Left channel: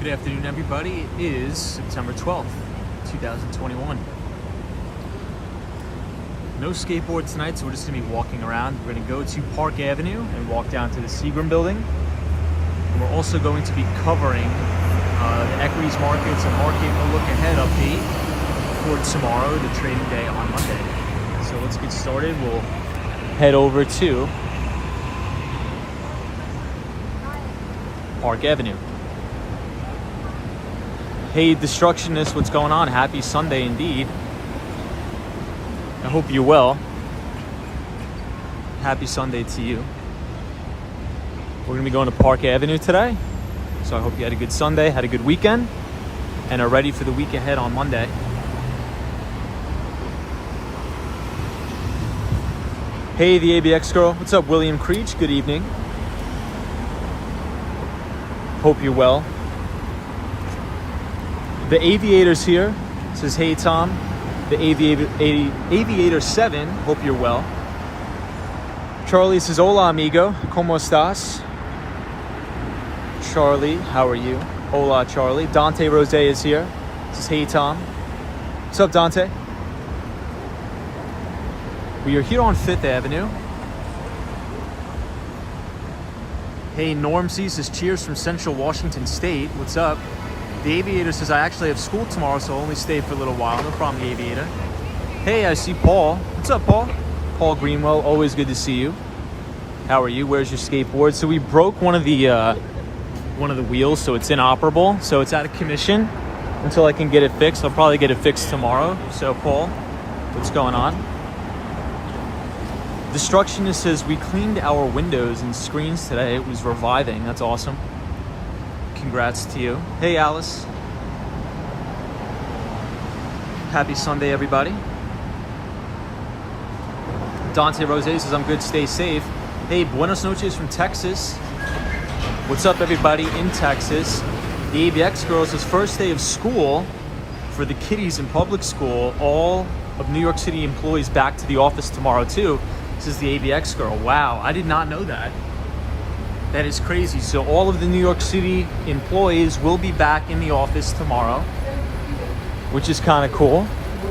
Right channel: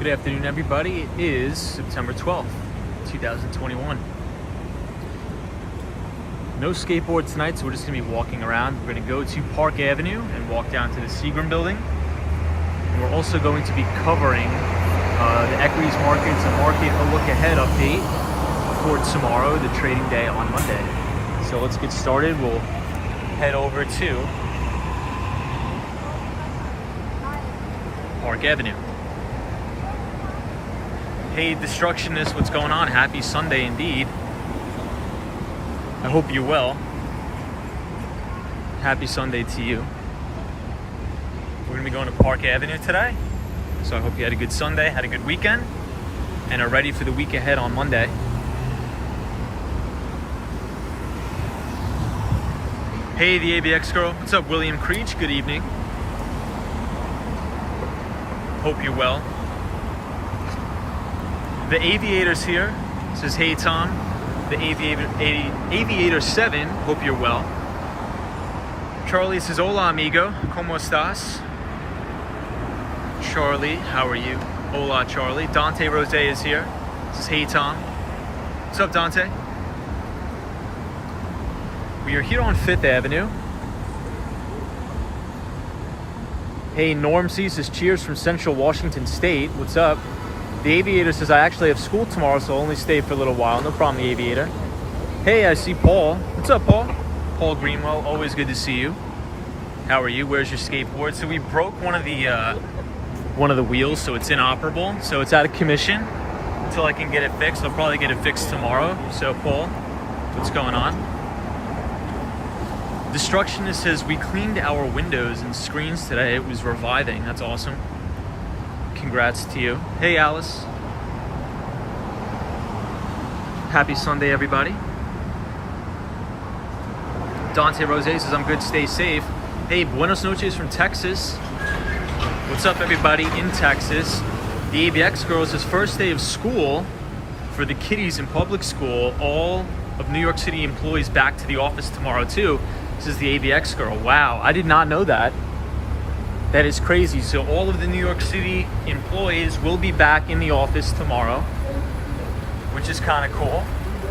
Good afternoon, everybody. It is September 12th, 2021. No skateboard tonight, so we're just going to be walking around. We're going to go to Park Avenue and walk down to the Seagram Building. And we're also going to be covering the equities markets, a look ahead update for tomorrow, the trading day on Monday. So let's get started. We'll head over to Park Avenue. Hey, Destructionist, what's going on? Happy Sunday indeed. I hope you're well. Happy Sunday to you. We're gonna be going to Park Avenue today. So I hope you had a good Sunday, had a good weekend, and are ready for the week ahead on Monday. Hey, the ABX girl. What's up, William Creech? Good evening. Hope you're well. The Aviator's here. Says, hey, Tom. The Aviator 7. Hope you're well. Charlie says, hola, amigo. ¿Cómo estás? Charlie, how are you? Hola, Charlie. Dante Rose is here. Says, hey, Tom. What's up, Dante? We are here on 5th Avenue. Hey, Norm C says, cheers from Central Washington State. What's up? The Aviator says, I actually have school tomorrow, so I'll only stay for a little while. No problem, the Aviator. Hey, I see Paul. What's up, Paul? Paul Greenwell, always good to see you. How are you? Where's your skateboard? So we broke one of the wheels, so it's inoperable. So it's out of commission until I can get it fixed. I'll probably get it fixed tomorrow. So Paul, what's going on? Destructionist says, we cleaned our windows and screens today. It was reviving. That's awesome. Congrats to you. Hey, Alice. Happy Sunday, everybody. Dante Rose says, I'm good, stay safe. Hey, buenos noches from Texas. What's up, everybody in Texas? The ABX girl says, first day of school for the kiddies in public school. All of New York City employees back to the office tomorrow, too. This is the ABX girl. Wow, I did not know that. That is crazy. So all of the New York City employees will be back in the office tomorrow, which is kind of cool.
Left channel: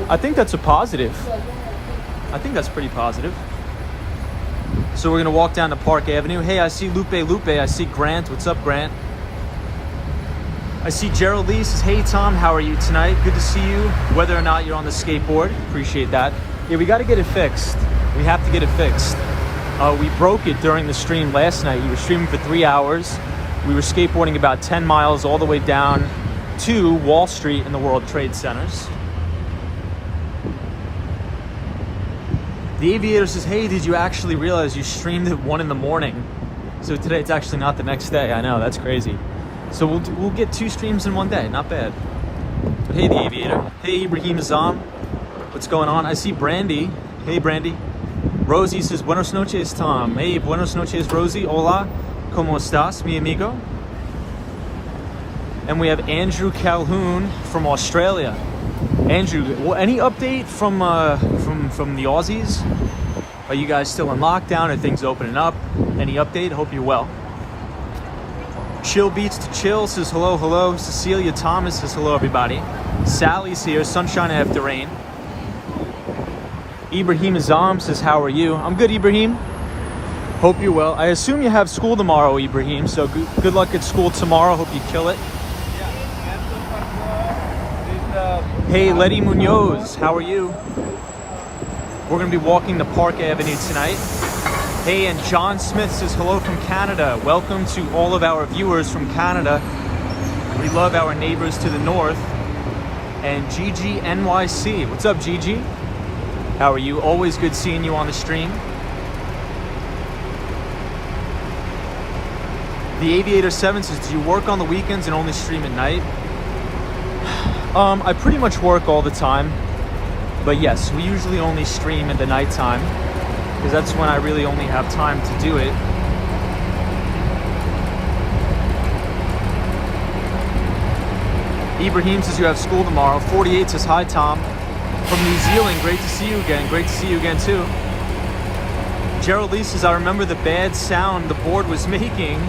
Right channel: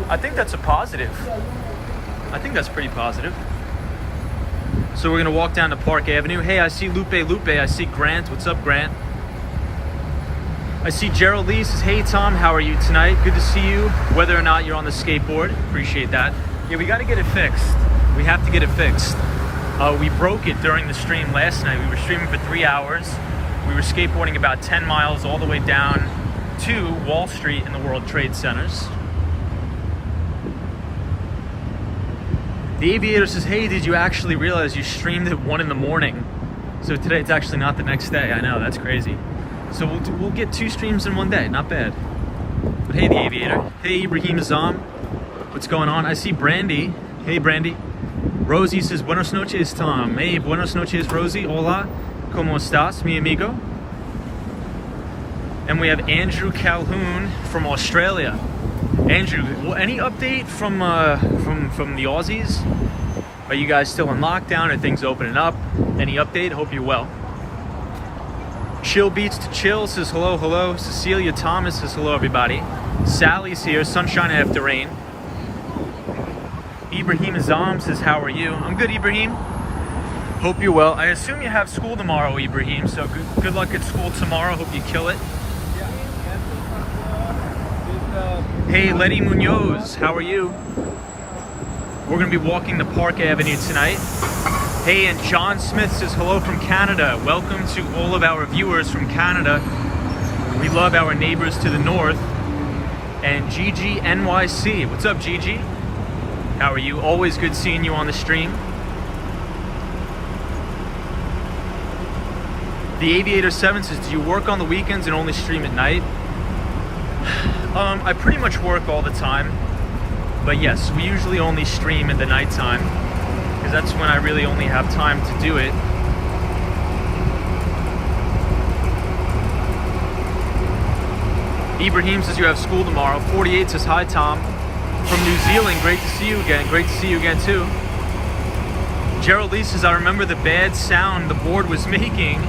I think that's a positive. I think that's pretty positive. So we're gonna walk down to Park Avenue. Hey, I see Lupe. I see Grant. What's up, Grant? I see Gerald Lee says, hey, Tom, how are you tonight? Good to see you, whether or not you're on the skateboard. Appreciate that. Yeah, we gotta get it fixed. We have to get it fixed. We broke it during the stream last night. We were streaming for 3 hours. We were skateboarding about 10 miles all the way down to Wall Street in the World Trade Centers. The Aviator says, hey, did you actually realize you streamed at 1 in the morning? So today it's actually not the next day. I know, that's crazy. So we'll get 2 streams in one day. Not bad. But hey, the Aviator. Hey, Ibrahim Azam. What's going on? I see Brandy. Hey, Brandy. Rosie says, buenos noches, Tom. Hey, buenos noches, Rosie. Hola. ¿Cómo estás, mi amigo? And we have Andrew Calhoun from Australia. Andrew, well, any update from the Aussies? Are you guys still in lockdown? Are things opening up? Any update? Hope you're well. Chill Beats to Chill says, hello, hello. Cecilia Thomas says, hello, everybody. Sally's here. Sunshine after rain. Ibrahim Azam says, how are you? I'm good, Ibrahim. Hope you're well. I assume you have school tomorrow, Ibrahim, so good luck at school tomorrow. Hope you kill it. Hey, Letty Munoz, how are you? We're going to be walking the Park Avenue tonight. Hey, and John Smith says, hello from Canada. Welcome to all of our viewers from Canada. We love our neighbors to the north. And Gigi NYC. What's up, Gigi? How are you? Always good seeing you on the stream. The Aviator 7 says, do you work on the weekends and only stream at night? I pretty much work all the time. But yes, we usually only stream at the nighttime because that's when I really only have time to do it. Ibrahim says you have school tomorrow. 48 says, hi, Tom. From New Zealand, great to see you again. Great to see you again, too. Gerald Lee says, I remember the bad sound the board was making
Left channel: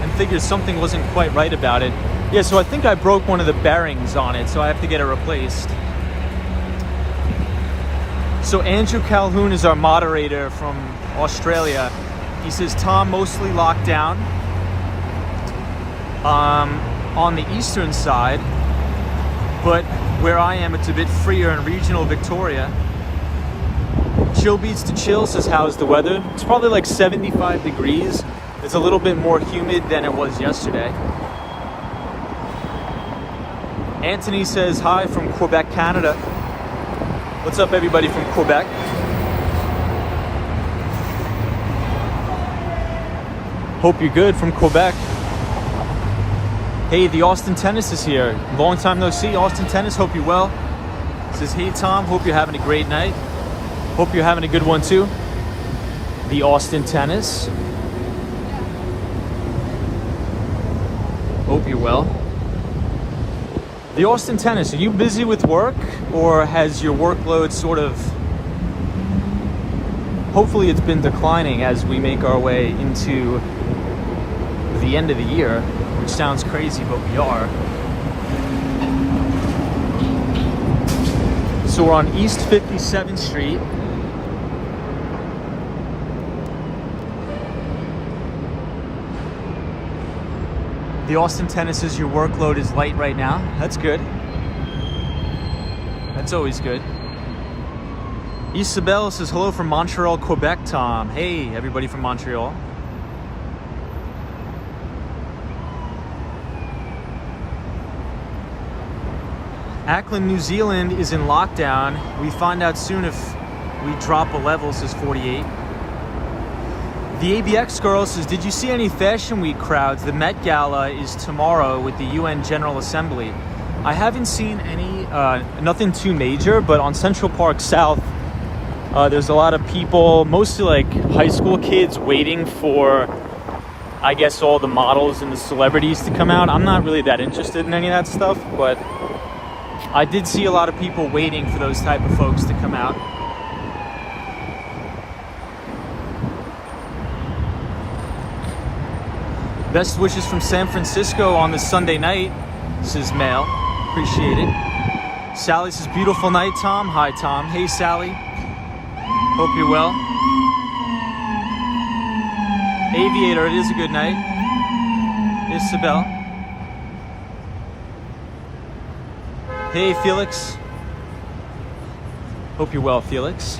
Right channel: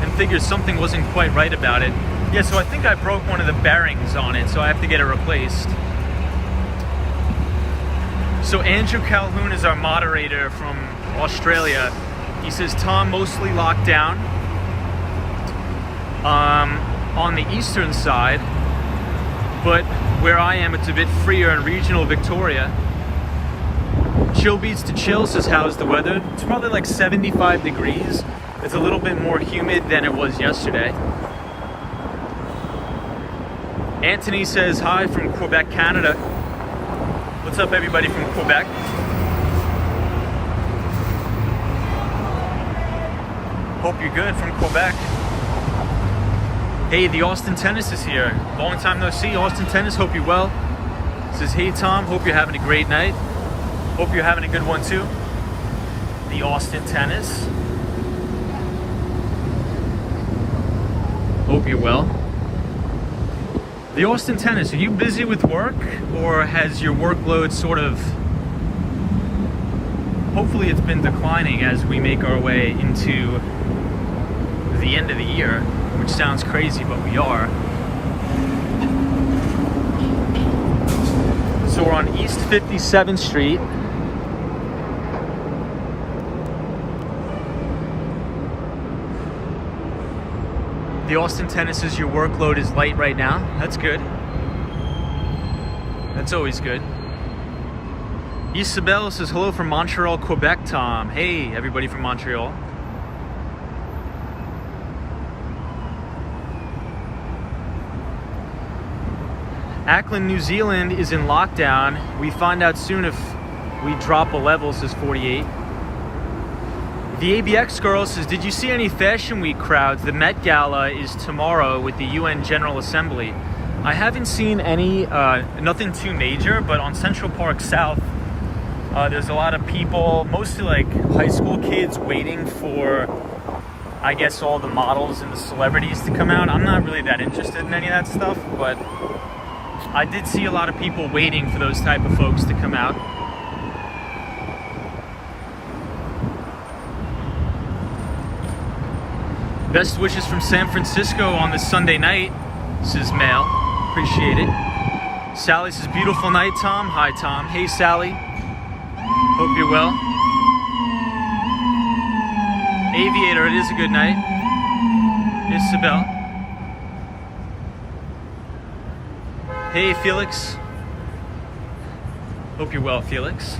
and figured something wasn't quite right about it. Yeah, so I think I broke one of the bearings on it, so I have to get it replaced. So Andrew Calhoun is our moderator from Australia. He says, Tom, mostly locked down on the eastern side, but where I am, it's a bit freer in regional Victoria. Chill beats to chill says, how's the weather? It's probably like 75 degrees. It's a little bit more humid than it was yesterday. Anthony says, hi from Quebec, Canada. What's up, everybody from Quebec? Hope you're good from Quebec. Hey, the Austin Tennis is here. Long time no see. Austin Tennis, hope you're well. Says, hey Tom, hope you're having a great night. Hope you're having a good one too. The Austin Tennis. Hope you're well. The Austin Tennis, are you busy with work, or has your workload sort of, hopefully it's been declining as we make our way into the end of the year, which sounds crazy, but we are. So we're on East 57th Street. The Austin Tennis says your workload is light right now. That's good. That's always good. Isabel says hello from Montreal, Quebec, Tom. Hey, everybody from Montreal. Auckland, New Zealand is in lockdown. We find out soon if we drop a level, says 48. The ABX girl says, did you see any Fashion Week crowds? The Met Gala is tomorrow with the UN General Assembly. I haven't seen any, nothing too major, but on Central Park South, there's a lot of people, mostly like high school kids, waiting for, I guess, all the models and the celebrities to come out. I'm not really that interested in any of that stuff, but I did see a lot of people waiting for those type of folks to come out. Best wishes from San Francisco on this Sunday night, says Mail. Appreciate it. Sally says, beautiful night, Tom. Hi, Tom. Hey, Sally. Hope you're well. Aviator, it is a good night. Isabel. Hey, Felix. Hope you're well, Felix.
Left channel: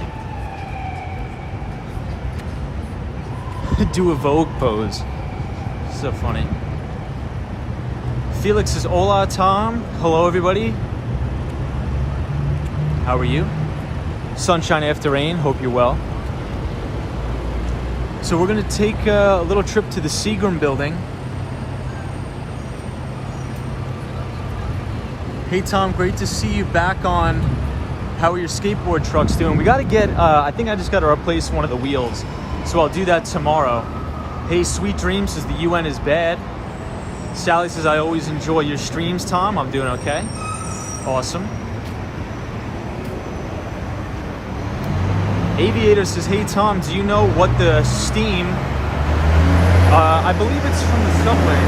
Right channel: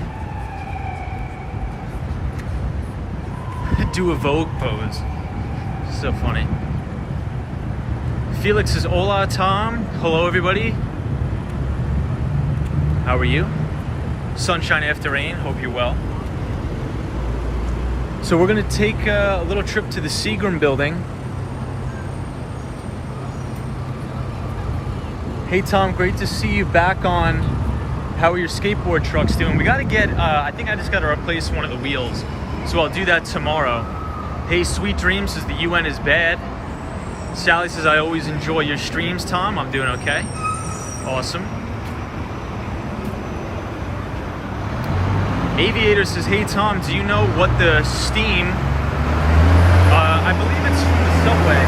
Do a Vogue pose. So funny. Felix says, hola, Tom. Hello, everybody. How are you? Sunshine after rain. Hope you're well. So we're going to take a little trip to the Seagram Building. Hey, Tom. Great to see you back on. How are your skateboard trucks doing? We got to get, I think I just got to replace one of the wheels. So I'll do that tomorrow. Hey, Sweet Dreams says the UN is bad. Sally says, I always enjoy your streams, Tom. I'm doing okay. Awesome. Aviator says, hey, Tom, do you know what the steam... I believe it's from the subway.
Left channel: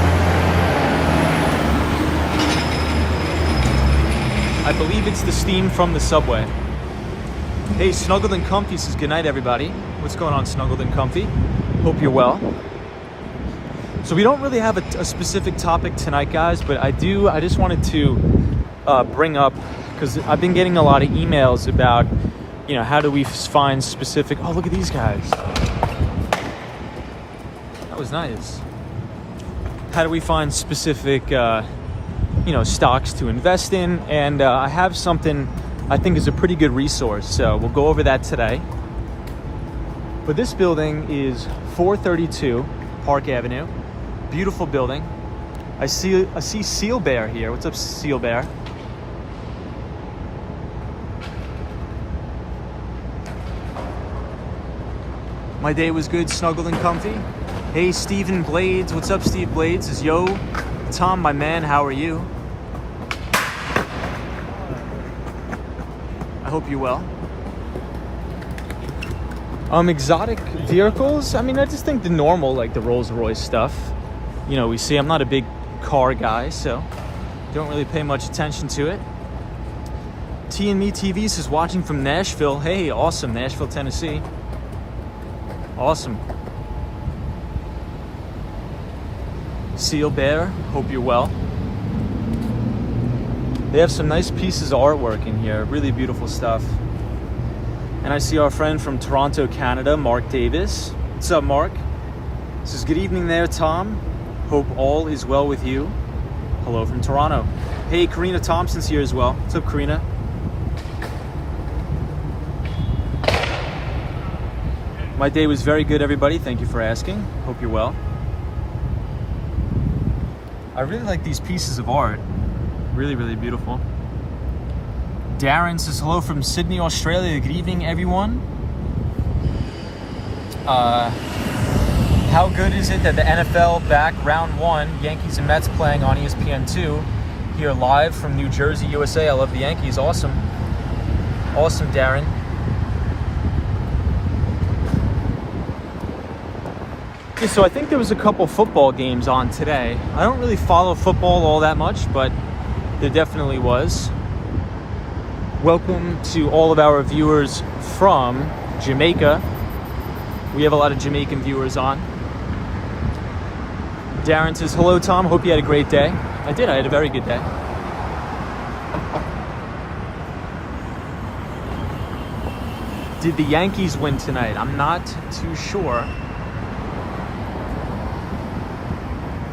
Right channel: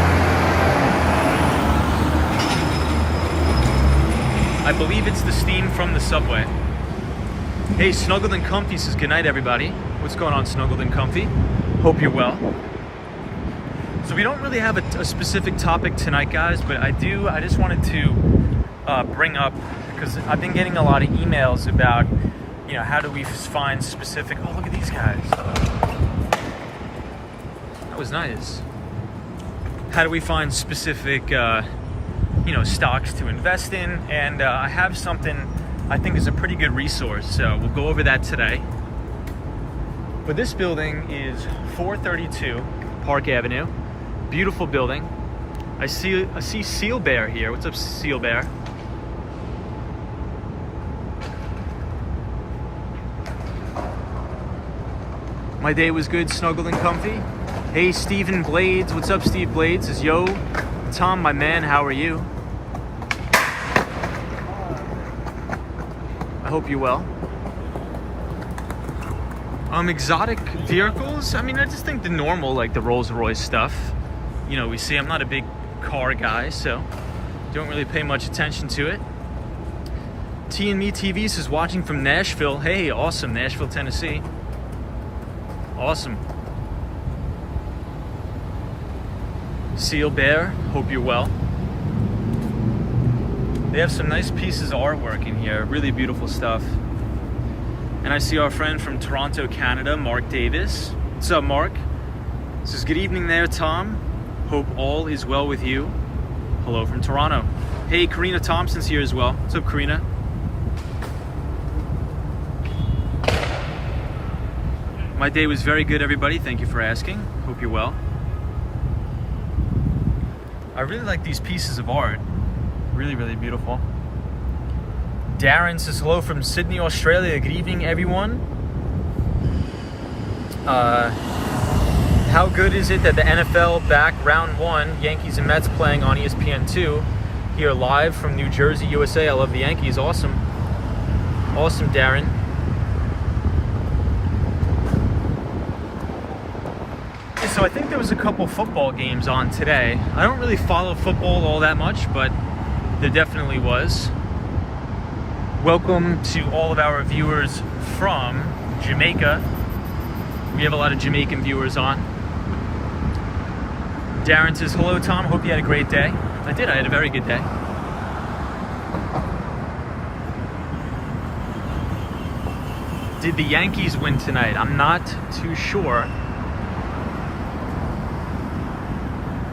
I believe it's the steam from the subway. Hey, Snuggled and Comfy says, good night, everybody. What's going on, Snuggled and Comfy? Hope you're well. So we don't really have a specific topic tonight, guys, but I just wanted to bring up, because I've been getting a lot of emails about, you know, how do we find specific, oh, look at these guys. That was nice. How do we find specific, you know, stocks to invest in? And I have something I think is a pretty good resource, so we'll go over that today. But this building is 432 Park Avenue. Beautiful building. I see Seal Bear here. What's up, Seal Bear? My day was good, snuggled and comfy. Hey, Stephen Blades. What's up, Steve Blades? Says, yo, Tom, my man, how are you? I hope you're well. Exotic vehicles. I mean, I just think the normal, like the Rolls Royce stuff. You know, we see, I'm not a big car guy, so don't really pay much attention to it. T and Me TV says watching from Nashville. Hey, awesome, Nashville, Tennessee. Awesome. Seal Bear, hope you're well. They have some nice pieces of artwork in here, really beautiful stuff. And I see our friend from Toronto, Canada, Mark Davis. What's up, Mark? Says, good evening there, Tom. Hope all is well with you. Hello from Toronto. Hey, Karina Thompson's here as well. What's up, Karina? My day was very good, everybody. Thank you for asking. Hope you're well. I really like these pieces of art. Really, really beautiful. Darren says hello from Sydney, Australia. Good evening, everyone. How good is it that the NFL back round 1, Yankees and Mets playing on ESPN2 here live from New Jersey, USA? I love the Yankees. Awesome. Awesome, Darren. So I think there was a couple football games on today. I don't really follow football all that much, but there definitely was. Welcome to all of our viewers from Jamaica. We have a lot of Jamaican viewers on. Darren says, hello, Tom. Hope you had a great day. I did. I had a very good day. Did the Yankees win tonight? I'm not too sure.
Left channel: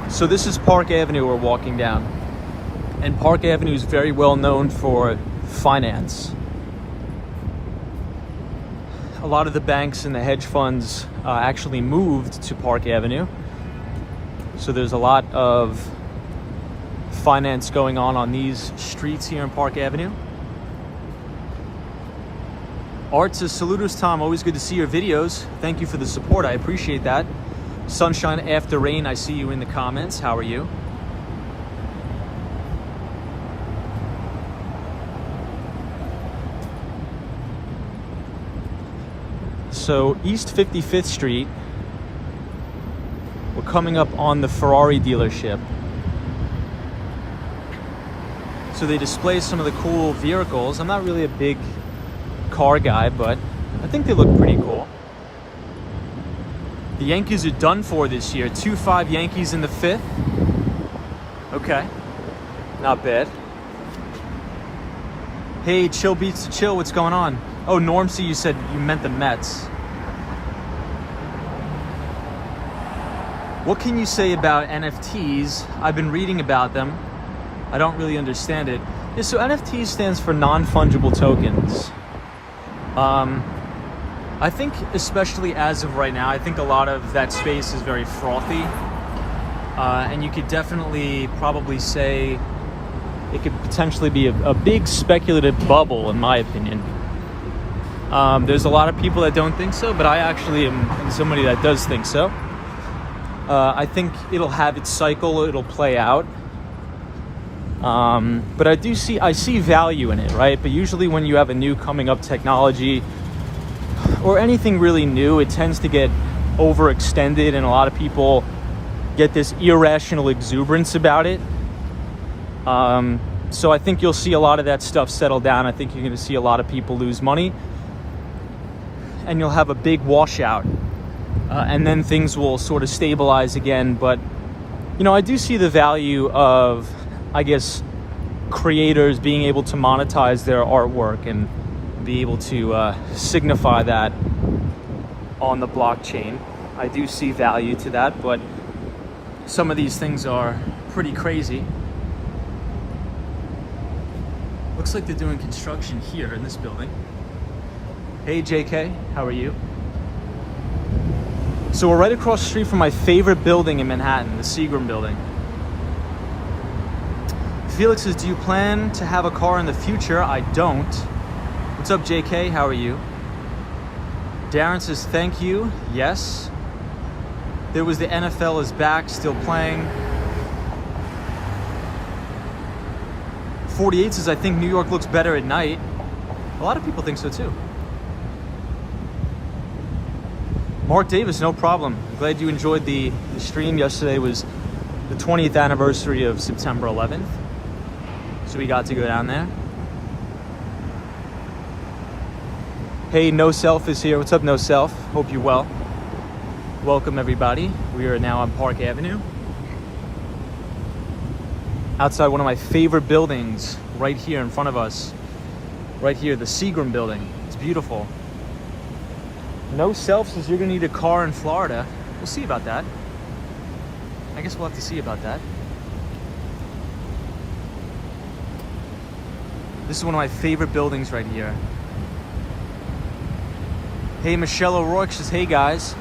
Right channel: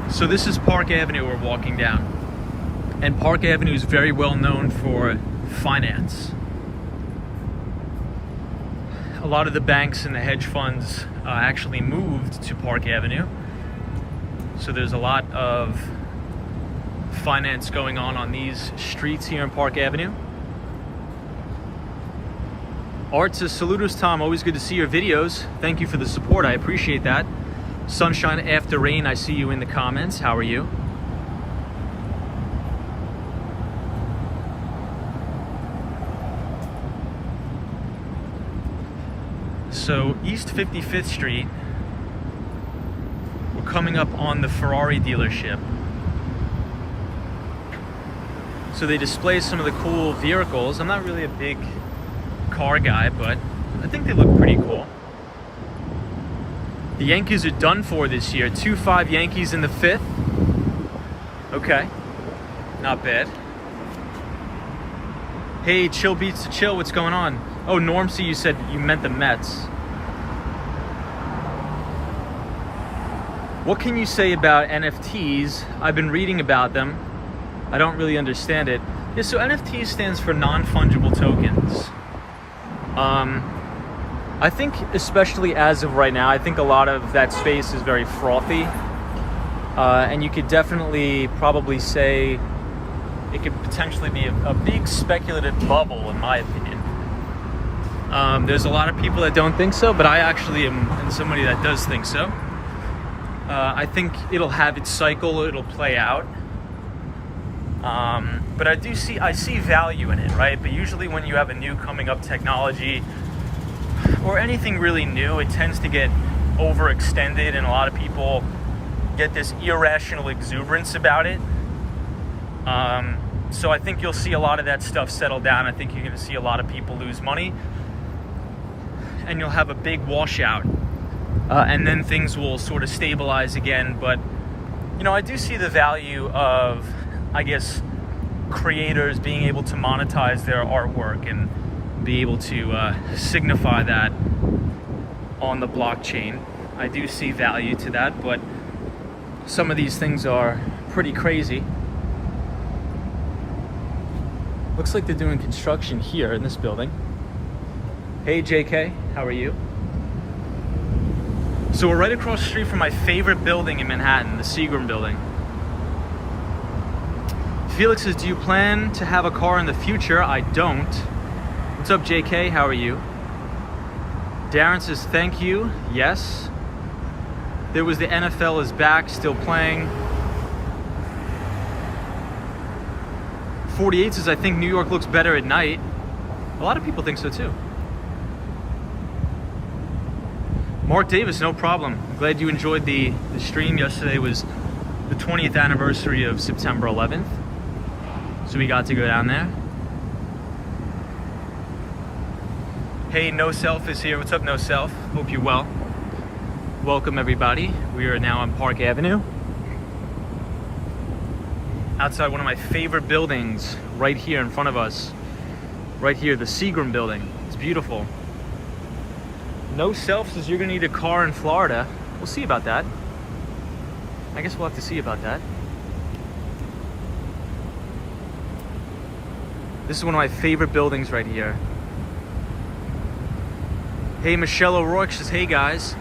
So this is Park Avenue we're walking down. And Park Avenue is very well known for finance. A lot of the banks and the hedge funds actually moved to Park Avenue. So there's a lot of finance going on these streets here in Park Avenue. Art says, saluters, Tom. Always good to see your videos. Thank you for the support. I appreciate that. Sunshine After Rain, I see you in the comments. How are you? So East 55th Street, we're coming up on the Ferrari dealership. So they display some of the cool vehicles. I'm not really a big car guy, but I think they look pretty cool. The Yankees are done for this year. 2-5 Yankees in the 5th. Okay, not bad. Hey, Chill Beats to Chill, what's going on? Oh, Normsy, you said you meant the Mets. What can you say about NFTs? I've been reading about them. I don't really understand it. Yeah, so NFTs stands for non-fungible tokens. I think, especially as of right now, I think a lot of that space is very frothy. And you could definitely probably say it could potentially be a big speculative bubble, in my opinion. There's a lot of people that don't think so, but I actually am somebody that does think so. I think it'll have its cycle, it'll play out. But I see value in it, right? But usually when you have a new coming up technology or anything really new, it tends to get overextended and a lot of people get this irrational exuberance about it. So I think you'll see a lot of that stuff settle down. I think you're going to see a lot of people lose money and you'll have a big washout. And then things will sort of stabilize again. But, you know, I do see the value of, I guess, creators being able to monetize their artwork and be able to signify that on the blockchain. I do see value to that, but some of these things are pretty crazy. Looks like they're doing construction here in this building. Hey JK, how are you? So we're right across the street from my favorite building in Manhattan, the Seagram Building. Felix says, do you plan to have a car in the future? I don't. What's up, JK? How are you? Darren says, thank you. Yes. There was the NFL is back, still playing. 48 says, I think New York looks better at night. A lot of people think so too. Mark Davis, no problem. I'm glad you enjoyed the stream. Yesterday was the 20th anniversary of September 11th. So we got to go down there. Hey, No Self is here. What's up, No Self? Hope you're well. Welcome, everybody. We are now on Park Avenue. Outside one of my favorite buildings right here in front of us. Right here, the Seagram Building. It's beautiful. No Self says you're gonna need a car in Florida. We'll see about that. I guess we'll have to see about that. This is one of my favorite buildings right here. Hey, Michelle O'Rourke says, hey guys.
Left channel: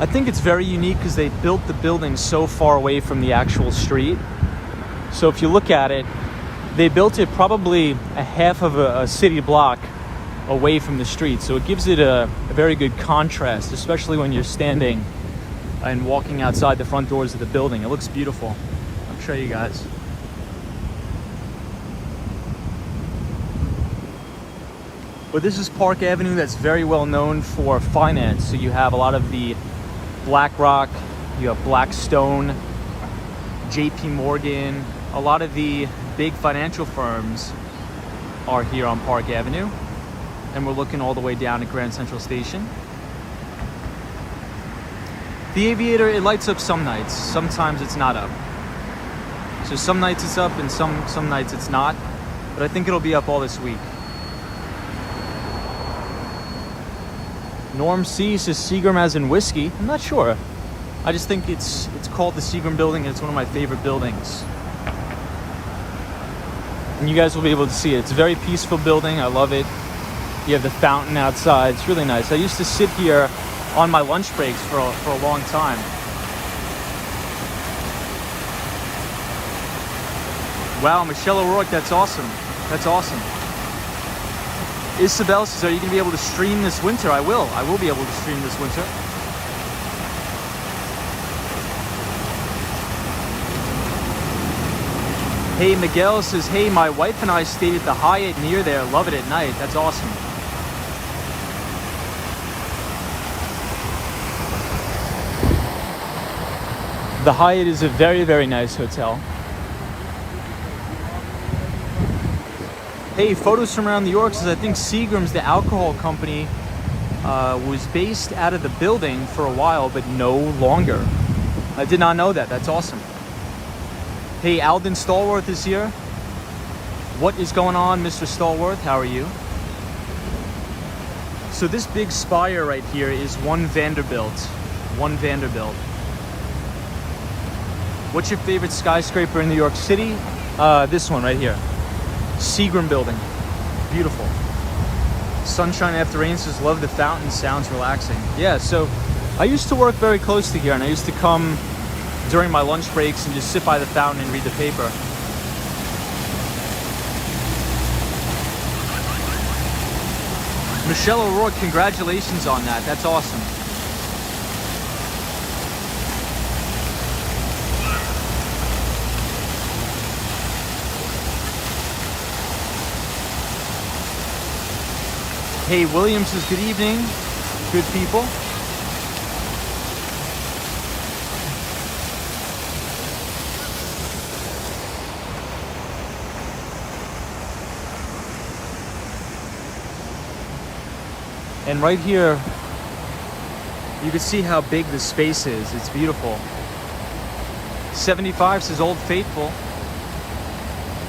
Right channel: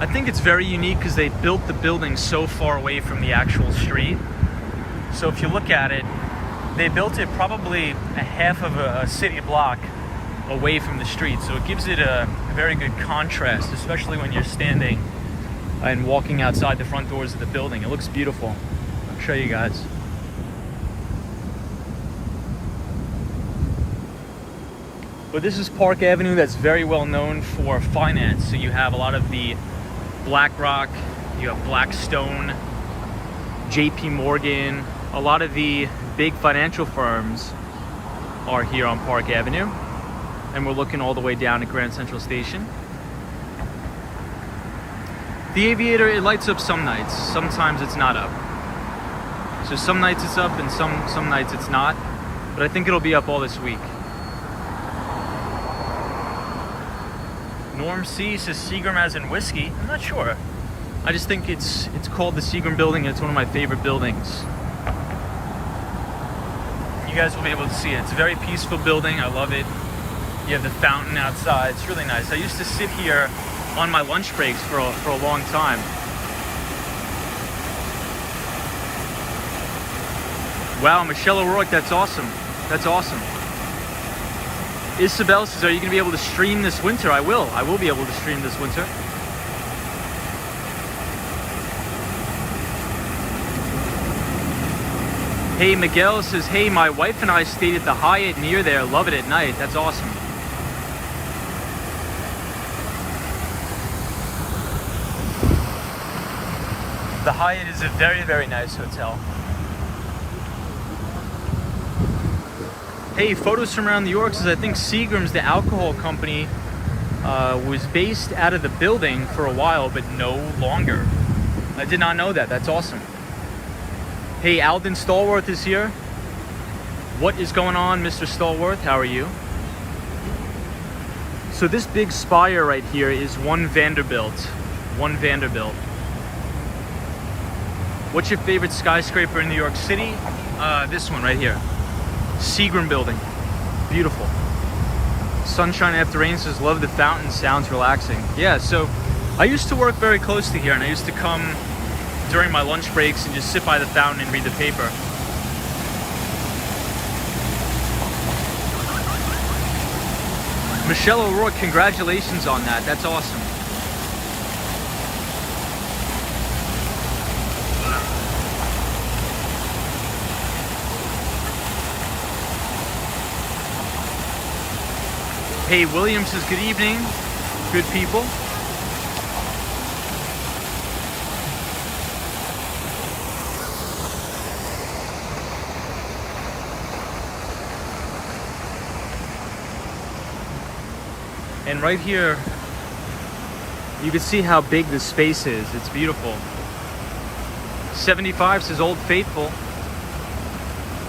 I think it's very unique because they built the building so far away from the actual street. So if you look at it, they built it probably a half of a city block away from the street. So it gives it a very good contrast, especially when you're standing and walking outside the front doors of the building. It looks beautiful. I'll show you guys. But this is Park Avenue that's very well known for finance. So you have a lot of the BlackRock, you have Blackstone, JP Morgan, a lot of the big financial firms are here on Park Avenue. And we're looking all the way down at Grand Central Station. The Aviator, it lights up some nights. Sometimes it's not up. So some nights it's up and some nights it's not. But I think it'll be up all this week. Norm C says Seagram as in whiskey. I'm not sure. I just think it's called the Seagram Building and it's one of my favorite buildings. And you guys will be able to see it. It's a very peaceful building. I love it. You have the fountain outside. It's really nice. I used to sit here on my lunch breaks for a long time. Wow, Michelle O'Rourke, that's awesome. That's awesome. Isabel says, are you going to be able to stream this winter? I will. I will be able to stream this winter. Hey, Miguel says, hey, my wife and I stayed at the Hyatt near there. Love it at night. That's awesome. The Hyatt is a very, very nice hotel. Hey, Photos from Around New York says, I think Seagram's, the alcohol company, was based out of the building for a while, but no longer. I did not know that. That's awesome. Hey, Alden Stallworth is here. What is going on, Mr. Stallworth? How are you? So this big spire right here is One Vanderbilt. One Vanderbilt. What's your favorite skyscraper in New York City? This one right here. Seagram Building. Beautiful. Sunshine After Rain says, love the fountain, sounds relaxing. Yeah, so I used to work very close to here and I used to come during my lunch breaks and just sit by the fountain and read the paper. Michelle O'Rourke, congratulations on that. That's awesome. Hey, William says, good evening, good people. And right here, you can see how big the space is. It's beautiful. 75 says Old Faithful.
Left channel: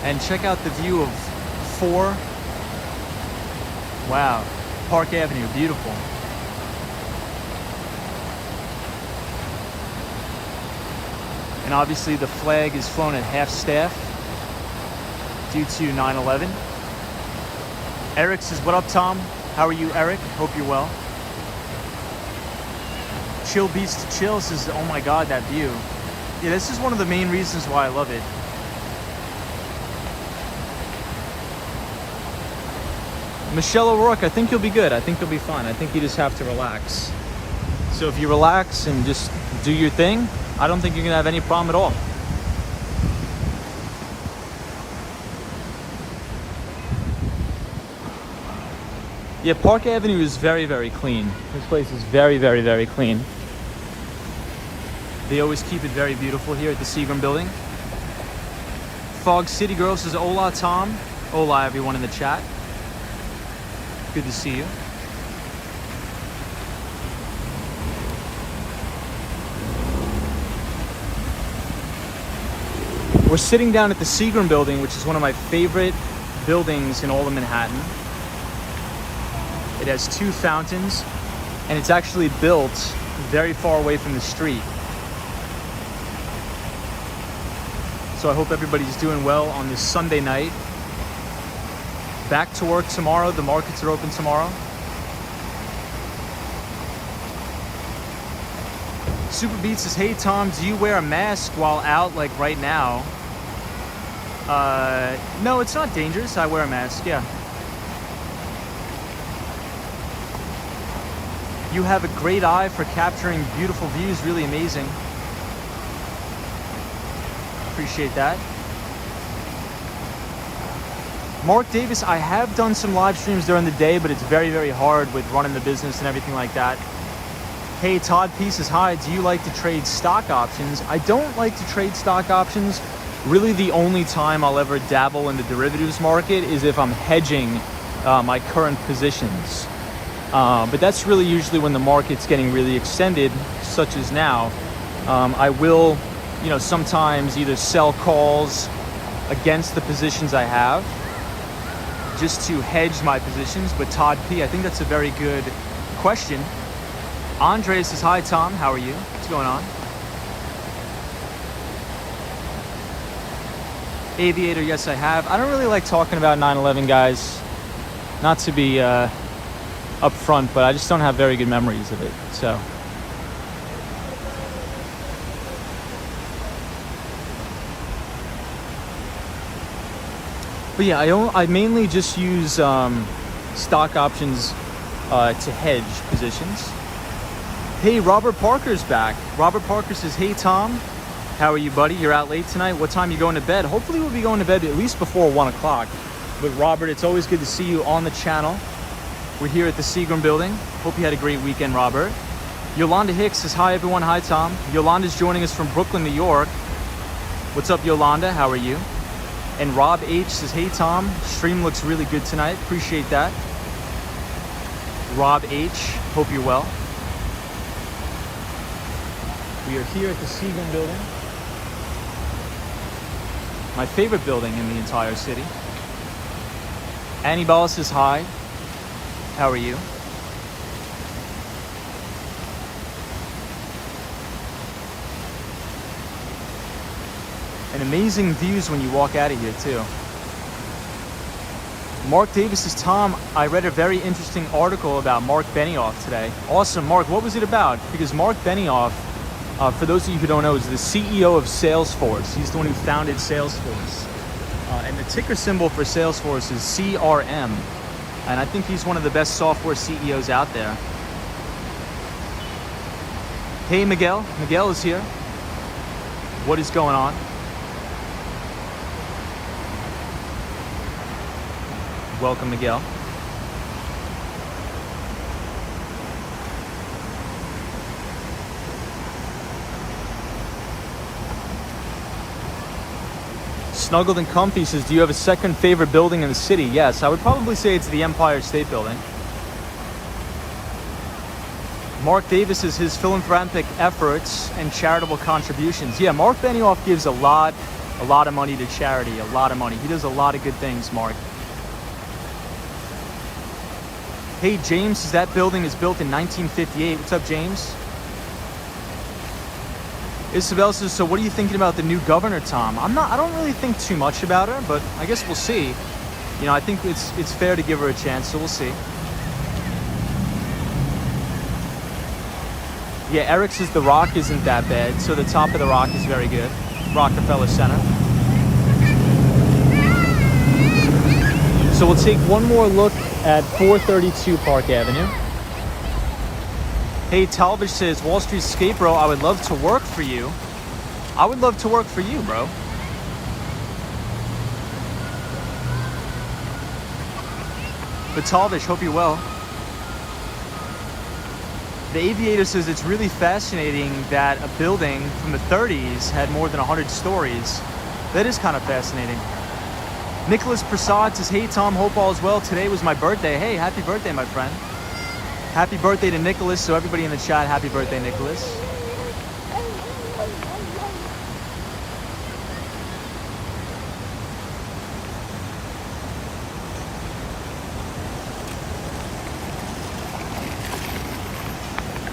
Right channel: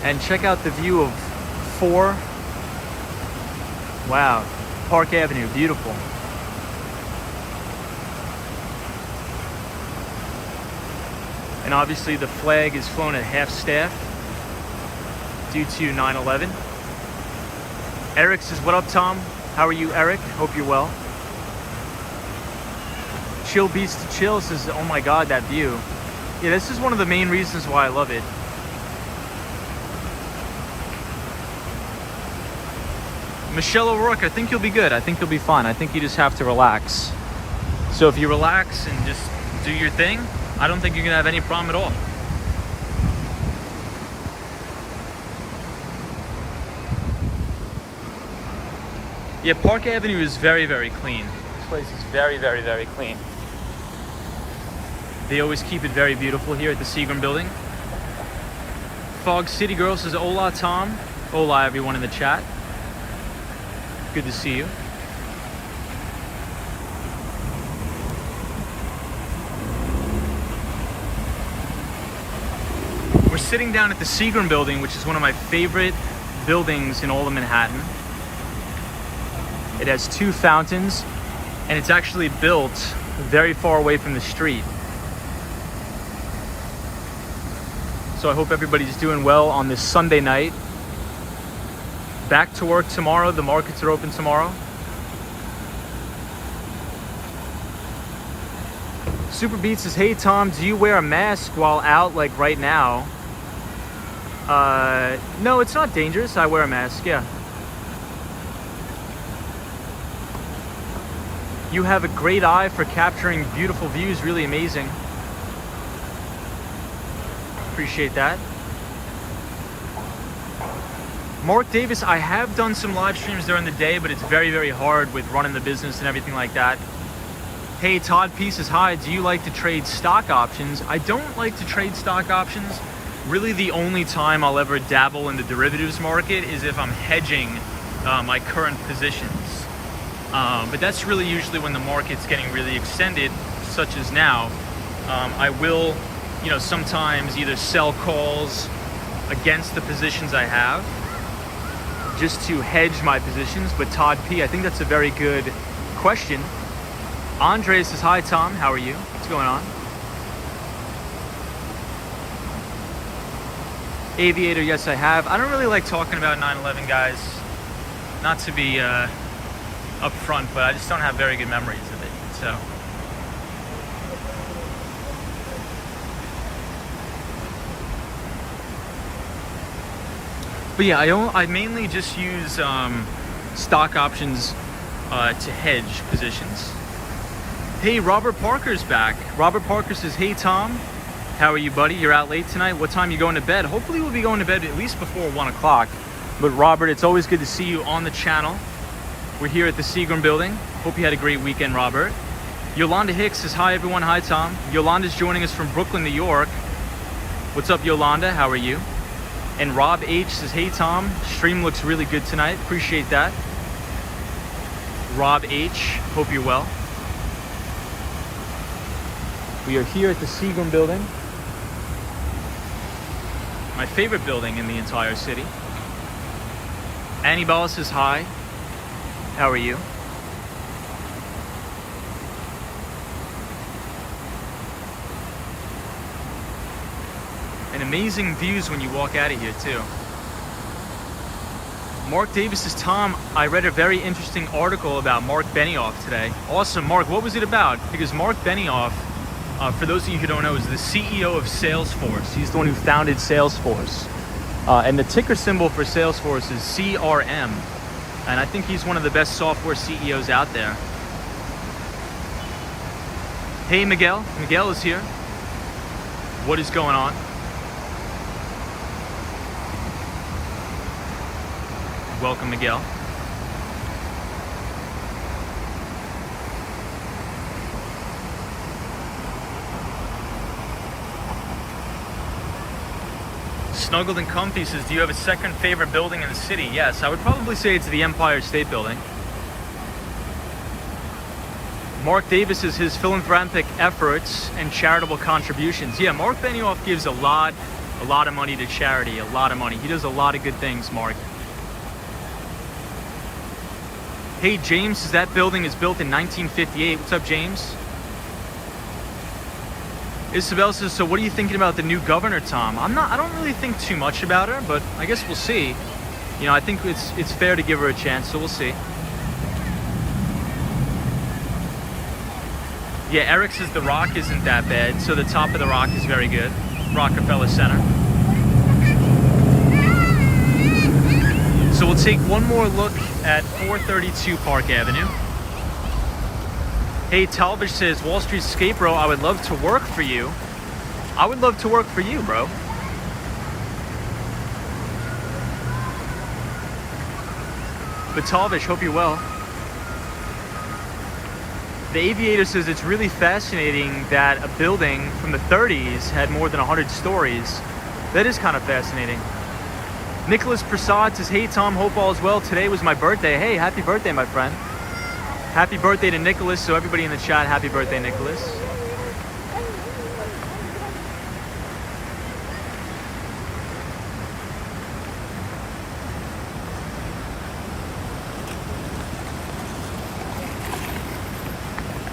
And check out the view of 4. Wow, Park Avenue, beautiful. And obviously the flag is flown at half staff due to 9/11. Eric says, what up, Tom? How are you, Eric? Hope you're well. Chill Beats to Chill says, oh my God, that view. Yeah, this is one of the main reasons why I love it. Michelle O'Rourke, I think you'll be good. I think you'll be fine. I think you just have to relax. So if you relax and just do your thing, I don't think you're gonna have any problem at all. Yeah, Park Avenue is very, very clean. This place is very, very, very clean. They always keep it very beautiful here at the Seagram Building. Fog City Girl says, hola, Tom. Hola, everyone in the chat. Good to see you. We're sitting down at the Seagram Building, which is one of my favorite buildings in all of Manhattan. It has 2 fountains, and it's actually built very far away from the street. So I hope everybody's doing well on this Sunday night. Back to work tomorrow. The markets are open tomorrow. Super Beat says, hey Tom, do you wear a mask while out like right now? No, it's not dangerous. I wear a mask, yeah. You have a great eye for capturing beautiful views. Really amazing. Appreciate that. Mark Davis, I have done some live streams during the day, but it's very, very hard with running the business and everything like that. Hey, Todd P says, hi, do you like to trade stock options? I don't like to trade stock options. Really, the only time I'll ever dabble in the derivatives market is if I'm hedging my current positions. But that's really usually when the market's getting really extended, such as now. I will, sometimes either sell calls against the positions I have just to hedge my positions. But Todd P, I think that's a very good question. Andre says, hi Tom, how are you? What's going on? Aviator, yes I have. I don't really like talking about 9/11, guys. Not to be upfront, but I just don't have very good memories of it, so. But yeah, I mainly just use stock options to hedge positions. Hey, Robert Parker's back. Robert Parker says, hey Tom, how are you, buddy? You're out late tonight. What time are you going to bed? Hopefully we'll be going to bed at least before 1 o'clock. But Robert, it's always good to see you on the channel. We're here at the Seagram Building. Hope you had a great weekend, Robert. Yolanda Hicks says, hi everyone, hi Tom. Yolanda's joining us from Brooklyn, New York. What's up, Yolanda? How are you? And Rob H says, hey Tom, stream looks really good tonight. Appreciate that. Rob H, hope you're well. We are here at the Seagram Building. My favorite building in the entire city. Annie Ball says, hi. How are you? And amazing views when you walk out of here too. Mark Davis says, Tom, I read a very interesting article about Mark Benioff today. Awesome, Mark, what was it about? Because Mark Benioff, for those of you who don't know, is the CEO of Salesforce. He's the one who founded Salesforce. And the ticker symbol for Salesforce is CRM. And I think he's one of the best software CEOs out there. Hey, Miguel. Miguel is here. What is going on? Welcome, Miguel. Snuggled and Comfy says, do you have a second favorite building in the city? Yes, I would probably say it's the Empire State Building. Mark Davis is his philanthropic efforts and charitable contributions. Yeah, Mark Benioff gives a lot of money to charity, a lot of money. He does a lot of good things, Mark. Hey, James says that building is built in 1958. What's up, James? Isabel says, so what are you thinking about the new governor, Tom? I don't really think too much about her, but I guess we'll see. I think it's fair to give her a chance, so we'll see. Yeah, Eric says the Rock isn't that bad, so the top of the Rock is very good. Rockefeller Center. So we'll take one more look at 432 Park Avenue. Hey, Talbot says, Wall Street Skate Bro, I would love to work for you. I would love to work for you, bro. But Talbot, hope you're well. The Aviator says it's really fascinating that a building from the 30s had more than 100 stories. That is kind of fascinating. Nicholas Prasad says, hey Tom, hope all is well. Today was my birthday. Hey, happy birthday, my friend. Happy birthday to Nicholas. So everybody in the chat, happy birthday, Nicholas.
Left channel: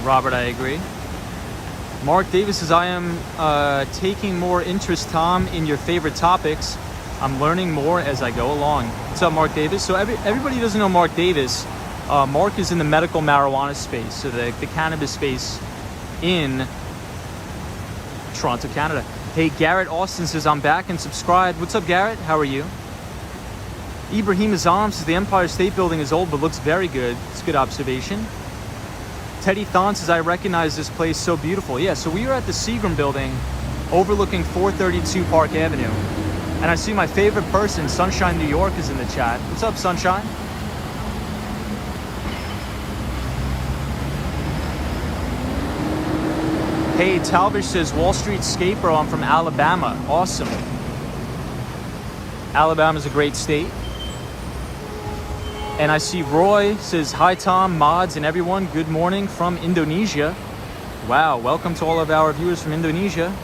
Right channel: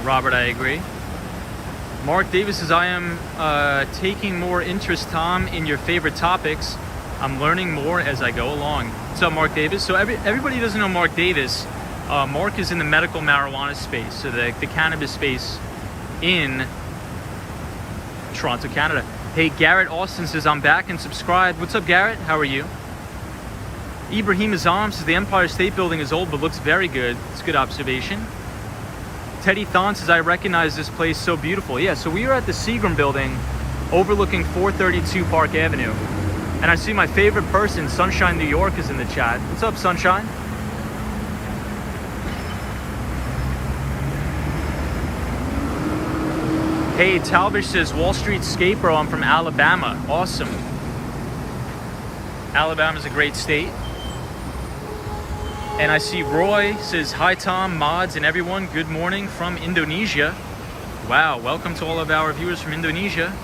Robert, I agree. Mark Davis says, I am taking more interest, Tom, in your favorite topics. I'm learning more as I go along. What's up, Mark Davis? So everybody doesn't know Mark Davis. Mark is in the medical marijuana space, so the cannabis space in Toronto, Canada. Hey, Garrett Austin says, I'm back and subscribed. What's up, Garrett? How are you? Ibrahim Azam says, the Empire State Building is old but looks very good. It's a good observation. Teddy Thon says, I recognize this place, so beautiful. Yeah, so we are at the Seagram Building overlooking 432 Park Avenue. And I see my favorite person, Sunshine New York, is in the chat. What's up, Sunshine? Hey, Talbish says, Wall Street skate bro, I'm from Alabama. Awesome. Alabama's a great state. And I see Roy says, hi Tom, mods, and everyone. Good morning from Indonesia. Wow, welcome to all of our viewers from Indonesia.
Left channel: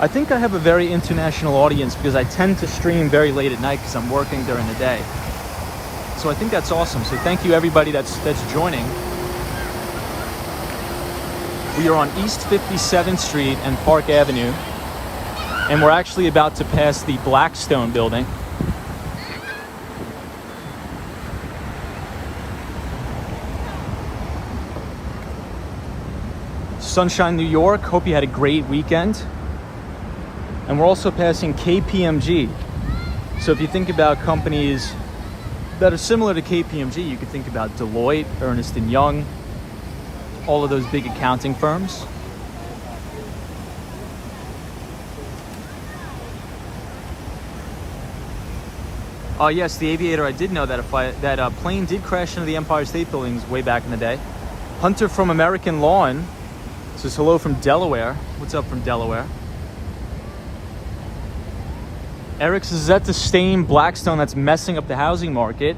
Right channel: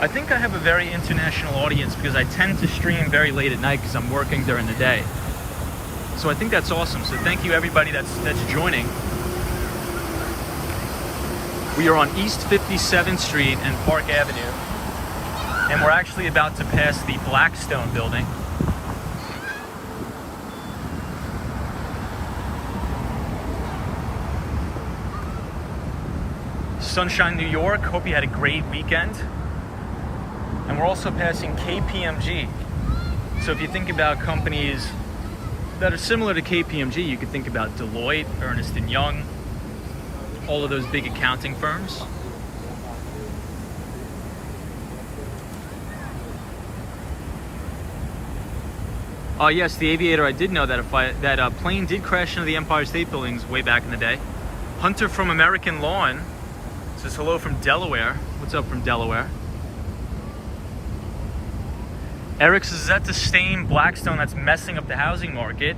I think I have a very international audience because I tend to stream very late at night because I'm working during the day. So I think that's awesome. So thank you everybody that's joining. We are on East 57th Street and Park Avenue. And we're actually about to pass the Blackstone building. Sunshine, New York. Hope you had a great weekend. And we're also passing KPMG. So if you think about companies that are similar to KPMG, you could think about Deloitte, Ernst & Young, all of those big accounting firms. Oh yes, the Aviator, I did know that that plane did crash into the Empire State Buildings way back in the day. Hunter from American Lawn says hello from Delaware. What's up from Delaware? Eric says, is that the same Blackstone that's messing up the housing market?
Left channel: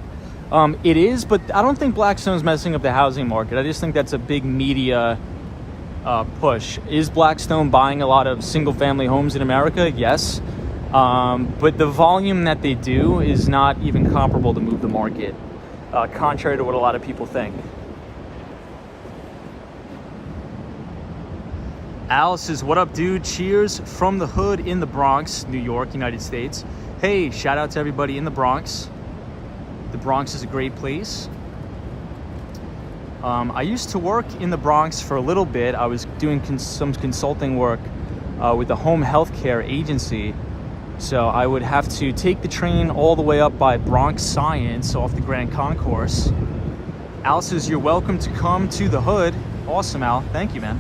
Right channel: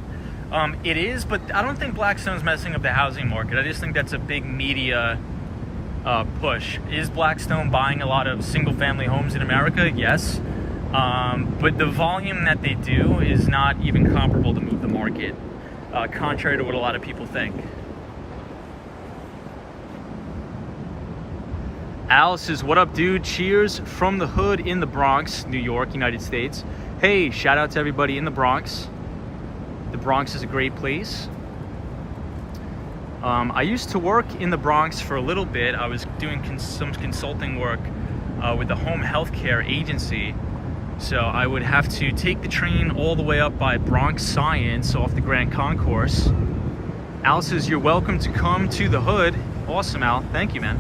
It is, but I don't think Blackstone's messing up the housing market. I just think that's a big media push. Is Blackstone buying a lot of single family homes in America? Yes. But the volume that they do is not even comparable to move the market, contrary to what a lot of people think. Al says, what up, dude? Cheers from the hood in the Bronx, New York, United States. Hey, shout out to everybody in the Bronx. The Bronx is a great place. I used to work in the Bronx for a little bit. I was doing some consulting work with a home healthcare agency. So I would have to take the train all the way up by Bronx Science off the Grand Concourse. Al says, you're welcome to come to the hood. Awesome, Al. Thank you, man.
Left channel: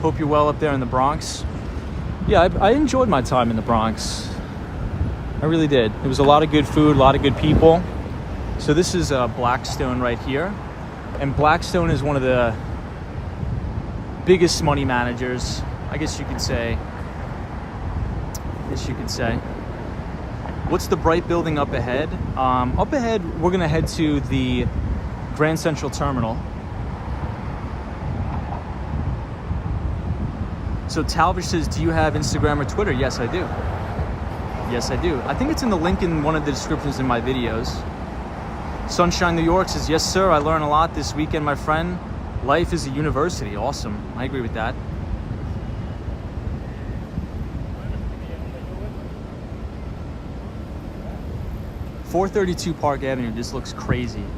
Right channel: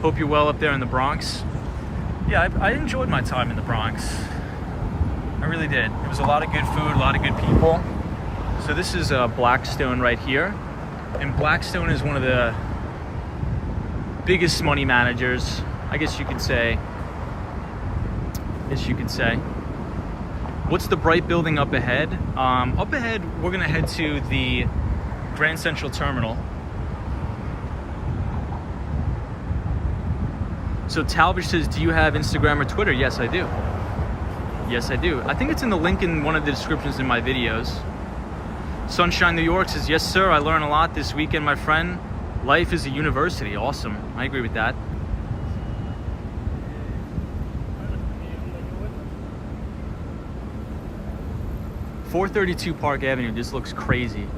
Hope you're well up there in the Bronx. Yeah, I enjoyed my time in the Bronx. I really did. It was a lot of good food, a lot of good people. So this is Blackstone right here. And Blackstone is one of the biggest money managers, I guess you could say. What's the bright building up ahead? Up ahead, we're gonna head to the Grand Central Terminal. So Talbish says, do you have Instagram or Twitter? Yes, I do. Yes, I do. I think it's in the link in one of the descriptions in my videos. Sunshine New York says, yes, sir. I learned a lot this weekend, my friend. Life is a university. Awesome. I agree with that. .432 Park Avenue just looks crazy.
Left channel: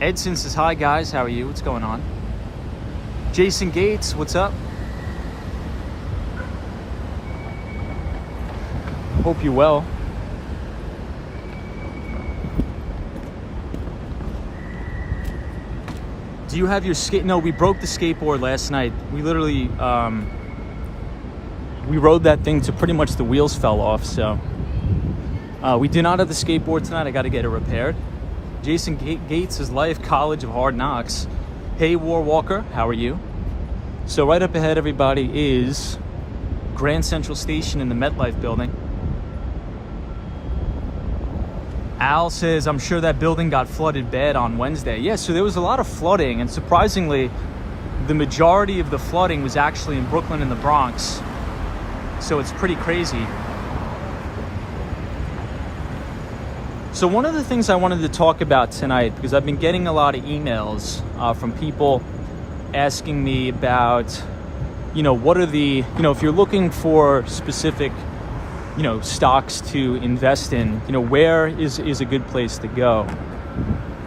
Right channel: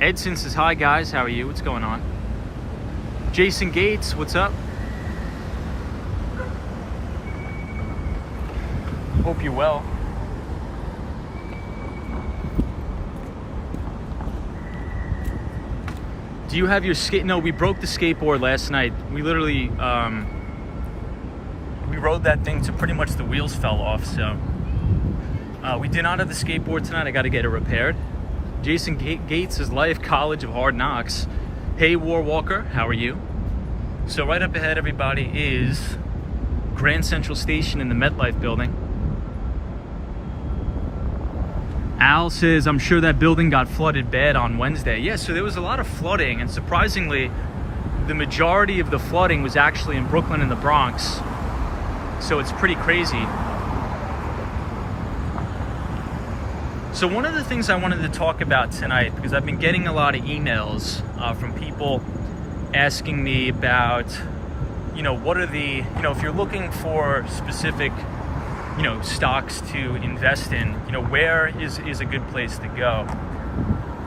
Edson says, hi, guys. How are you? What's going on? Jason Gates, what's up? Hope you're well. Do you have your skate? No, we broke the skateboard last night. We literally, we rode that thing to pretty much the wheels fell off. So We do not have the skateboard tonight. I got to get it repaired. Jason Gates is live College of Hard Knocks. Hey, War Walker, how are you? So right up ahead, everybody, is Grand Central Station in the MetLife building. Al says, I'm sure that building got flooded bad on Wednesday. Yeah, so there was a lot of flooding, and surprisingly, the majority of the flooding was actually in Brooklyn and the Bronx. So it's pretty crazy. So one of the things I wanted to talk about tonight, because I've been getting a lot of emails from people asking me about, what are the, if you're looking for specific, stocks to invest in, where is a good place to go?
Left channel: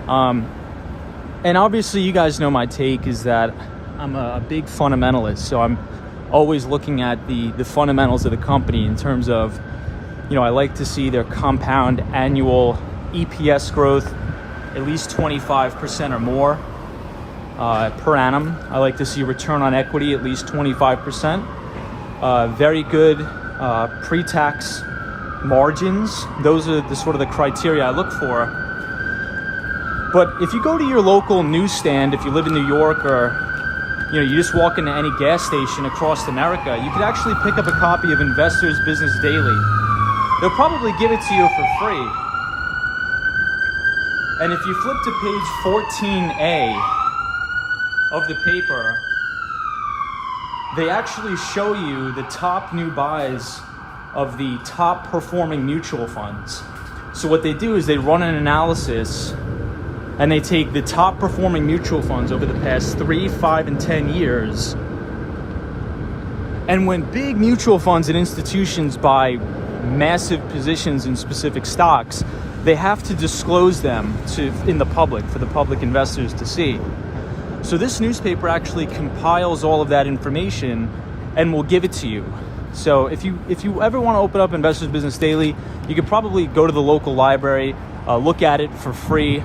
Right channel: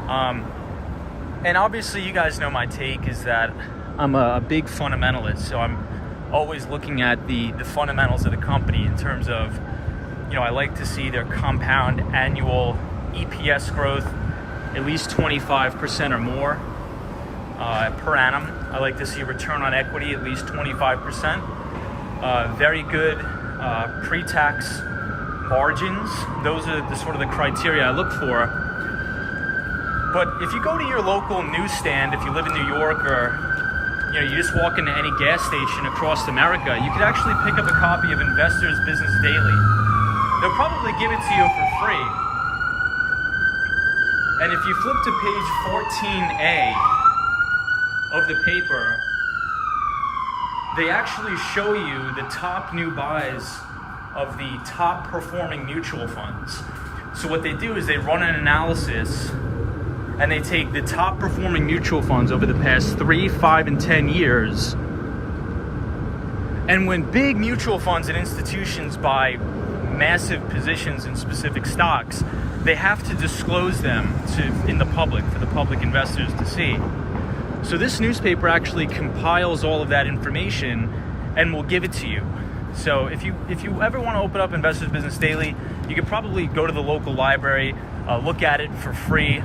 And obviously you guys know my take is that I'm a big fundamentalist. So I'm always looking at the fundamentals of the company in terms of, I like to see their compound annual EPS growth at least 25% or more per annum. I like to see return on equity at least 25%. Very good pre-tax margins. Those are the sort of the criteria I look for. But if you go to your local newsstand, if you live in New York, or you just walk into any gas station across America, you could actually pick up a copy of Investors Business Daily. They'll probably give it to you for free. And if you flip to page 14A of the paper, they actually show you the top new buys of the top performing mutual funds. So what they do is they run an analysis and they take the top performing mutual funds over the past 3, 5, and 10 years. And when big mutual funds and institutions buy massive positions in specific stocks, they have to disclose them in the public, for the public investors to see. So this newspaper actually compiles all of that information and will give it to you. So if you ever want to open up Investors Business Daily, you could probably go to the local library, look at it for free.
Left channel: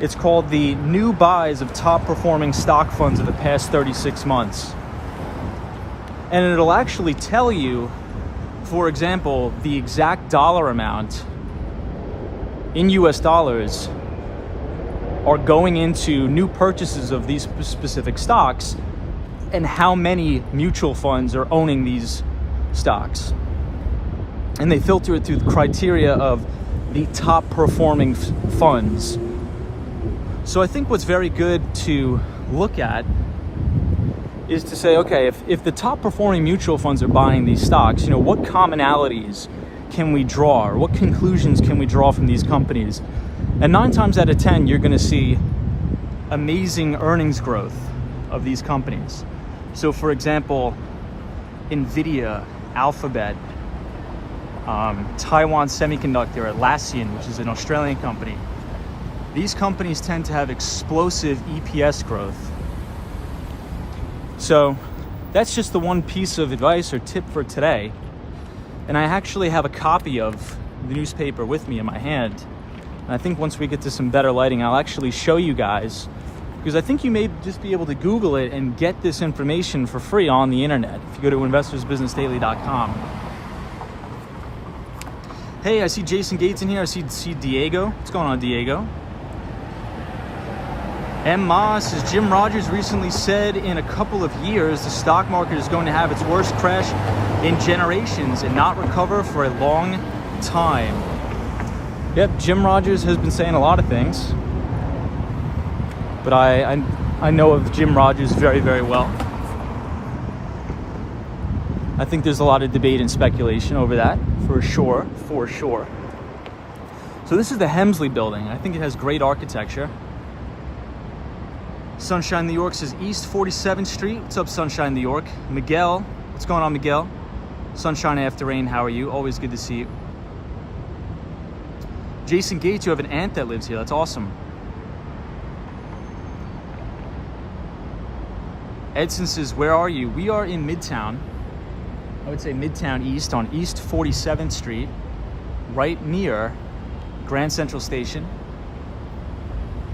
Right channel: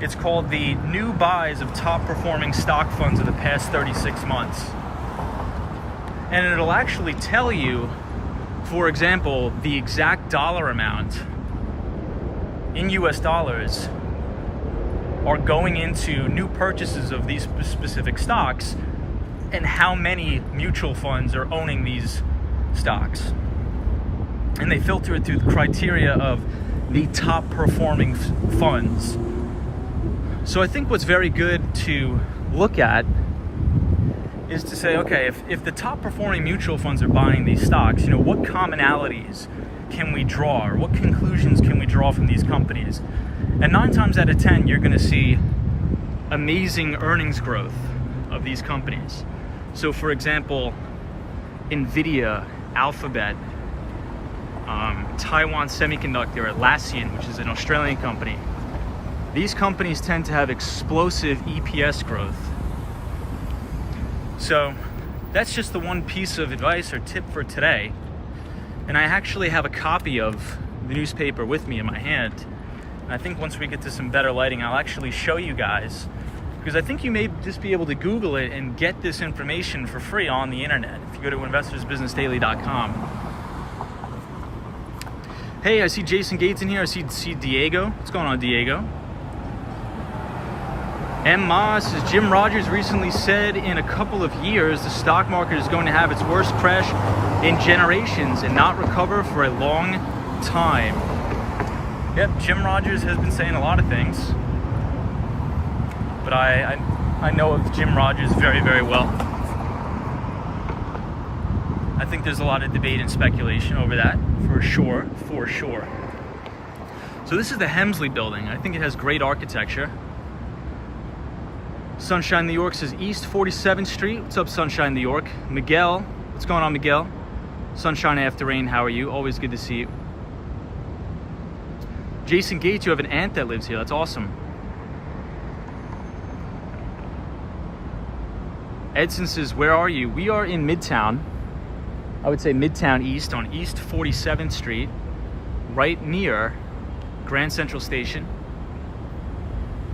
It's called the New Buys of Top Performing Stock Funds of the Past 36 Months. And it'll actually tell you, for example, the exact dollar amount in US dollars are going into new purchases of these specific stocks and how many mutual funds are owning these stocks. And they filter it through the criteria of the top performing funds. So I think what's very good to look at is to say, okay, if the top performing mutual funds are buying these stocks, what commonalities can we draw, or what conclusions can we draw from these companies? And 9 times out of 10, you're going to see amazing earnings growth of these companies. So for example, Nvidia, Alphabet, Taiwan Semiconductor, Atlassian, which is an Australian company. These companies tend to have explosive EPS growth. So that's just the one piece of advice or tip for today. And I actually have a copy of the newspaper with me in my hand. And I think once we get to some better lighting, I'll actually show you guys, because I think you may just be able to Google it and get this information for free on the internet if you go to investorsbusinessdaily.com. Hey, I see Jason Gates in here. I see Diego. What's going on, Diego? M. Moss says, Jim Rogers recently said in a couple of years the stock market is going to have its worst crash in generations and not recover for a long time. Yep, Jim Rogers has been saying a lot of things, but I know of Jim Rogers very, very well. I think there's a lot of debate and speculation over that, for sure. So this is the Hemsley building. I think it has great architecture. Sunshine New York says East 47th Street. What's up, Sunshine New York? Miguel, what's going on, Miguel? Sunshine after rain, how are you? Always good to see you. Jason Gates, you have an aunt that lives here. That's awesome. Edson says, where are you? We are in Midtown. I would say Midtown East on East 47th Street, right near Grand Central Station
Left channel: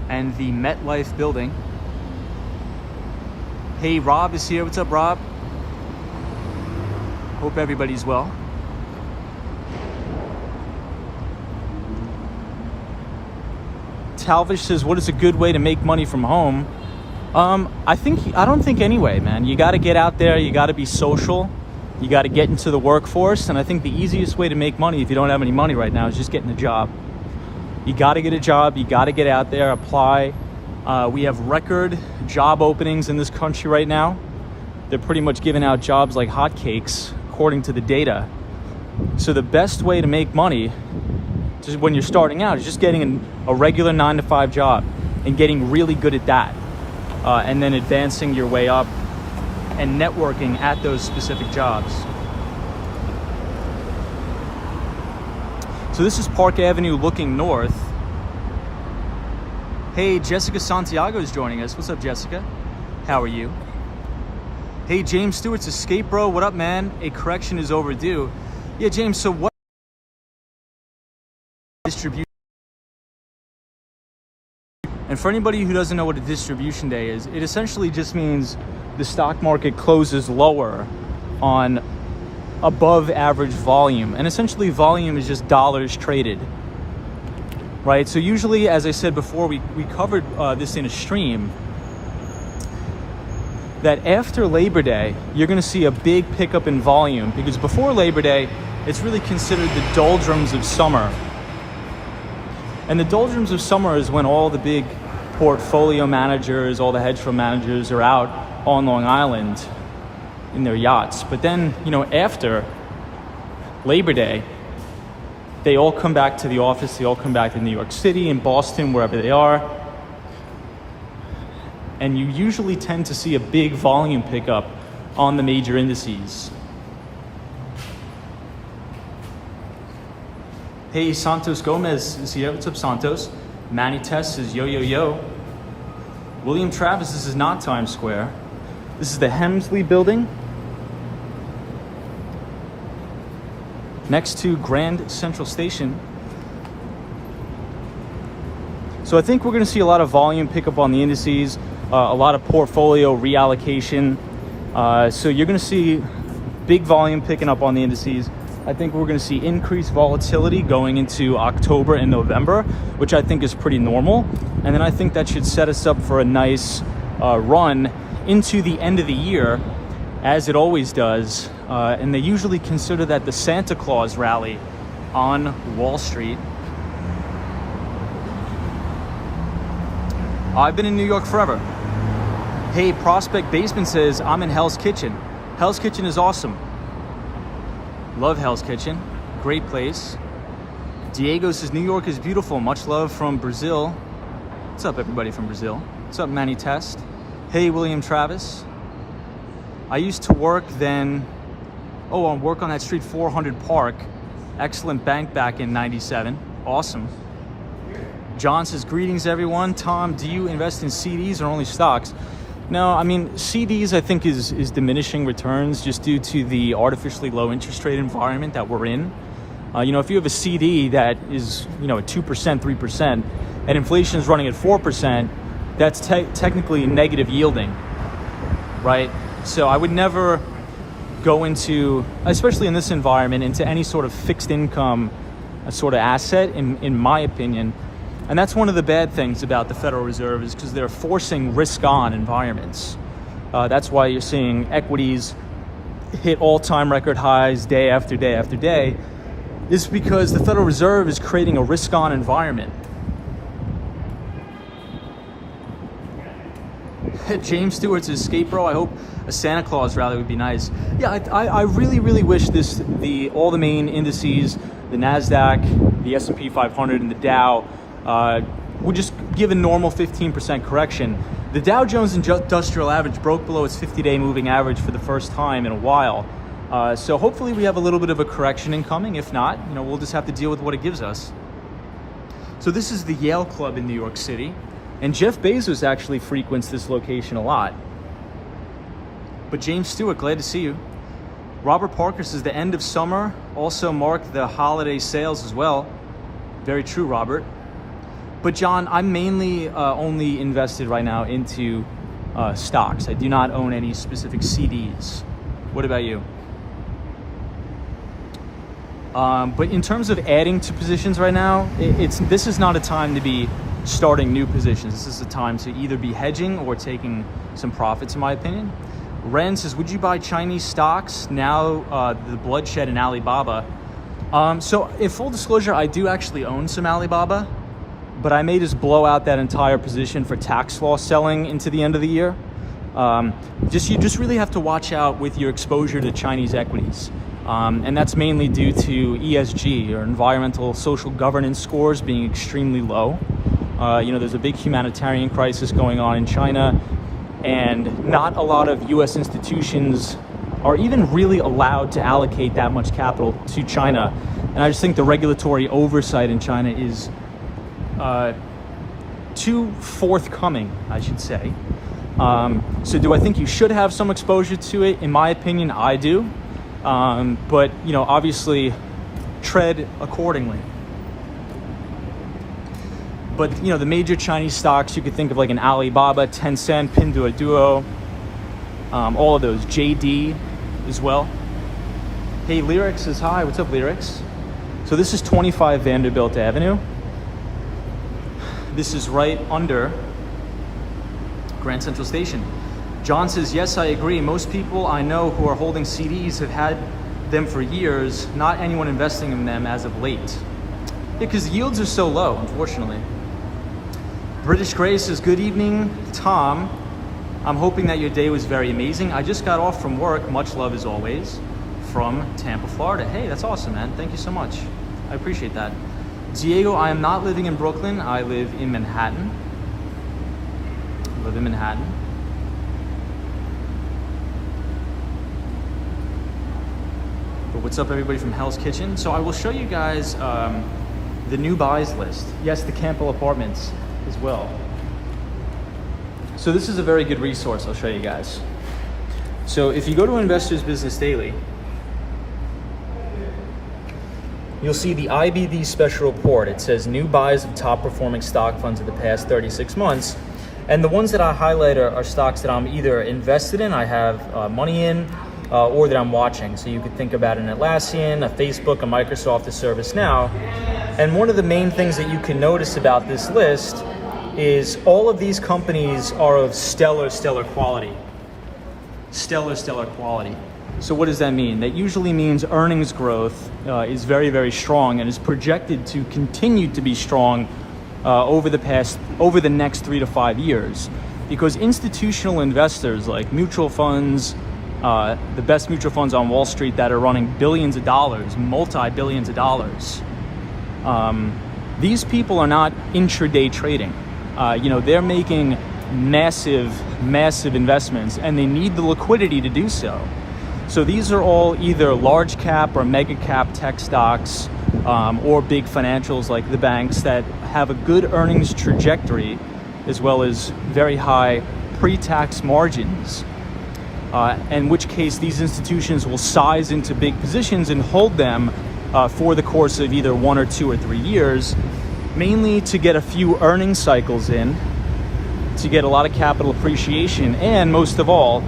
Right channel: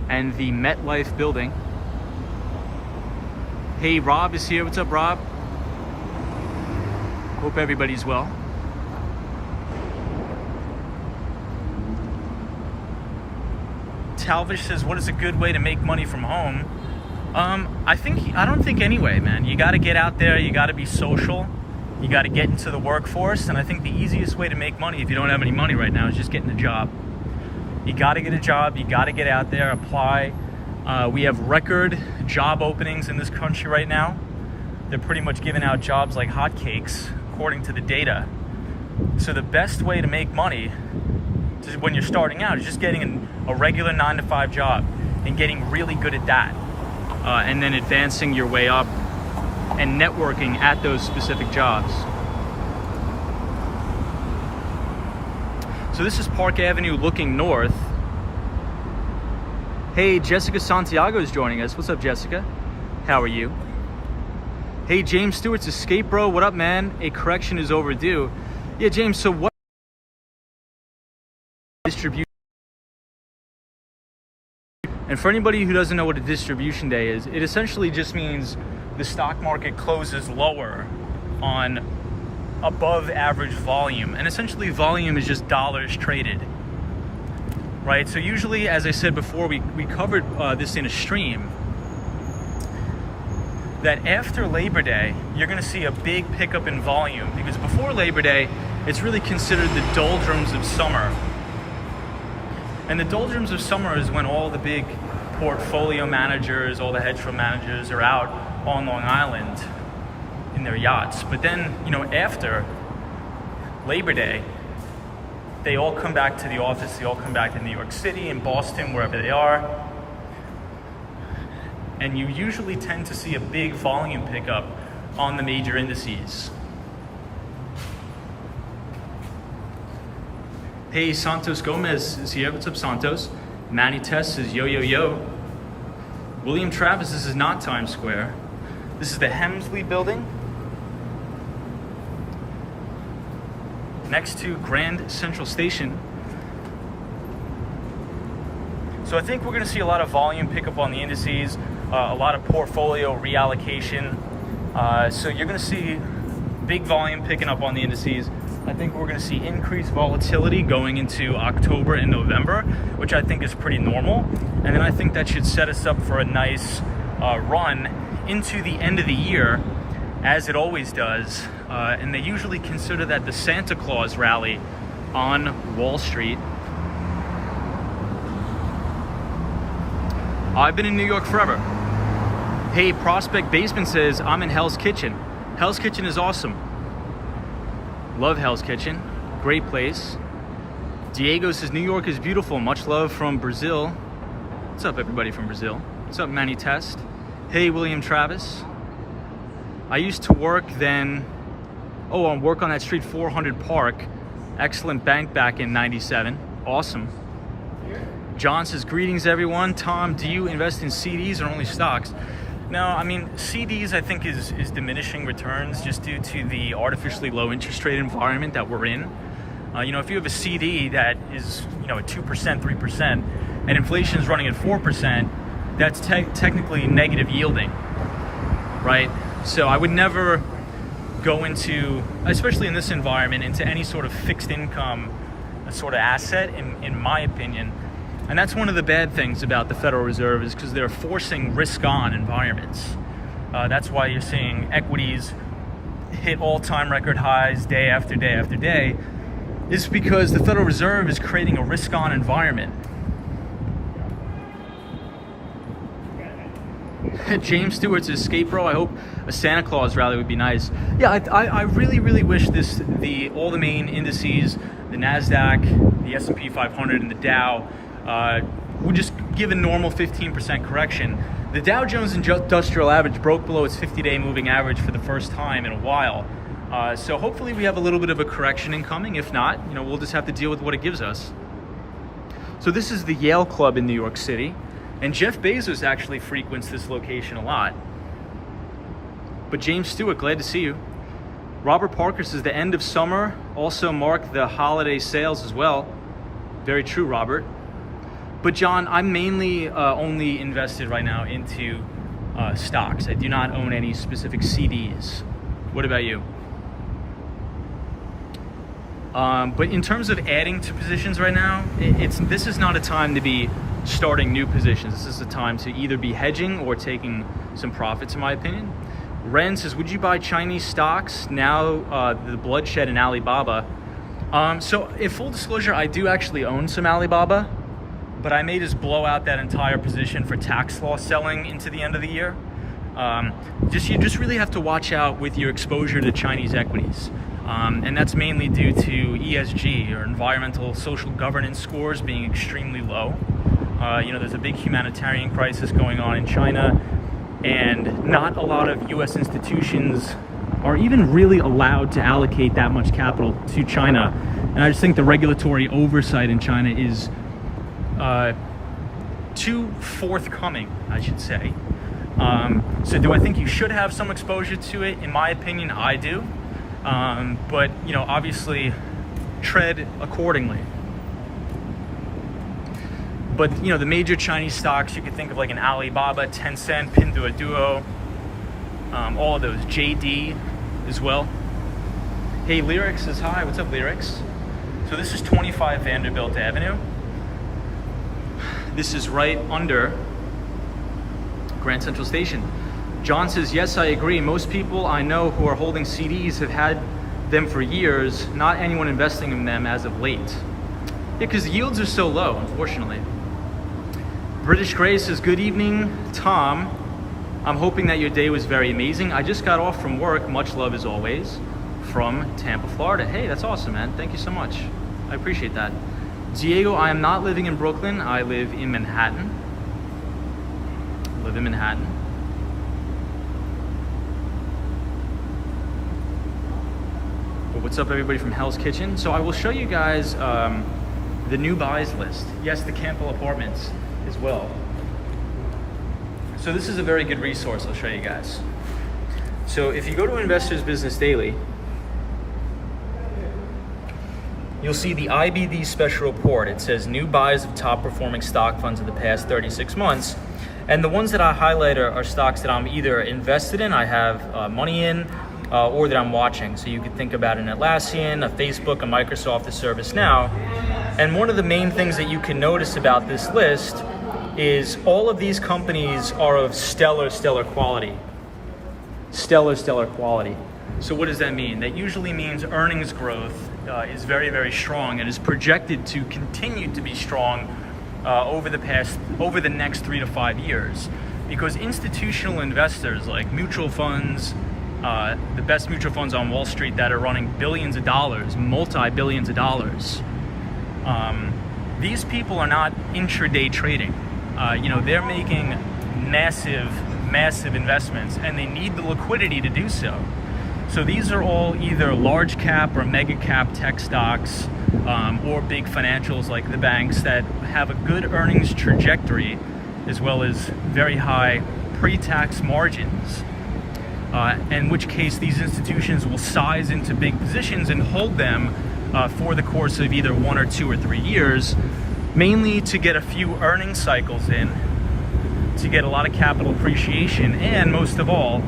and the MetLife building. Hey, Rob is here. What's up, Rob? Hope everybody's well. Talvish says, what is a good way to make money from home? I don't think any way, man. You got to get out there. You got to be social. You got to get into the workforce. And I think the easiest way to make money, if you don't have any money right now, is just getting a job. You got to get a job. You got to get out there, apply. We have record job openings in this country right now. They're pretty much giving out jobs like hotcakes, according to the data. So the best way to make money just when you're starting out is just getting a regular 9-to-5 job and getting really good at that. And then advancing your way up and networking at those specific jobs. So this is Park Avenue looking north. Hey, Jessica Santiago is joining us. What's up, Jessica? How are you? Hey, James Stewart's Escape Bro. What up, man? A correction is overdue. Yeah, James, so what distribution? And for anybody who doesn't know what a distribution day is, it essentially just means the stock market closes lower on above average volume. And essentially volume is just dollars traded, right? So usually, as I said before, we covered this in a stream, that after Labor Day, you're gonna see a big pickup in volume, because before Labor Day, it's really considered the doldrums of summer. And the doldrums of summer is when all the big portfolio managers, all the hedge fund managers are out on Long Island in their yachts. But then, you know, after Labor Day, they all come back to the office, they all come back to New York City and Boston, wherever they are. And you usually tend to see a big volume pickup on the major indices. Hey, Santos Gomez is here. What's up, Santos? Manny Tess says, yo, yo, yo. William Travis, this is not Times Square. This is the Hemsley Building, next to Grand Central Station. So I think we're going to see a lot of volume pickup on the indices, a lot of portfolio reallocation. So you're going to see big volume picking up on the indices. I think we're going to see increased volatility going into October and November, which I think is pretty normal. And then I think that should set us up for a nice run into the end of the year, as it always does. And they usually consider that the Santa Claus rally on Wall Street. I've been in New York forever. Hey, Prospect Basement says, I'm in Hell's Kitchen. Hell's Kitchen is awesome. Love Hell's Kitchen, great place. Diego says, New York is beautiful. Much love from Brazil. What's up, everybody from Brazil? What's up, Manny Test? Hey, William Travis. I used to work then, on work on that street, 400 Park. Excellent bank back in 97. Awesome. John says, greetings, everyone. Tom, do you invest in CDs or only stocks? No, I mean, CDs I think is diminishing returns just due to the artificially low interest rate environment that we're in. If you have a CD that is, at 2%, 3%, and inflation is running at 4%, that's technically negative yielding, right? So I would never go into, especially in this environment, into any sort of fixed income sort of asset, in my opinion. And that's one of the bad things about the Federal Reserve, is because they're forcing risk-on environments. That's why you're seeing equities hit all-time record highs day after day after day, is because the Federal Reserve is creating a risk-on environment. James Stewart's Escape Bro. I hope a Santa Claus rally would be nice. Yeah, I really, really wish all the main indices, the NASDAQ, the S&P 500, and the Dow, would just give a normal 15% correction. The Dow Jones Industrial Average broke below its 50-day moving average for the first time in a while. So hopefully we have a little bit of a correction incoming. If not, we'll just have to deal with what it gives us. So this is the Yale Club in New York City, and Jeff Bezos actually frequents this location a lot. But James Stewart, glad to see you. Robert Parker says the end of summer also marked the holiday sales as well. Very true, Robert. But John, I'm mainly only invested right now into stocks. I do not own any specific CDs. What about you? But in terms of adding to positions right now, this is not a time to be starting new positions. This is the time to either be hedging or taking some profits, in my opinion. Ren says, would you buy Chinese stocks now? The bloodshed in Alibaba. So in full disclosure, I do actually own some Alibaba, but I may just blow out that entire position for tax loss selling into the end of the year. You just really have to watch out with your exposure to Chinese equities. And that's mainly due to ESG, or environmental social governance scores, being extremely low. There's a big humanitarian crisis going on in China, and not a lot of US institutions are even really allowed to allocate that much capital to China. And I just think the regulatory oversight in China is too forthcoming, I should say. So do I think you should have some exposure to it? In my opinion, I do. But obviously tread accordingly. But the major Chinese stocks, you could think of like an Alibaba, Tencent, Pinduoduo, all of those, JD as well. Hey, Lyrics says hi. What's up, Lyrics? So this is 25 Vanderbilt Avenue. This is right under Grand Central Station. John says, yes, I agree. Most people I know who are holding CDs have had them for years, not anyone investing in them as of late. Yeah, because yields are so low, unfortunately. British Gray says, good evening, Tom. I'm hoping that your day was very amazing. I just got off from work. Much love as always. From Tampa, Florida. Hey, that's awesome, man. Thank you so much. I appreciate that. Diego, I am not living in Brooklyn. I live in Manhattan. But what's up, everybody from Hell's Kitchen? So I will show you guys the new buys list. Yes, the Campbell Apartments as well. So this is a very good resource I'll show you guys. So if you go to Investors Business Daily, you'll see the IBD special report. It says new buys of top performing stock funds of the past 36 months. And the ones that I highlight are stocks that I'm either invested in, I have money in, or that I'm watching. So you could think about an Atlassian, a Facebook, a Microsoft, a ServiceNow. And one of the main things that you can notice about this list is all of these companies are of stellar quality. Stellar quality. So what does that mean? That usually means earnings growth is very, very strong and is projected to continue to be strong over the next 3 to 5 years. Because institutional investors like mutual funds, the best mutual funds on Wall Street that are running billions of dollars, multi-billions of dollars, these people are not intraday trading. They're making massive investments, and they need the liquidity to do so. So these are all either large cap or mega cap tech stocks, or big financials like the banks that have a good earnings trajectory, as well as very high pre-tax margins. In which case these institutions will size into big positions and hold them for the course of either 1 or 2 or 3 years, mainly to get a few earnings cycles in, to get a lot of capital appreciation, and most of all,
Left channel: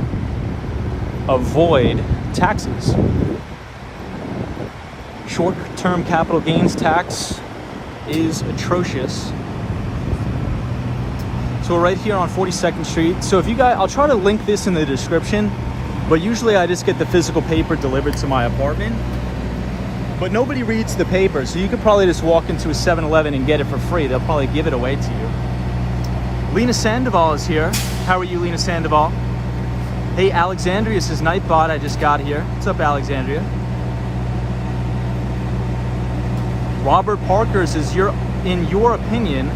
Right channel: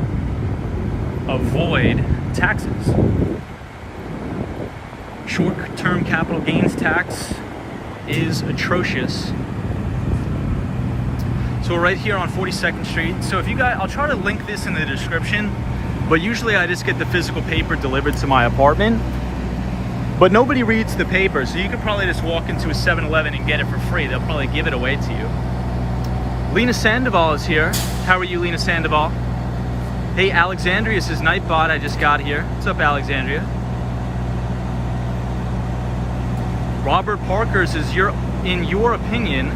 avoid taxes. Short-term capital gains tax is atrocious. So we're right here on 42nd Street. So if you guys, I'll try to link this in the description, but usually I just get the physical paper delivered to my apartment. But nobody reads the paper, so you could probably just walk into a 7-Eleven and get it for free. They'll probably give it away to you. Lena Sandoval is here. How are you, Lena Sandoval? Hey, Alexandria says, Nightbot, I just got here. What's up, Alexandria? Robert Parker says, in your opinion,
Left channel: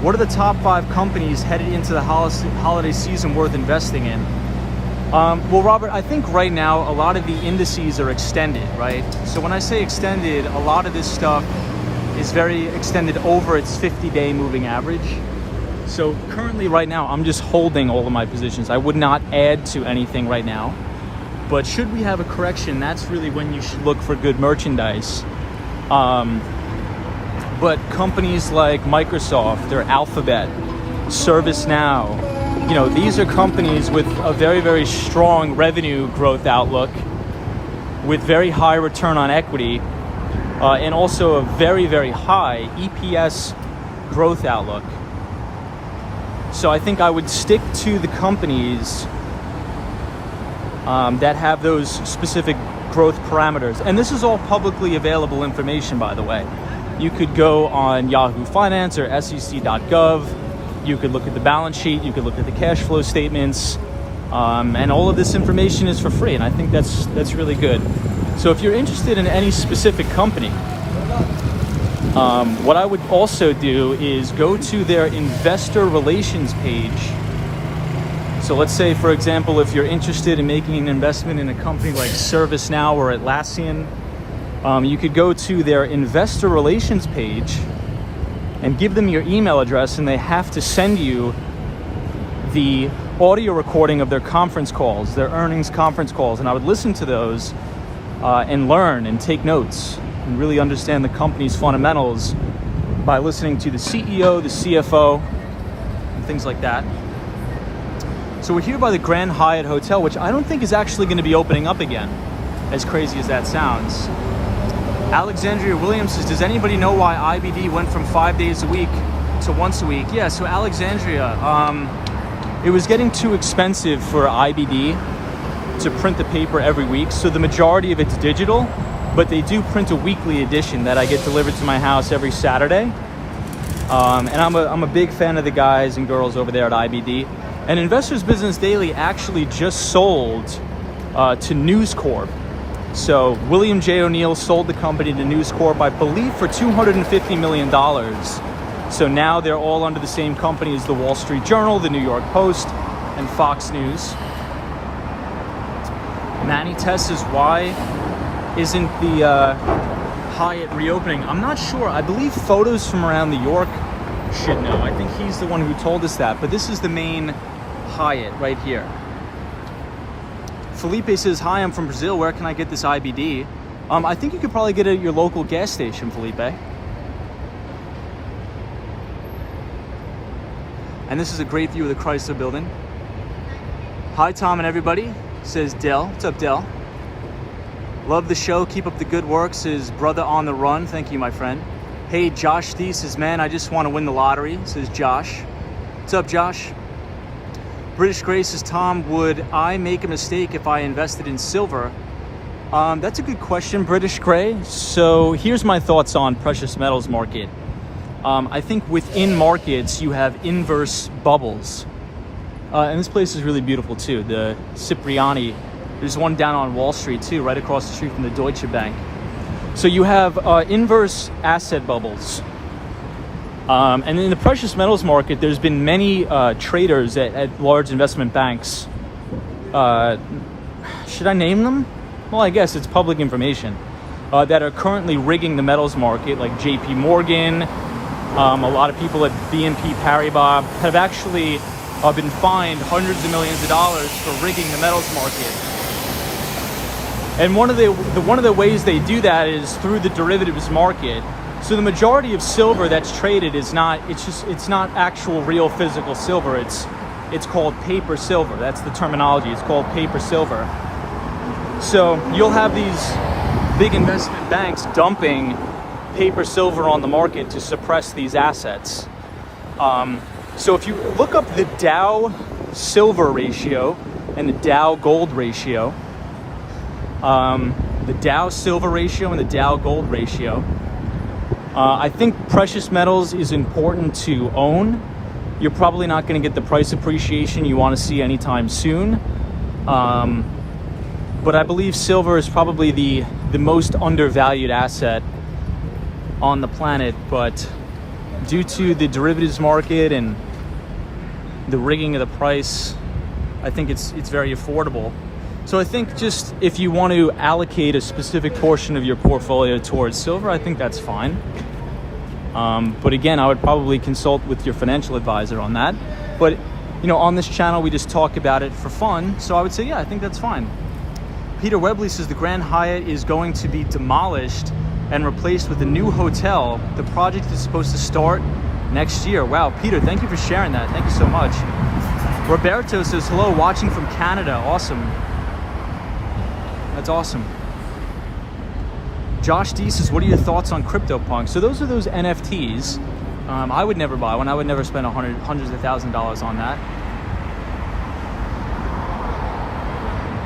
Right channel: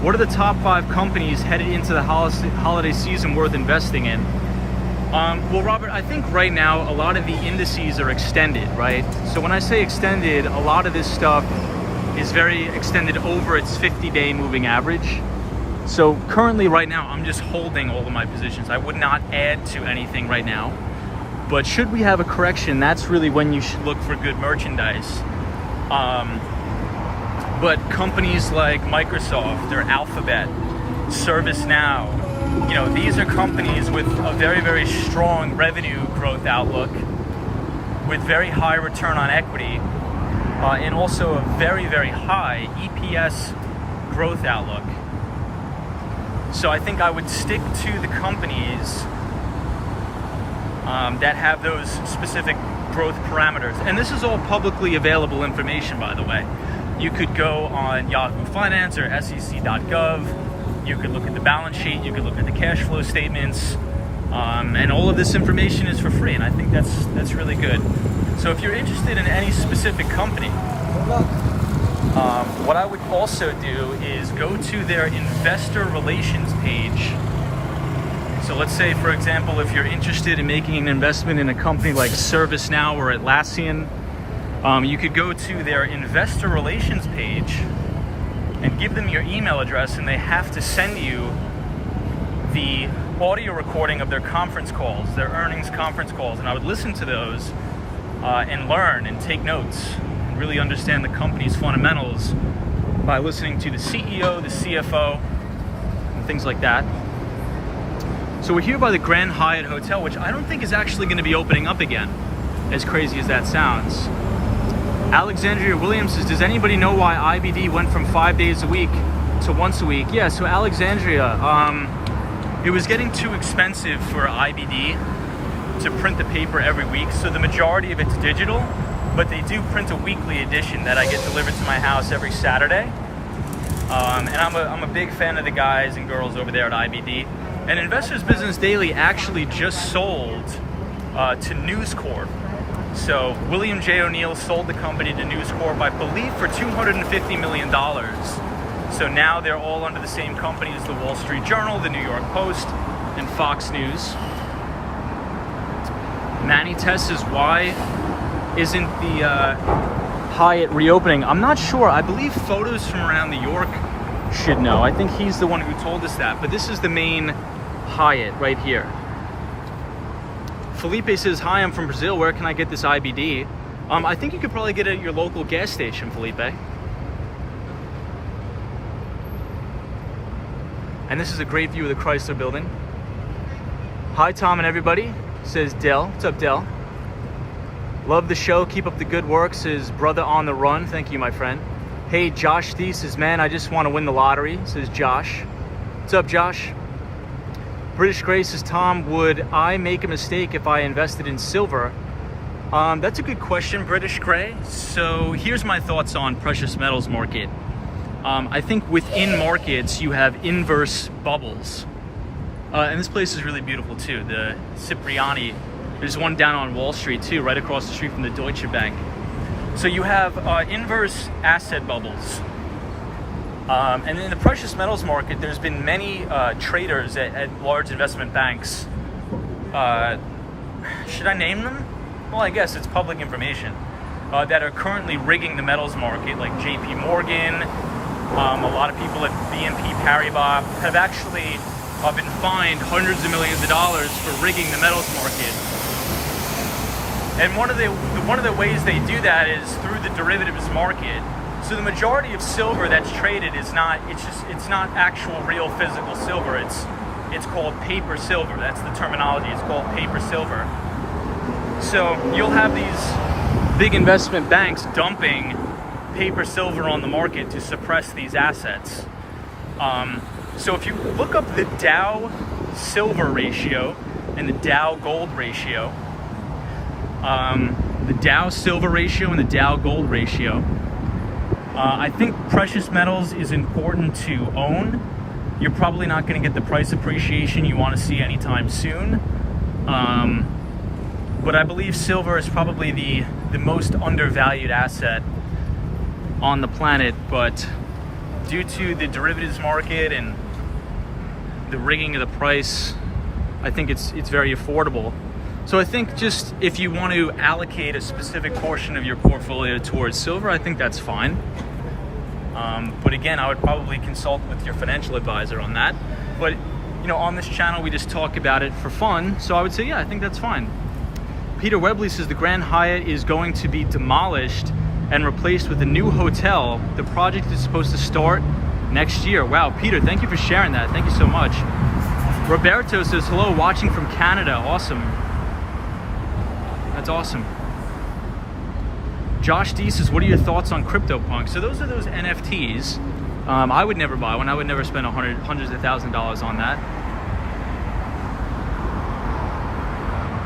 what are the top 5 companies headed into the holiday season worth investing in? Well, Robert, I think right now a lot of the indices are extended, right? So when I say extended, a lot of this stuff is very extended over its 50-day moving average. So currently right now, I'm just holding all of my positions. I would not add to anything right now. But should we have a correction, that's really when you should look for good merchandise. But companies like Microsoft or Alphabet, ServiceNow, these are companies with a very, very strong revenue growth outlook, with very high return on equity, and also a very, very high EPS growth outlook. So I think I would stick to the companies that have those specific growth parameters. And this is all publicly available information, by the way. You could go on Yahoo Finance or SEC.gov. You could look at the balance sheet. You could look at the cash flow statements. And all of this information is for free. And I think that's really good. So if you're interested in any specific company, what I would also do is go to their investor relations page. So let's say, for example, if you're interested in making an investment in a company like ServiceNow or Atlassian, you could go to their investor relations page and give them your email address, and they have to send you the audio recording of their conference calls, their earnings conference calls. And I would listen to those and learn and take notes and really understand the company's fundamentals by listening to the CEO, the CFO, and things like that. So we're here by the Grand Hyatt Hotel, which I don't think is actually going to be opening up again, as crazy as that sounds. Alexandria Williams says, does anybody know why IBD went from 5 days a week to once a week? Yeah, so Alexandria, it was getting too expensive for IBD to print the paper every week, so the majority of it's digital, but they do print a weekly edition that I get delivered to my house every Saturday. And I'm a big fan of the guys and girls over there at IBD. And Investors Business Daily actually just sold to News Corp. So William J. O'Neill sold the company to News Corp, I believe, for $250 million. So now they're all under the same company as the Wall Street Journal, the New York Post, and Fox News. Manny Tess says, why isn't the Hyatt reopening? I'm not sure. I believe photos from around New York should know. I think he's the one who told us that. But this is the main Hyatt right here. Felipe says, hi, I'm from Brazil. Where can I get this IBD? I think you could probably get it at your local gas station, Felipe. And this is a great view of the Chrysler Building. Hi, Tom and everybody, says Dell. What's up, Dell? Love the show. Keep up the good work, says Brother on the Run. Thank you, my friend. Hey, Josh D says, man, I just want to win the lottery, says Josh. What's up, Josh? British Grace says, Tom, would I make a mistake if I invested in silver? That's a good question, British Gray. So here's my thoughts on precious metals market. I think within markets, you have inverse bubbles. And this place is really beautiful too. The Cipriani, there's one down on Wall Street too, right across the street from the Deutsche Bank. So you have inverse asset bubbles. And in the precious metals market, there's been many traders at large investment banks. Should I name them? Well, I guess it's public information. That are currently rigging the metals market, like JP Morgan. A lot of people at BNP Paribas have actually been fined hundreds of millions of dollars for rigging the metals market. And one of the ways they do that is through the derivatives market. So the majority of silver that's traded is not, it's not actual real physical silver. It's called paper silver. That's the terminology. It's called paper silver. So you'll have these big investment banks dumping paper silver on the market to suppress these assets. So if you look up the Dow silver ratio and the Dow gold ratio, the Dow silver ratio and the Dow gold ratio, I think precious metals is important to own. You're probably not going to get the price appreciation you want to see anytime soon. But I believe silver is probably the most undervalued asset on the planet. But due to the derivatives market and the rigging of the price, I think it's very affordable. So I think just if you want to allocate a specific portion of your portfolio towards silver, I think that's fine. But again, I would probably consult with your financial advisor on that. But you know, on this channel, we just talk about it for fun. So I would say, yeah, I think that's fine. Peter Webley says the Grand Hyatt is going to be demolished and replaced with a new hotel. The project is supposed to start next year. Wow, Peter, thank you for sharing that. Thank you so much. Roberto says, hello, watching from Canada. Awesome. That's awesome. Josh D says, what are your thoughts on CryptoPunk? So those are those NFTs. I would never buy one. I would never spend hundreds of $1,000s on that.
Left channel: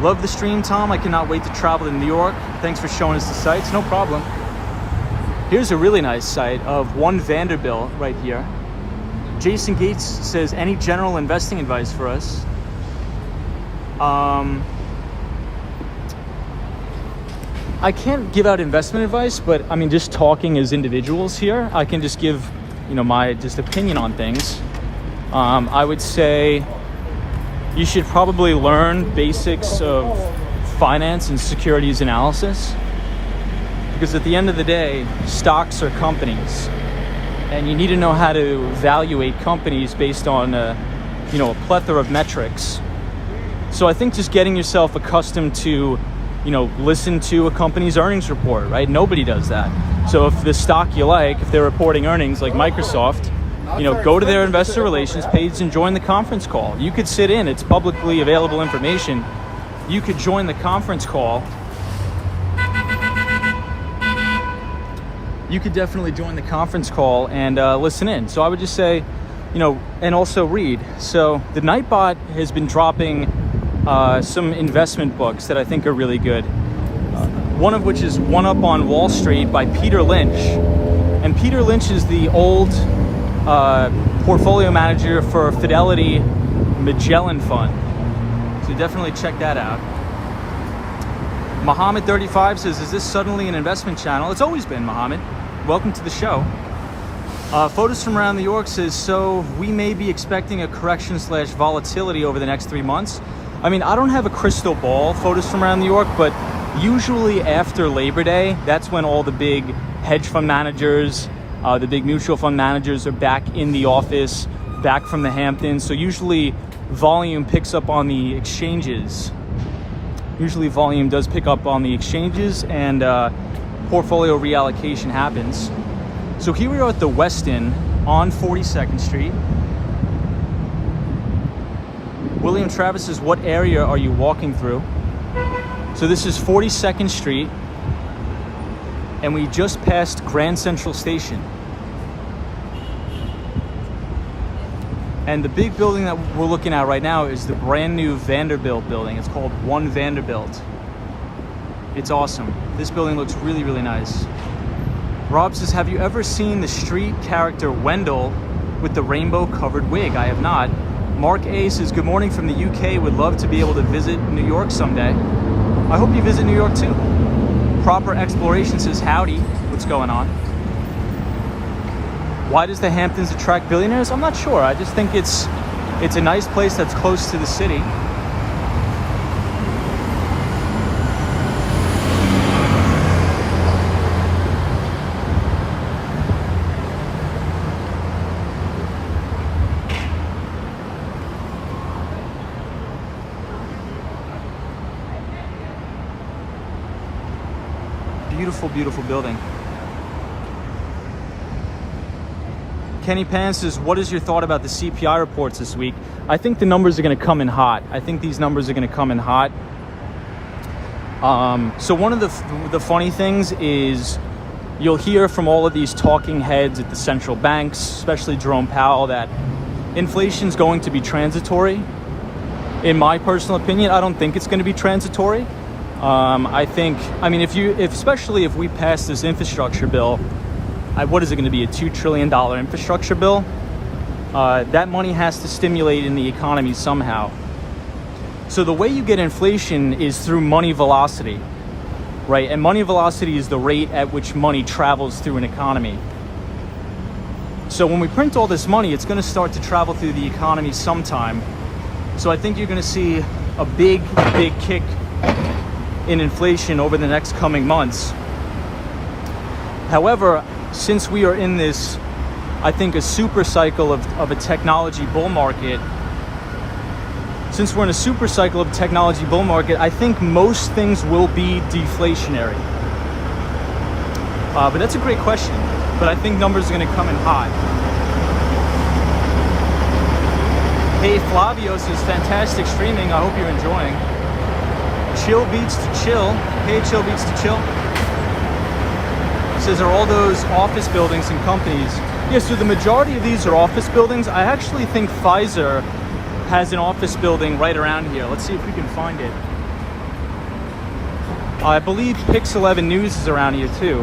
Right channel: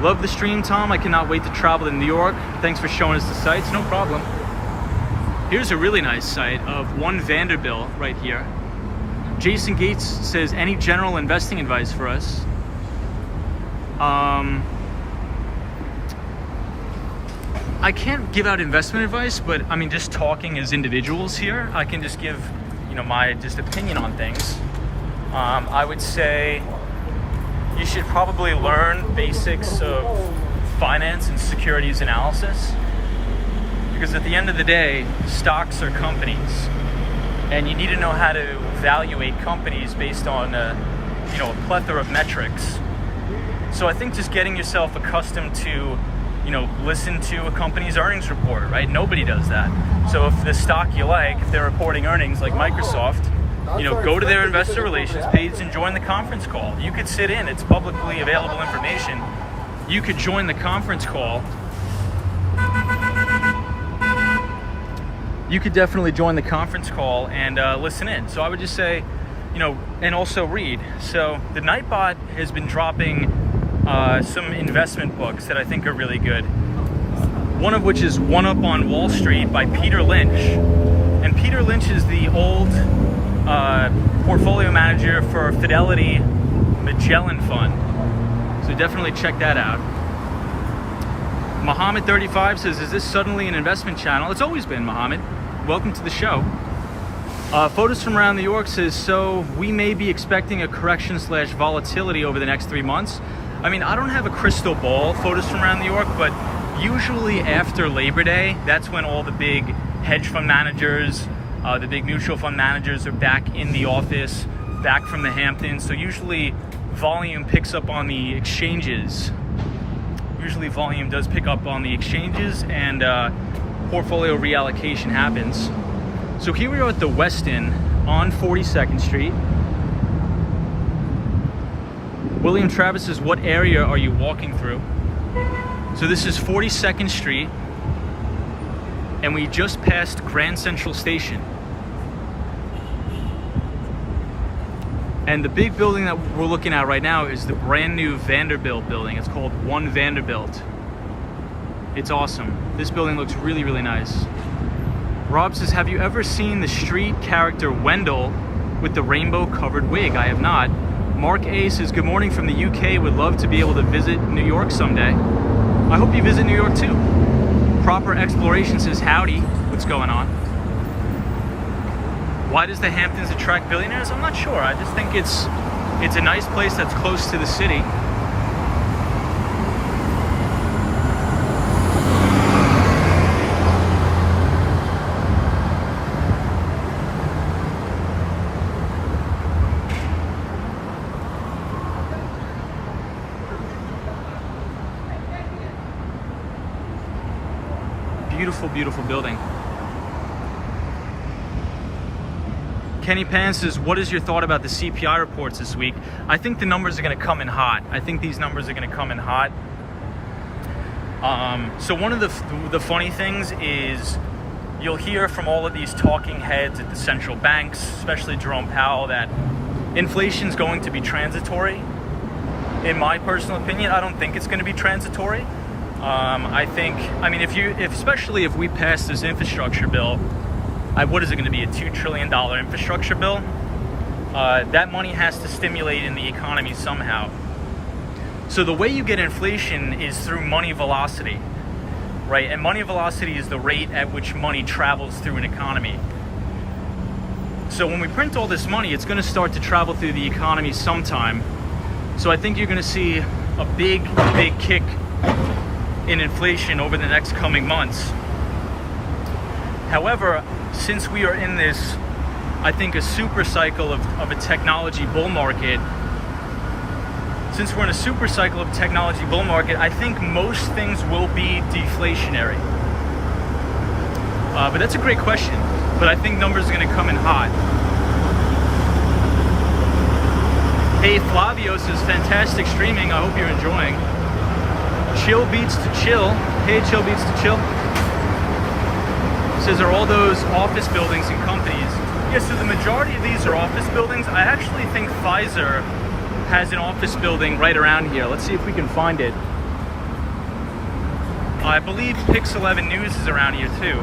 Love the stream, Tom. I cannot wait to travel to New York. Thanks for showing us the sites. No problem. Here's a really nice site of One Vanderbilt right here. Jason Gates says, any general investing advice for us? I can't give out investment advice, but I mean, just talking as individuals here, I can just give, my just opinion on things. I would say you should probably learn basics of finance and securities analysis, because at the end of the day, stocks are companies, and you need to know how to evaluate companies based on a plethora of metrics. So I think just getting yourself accustomed to listen to a company's earnings report, right? Nobody does that. So if the stock you like, if they're reporting earnings like Microsoft, go to their investor relations page and join the conference call. You could sit in, it's publicly available information. You could join the conference call. You could definitely join the conference call and listen in. So I would just say, and also read. So the Nightbot has been dropping some investment books that I think are really good. One of which is One Up on Wall Street by Peter Lynch. And Peter Lynch is the old portfolio manager for Fidelity Magellan Fund. So definitely check that out. Muhammad35 says, is this suddenly an investment channel? It's always been, Muhammad. Welcome to the show. Photos from around New York says, so we may be expecting a correction / volatility over the next 3 months. I mean, I don't have a crystal ball, photos from around New York, but usually after Labor Day, that's when all the big hedge fund managers, the big mutual fund managers are back in the office, back from the Hamptons. So usually volume picks up on the exchanges. Usually volume does pick up on the exchanges, and portfolio reallocation happens. So here we are at the Westin on 42nd Street. William Travis says, what area are you walking through? So this is 42nd Street, and we just passed Grand Central Station. And the big building that we're looking at right now is the brand new Vanderbilt building. It's called One Vanderbilt. It's awesome. This building looks really, really nice. Rob says, have you ever seen the street character Wendell with the rainbow covered wig? I have not. Mark A says, good morning from the UK. Would love to be able to visit New York someday. I hope you visit New York too. Proper Exploration says, howdy. What's going on? Why does the Hamptons attract billionaires? I'm not sure. I just think it's a nice place that's close to the city. Beautiful, beautiful building. Kenny Pan says, what is your thought about the CPI reports this week? I think the numbers are going to come in hot. I think these numbers are going to come in hot. So one of the funny things is you'll hear from all of these talking heads at the central banks, especially Jerome Powell, that inflation is going to be transitory. In my personal opinion, I don't think it's going to be transitory. Especially if we pass this infrastructure bill, what is it going to be, a $2 trillion infrastructure bill? That money has to stimulate in the economy somehow. So the way you get inflation is through money velocity, right? And money velocity is the rate at which money travels through an economy. So when we print all this money, it's going to start to travel through the economy sometime. So I think you're going to see a big kick in inflation over the next coming months. However, since we are in this, I think, a super cycle of a technology bull market, since we're in a super cycle of technology bull market, I think most things will be deflationary. But that's a great question. But I think numbers are going to come in hot. Hey, Flavio says, fantastic streaming. I hope you're enjoying. Chill Beats to Chill. Hey, Chill Beats to Chill. It says, are all those office buildings and companies Yeah, so the majority of these are office buildings. I actually think Pfizer has an office building right around here. Let's see if we can find it. I believe Pix 11 News is around here too.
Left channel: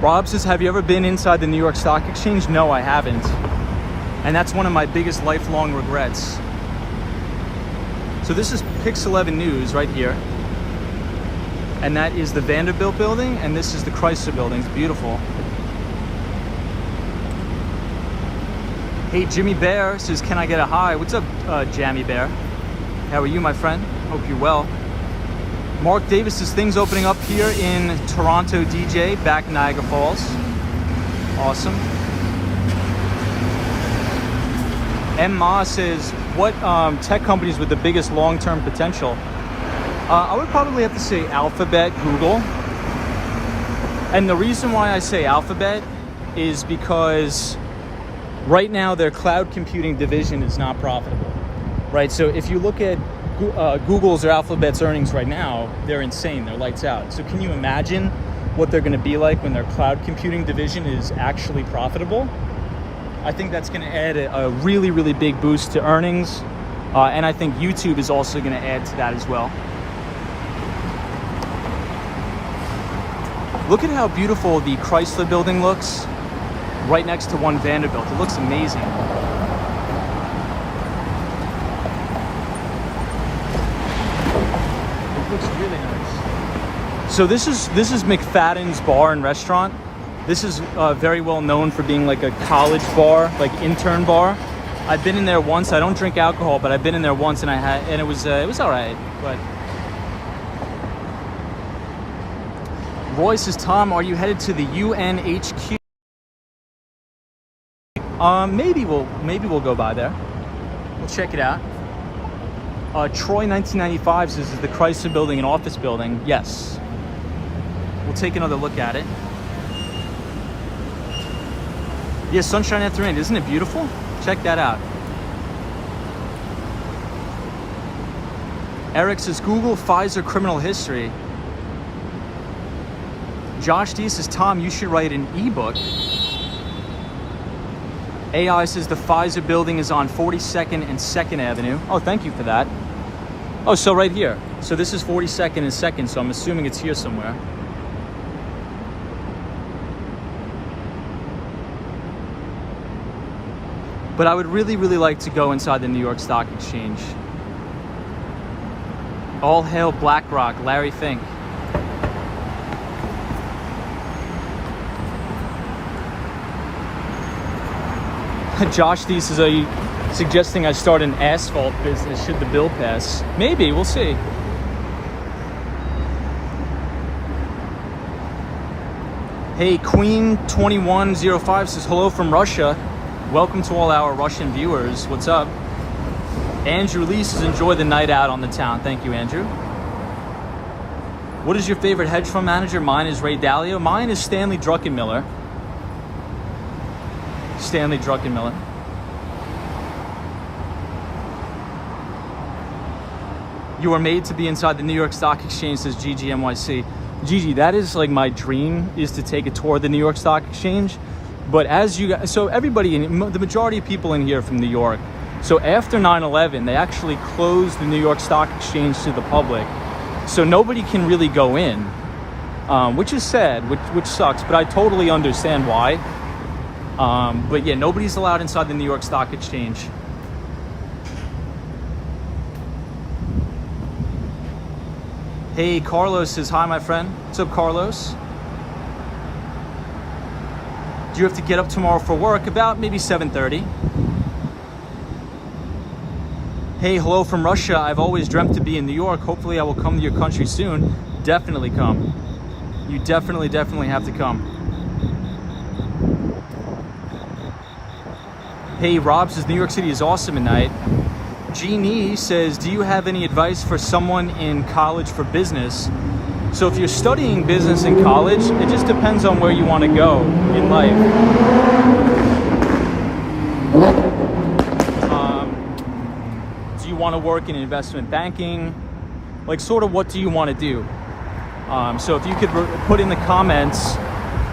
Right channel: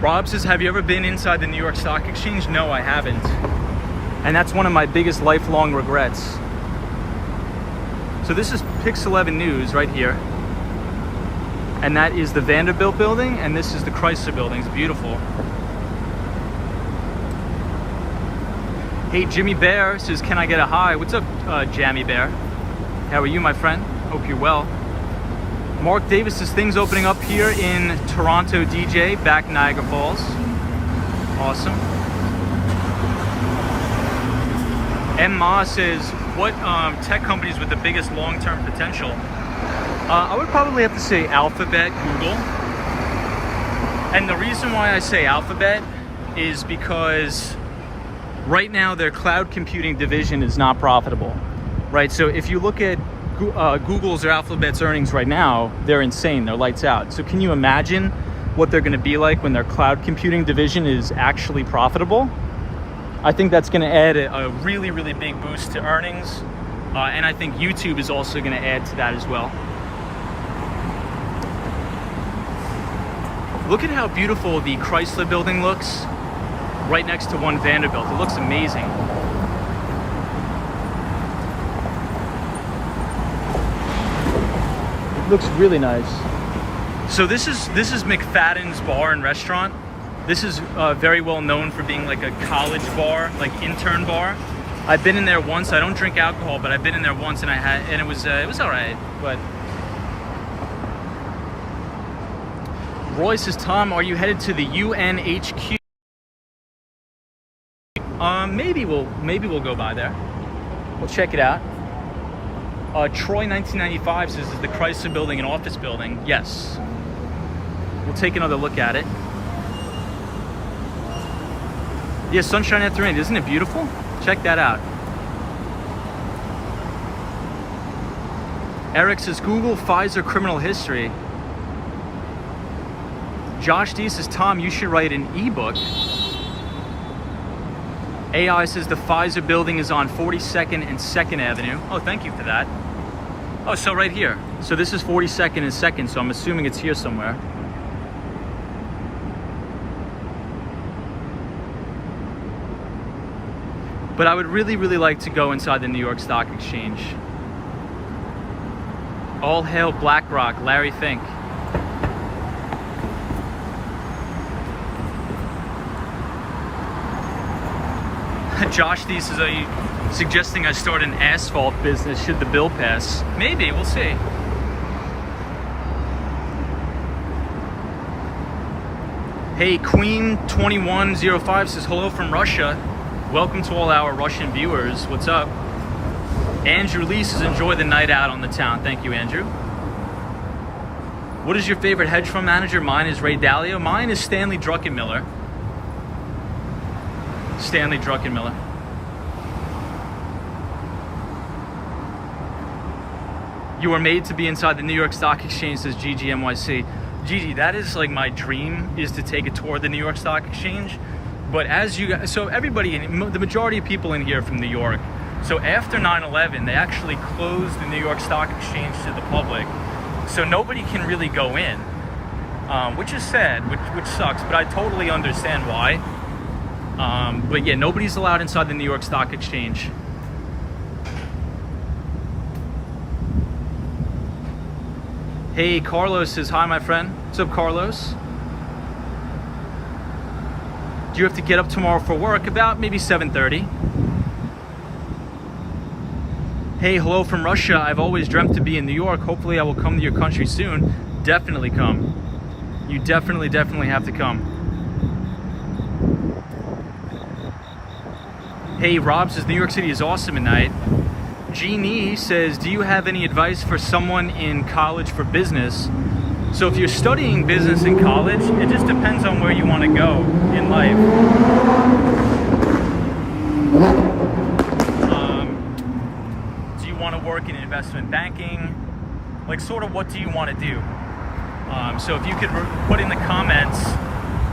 Rob says, have you ever been inside the New York Stock Exchange? No, I haven't. And that's one of my biggest lifelong regrets. So this is Pix 11 News right here. And that is the Vanderbilt building, and this is the Chrysler building. It's beautiful. Hey, Jimmy Bear says, can I get a hi? What's up, Jammy Bear? How are you, my friend? Hope you're well. Mark Davis says, things opening up here in Toronto, DJ, back Niagara Falls. Awesome. M. Ma says, what tech companies with the biggest long-term potential? I would probably have to say Alphabet, Google. And the reason why I say Alphabet is because right now their cloud computing division is not profitable, right? So if you look at Google's or Alphabet's earnings right now, they're insane, they're lights out. So can you imagine what they're gonna be like when their cloud computing division is actually profitable? I think that's gonna add a really, really big boost to earnings. And I think YouTube is also gonna add to that as well. Look at how beautiful the Chrysler building looks right next to One Vanderbilt. It looks amazing. It looks really nice. So this is McFadden's Bar and Restaurant. This is very well known for being like a college bar, like intern bar. I've been in there once. I don't drink alcohol, but I've been in there once, and it was all right. But Roy says, Tom, are you headed to the UNHQ? Maybe we'll go by there. We'll check it out. Troy 1995 says, is the Chrysler building an office building? Yes. We'll take another look at it. Yeah, sunshine after rain. Isn't it beautiful? Check that out. Eric says, Google Pfizer criminal history. Josh D says, Tom, you should write an ebook. AI says the Pfizer building is on 42nd and 2nd Avenue. Oh, thank you for that. Oh, so right here. So this is 42nd and 2nd, so I'm assuming it's here somewhere. But I would really, really like to go inside the New York Stock Exchange. All hail BlackRock, Larry Fink. Josh D says, are you suggesting I start an asphalt business should the bill pass? Maybe, we'll see. Hey, Queen2105 says, hello from Russia. Welcome to all our Russian viewers. What's up? Andrew Lee says, enjoy the night out on the town. Thank you, Andrew. What is your favorite hedge fund manager? Mine is Ray Dalio. Mine is Stanley Druckenmiller. Stanley Druckenmiller. You are made to be inside the New York Stock Exchange, says GGMYC. Gigi, that is like my dream, is to take a tour of the New York Stock Exchange. But as you guys, so everybody, the majority of people in here are from New York. So after 9/11, they actually closed the New York Stock Exchange to the public. So nobody can really go in, which is sad, which sucks, but I totally understand why. But yeah, nobody's allowed inside the New York Stock Exchange. Hey, Carlos says, hi, my friend. What's up, Carlos? Do you have to get up tomorrow for work? About maybe 7:30. Hey, hello from Russia. I've always dreamt to be in New York. Hopefully I will come to your country soon. Definitely come. You definitely have to come. Hey, Rob says, New York City is awesome at night. Jeannie says, do you have any advice for someone in college for business? So if you're studying business in college, it just depends on where you want to go in life. Do you want to work in investment banking? Like, sort of, what do you want to do? So if you could put in the comments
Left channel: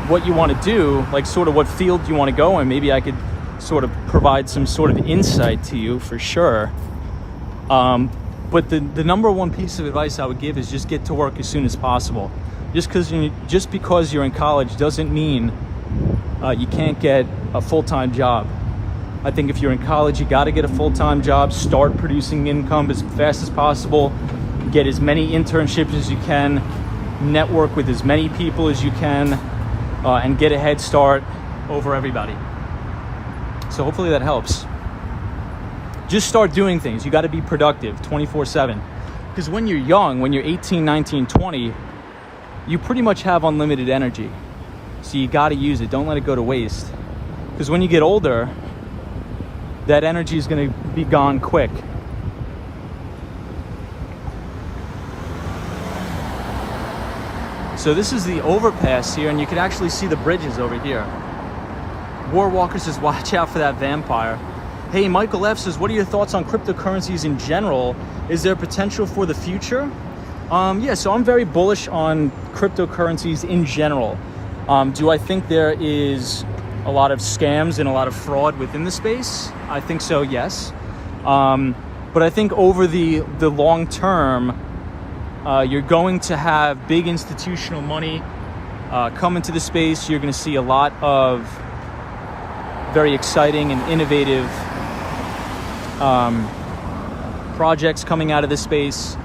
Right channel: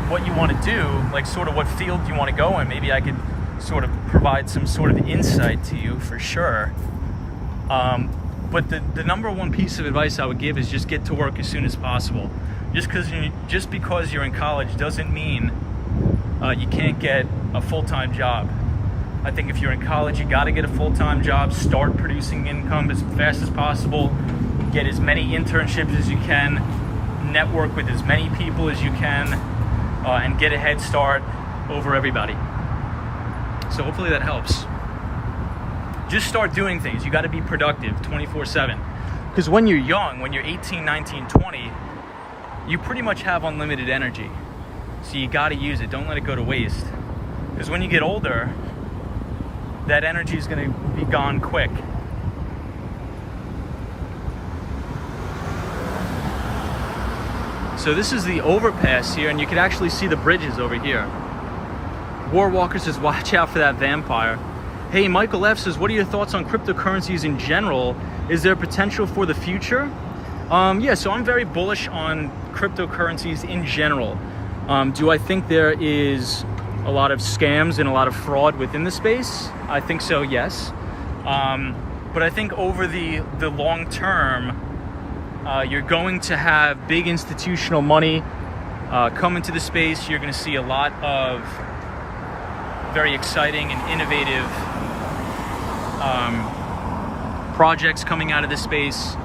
what you want to do, like sort of what field you want to go in. Maybe I could sort of provide some sort of insight to you for sure. But the number one piece of advice I would give is just get to work as soon as possible. Just because you're in college doesn't mean you can't get a full-time job. I think if you're in college, you got to get a full-time job, start producing income as fast as possible, get as many internships as you can, network with as many people as you can, and get a head start over everybody. So hopefully that helps. Just start doing things. You got to be productive 24/7. Because when you're young, when you're 18, 19, 20, you pretty much have unlimited energy. So you got to use it. Don't let it go to waste. Because when you get older, that energy is going to be gone quick. So this is the overpass here, and you can actually see the bridges over here. Warwalker says, watch out for that vampire. Hey, Michael F says, what are your thoughts on cryptocurrencies in general? Is there potential for the future? Yeah, so I'm very bullish on cryptocurrencies in general. Do I think there is a lot of scams and a lot of fraud within the space? I think so, yes. But I think over the long term, you're going to have big institutional money come into the space. You're going to see a lot of very exciting and innovative projects coming out of this space.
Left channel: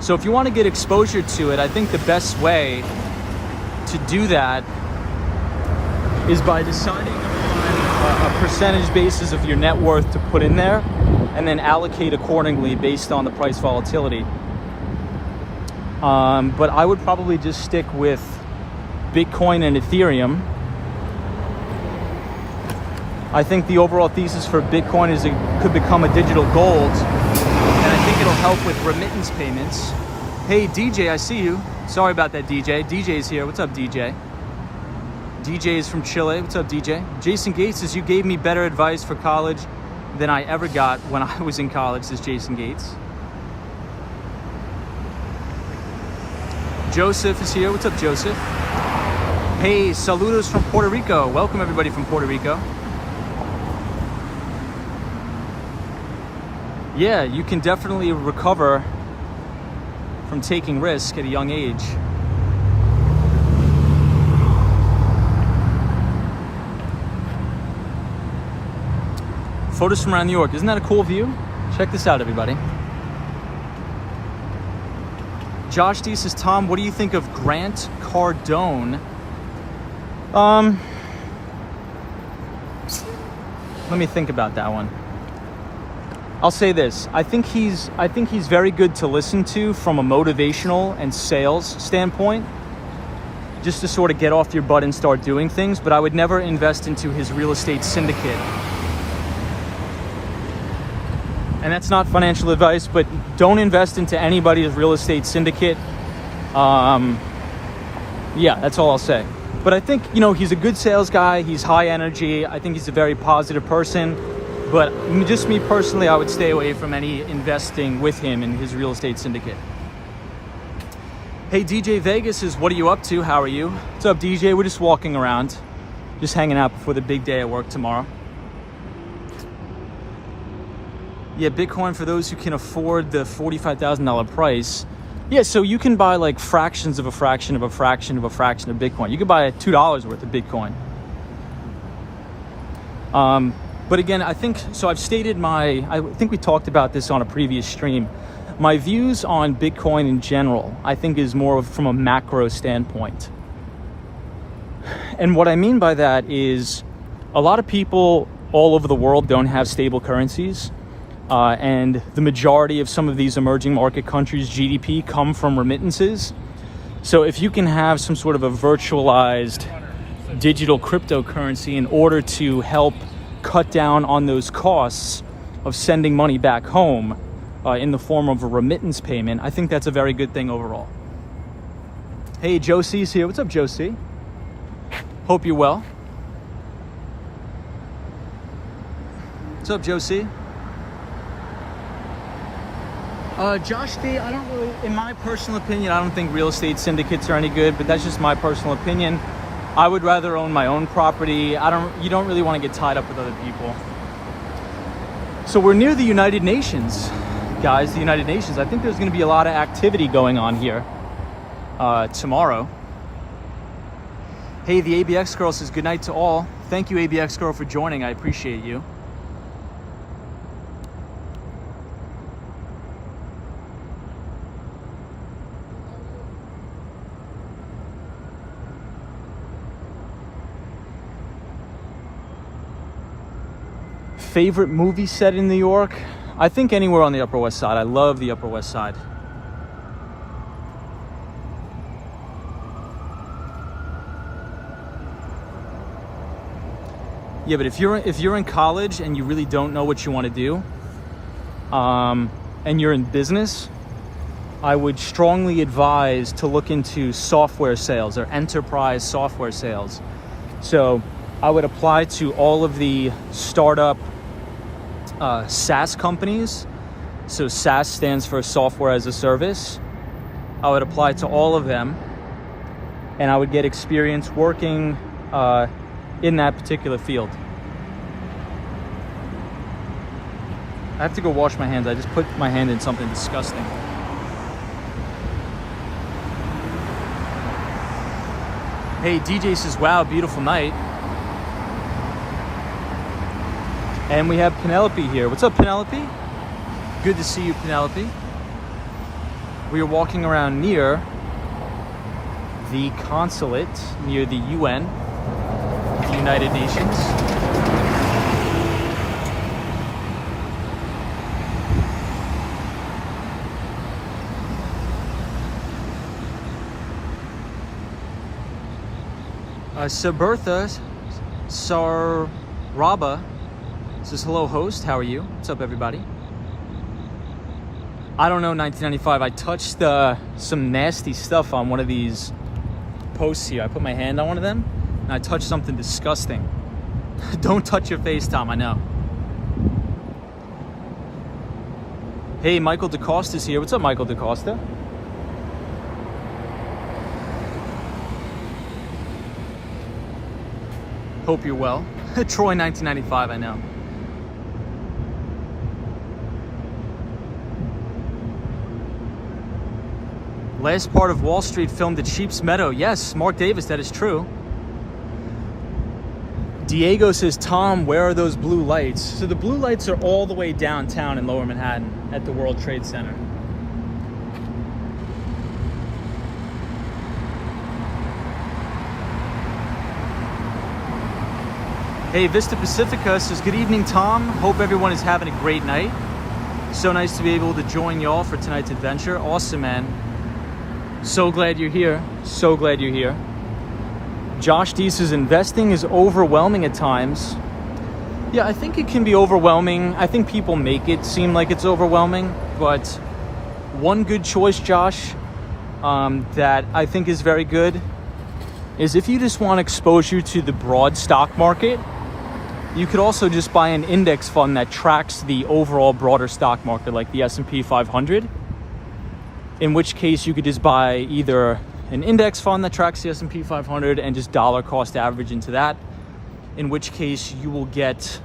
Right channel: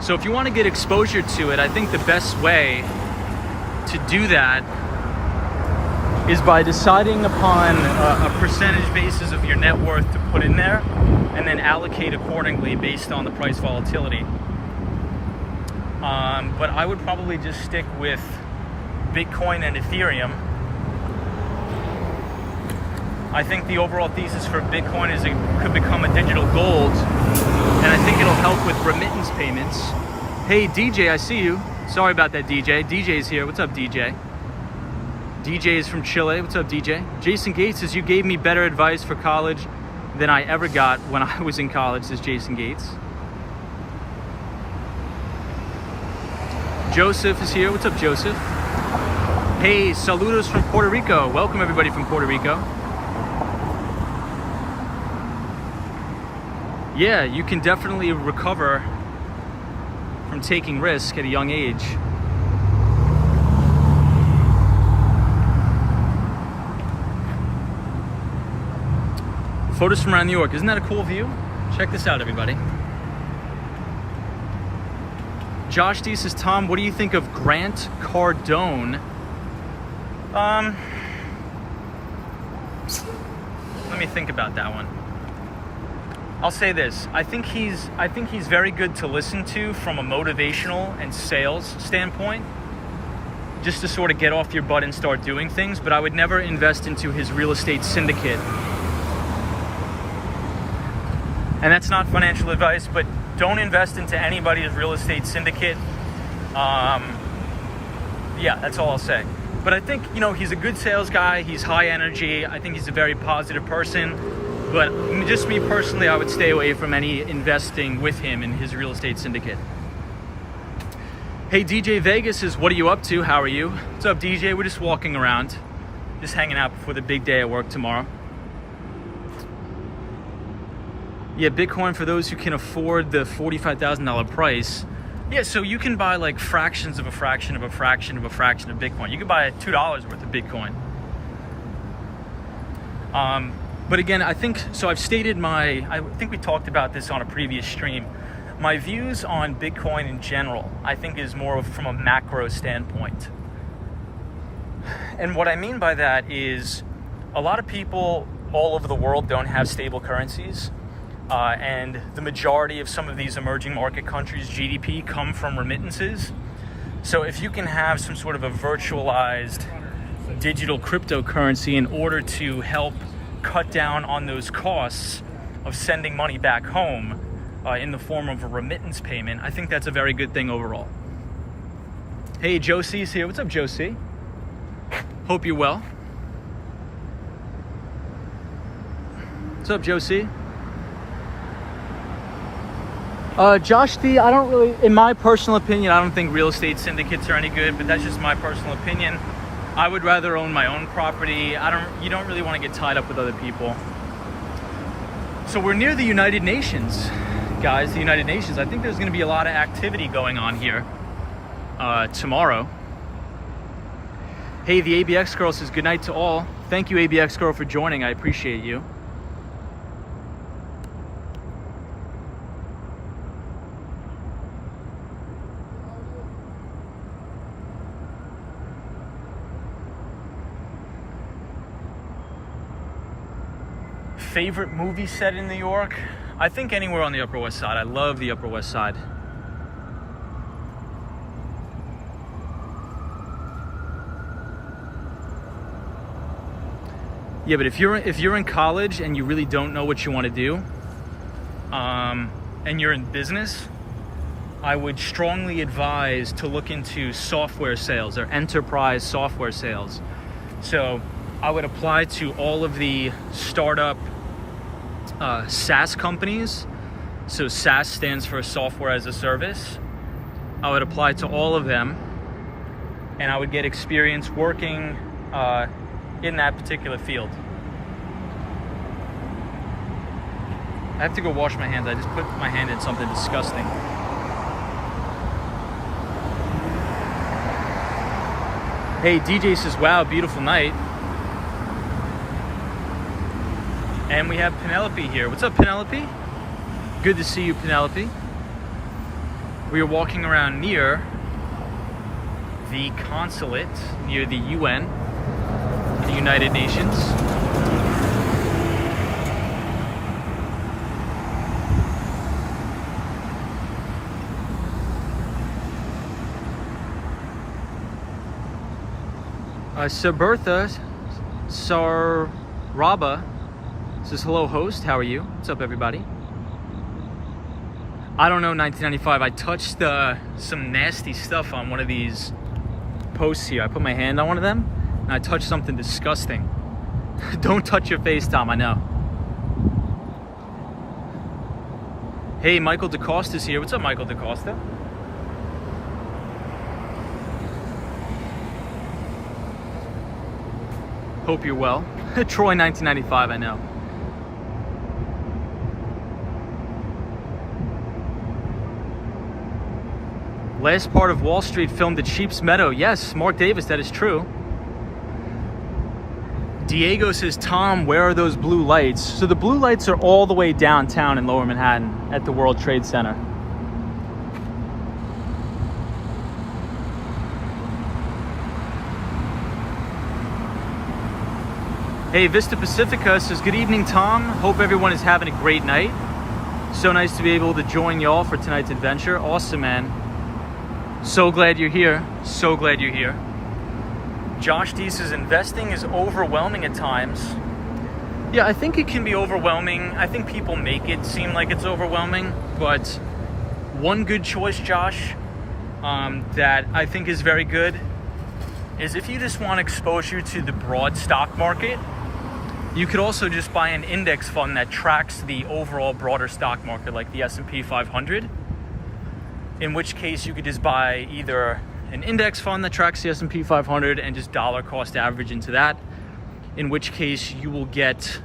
So if you want to get exposure to it, I think the best way to do that is by deciding upon a percentage basis of your net worth to put in there and then allocate accordingly based on the price volatility. But I would probably just stick with Bitcoin and Ethereum. I think the overall thesis for Bitcoin is it could become a digital gold, and I think it'll help with remittance payments. Hey DJ, I see you. Sorry about that, DJ. DJ's here. What's up, DJ? DJ is from Chile. What's up, DJ? Jason Gates says, you gave me better advice for college than I ever got when I was in college, says Jason Gates. Joseph is here. What's up, Joseph? Hey, saludos from Puerto Rico. Welcome everybody from Puerto Rico. Yeah, you can definitely recover from taking risk at a young age. Photos from around New York. Isn't that a cool view? Check this out, everybody. Josh D says, Tom, what do you think of Grant Cardone? Let me think about that one. I'll say this. I think he's very good to listen to from a motivational and sales standpoint, just to sort of get off your butt and start doing things, but I would never invest into his real estate syndicate. And that's not financial advice, but don't invest into anybody's real estate syndicate. Yeah, that's all I'll say. But I think, he's a good sales guy. He's high energy. I think he's a very positive person. But just me personally, I would stay away from any investing with him in his real estate syndicate. Hey, DJ Vegas is, what are you up to? How are you? What's up, DJ? We're just walking around, just hanging out before the big day at work tomorrow. Yeah, Bitcoin for those who can afford the $45,000 price. Yeah, so you can buy like fractions of a fraction of a fraction of a fraction of Bitcoin. You can buy $2 worth of Bitcoin. But again, I think, so I've stated I think we talked about this on a previous stream. My views on Bitcoin in general, I think is more from a macro standpoint. And what I mean by that is a lot of people all over the world don't have stable currencies. And the majority of some of these emerging market countries' GDP come from remittances. So if you can have some sort of a virtualized digital cryptocurrency in order to help cut down on those costs of sending money back home in the form of a remittance payment, I think that's a very good thing overall. Hey, Josie's here. What's up, Josie? Hope you're well. What's up, Josie? Josh D, I don't really, in my personal opinion, I don't think real estate syndicates are any good, but that's just my personal opinion. I would rather own my own property. You don't really want to get tied up with other people. So we're near the United Nations, guys, the United Nations. I think there's going to be a lot of activity going on here tomorrow. Hey, the ABX girl says good night to all. Thank you, ABX girl, for joining. I appreciate you. Favorite movie set in New York? I think anywhere on the Upper West Side. I love the Upper West Side. Yeah, but if you're in college and you really don't know what you want to do, and you're in business, I would strongly advise to look into software sales or enterprise software sales. So I would apply to all of the startup SaaS companies. So SaaS stands for software as a service. I would apply to all of them, and I would get experience working in that particular field. I have to go wash my hands. I just put my hand in something disgusting. Hey, DJ says, wow, beautiful night. And we have Penelope here. What's up, Penelope? Good to see you, Penelope. We are walking around near the consulate, near the UN, the United Nations. Sir Bertha Saraba says, hello, host. How are you? What's up, everybody? I don't know, 1995. I touched some nasty stuff on one of these posts here. I put my hand on one of them, and I touched something disgusting. Don't touch your face, Tom, I know. Hey, Michael DeCosta's here. What's up, Michael DeCosta? Hope you're well. Troy, 1995, I know. Last part of Wall Street filmed at Sheep's Meadow. Yes, Mark Davis, that is true. Diego says, Tom, where are those blue lights? So the blue lights are all the way downtown in Lower Manhattan at the World Trade Center. Hey, Vista Pacifica says, good evening, Tom. Hope everyone is having a great night. So nice to be able to join y'all for tonight's adventure. Awesome, man. So glad you're here. So glad you're here. Josh D says, investing is overwhelming at times. Yeah, I think it can be overwhelming. I think people make it seem like it's overwhelming. But one good choice, Josh, that I think is very good is if you just want exposure to the broad stock market, you could also just buy an index fund that tracks the overall broader stock market, like the S&P 500. In which case you could just buy either an index fund that tracks the S&P 500 and just dollar cost average into that. In which case you will get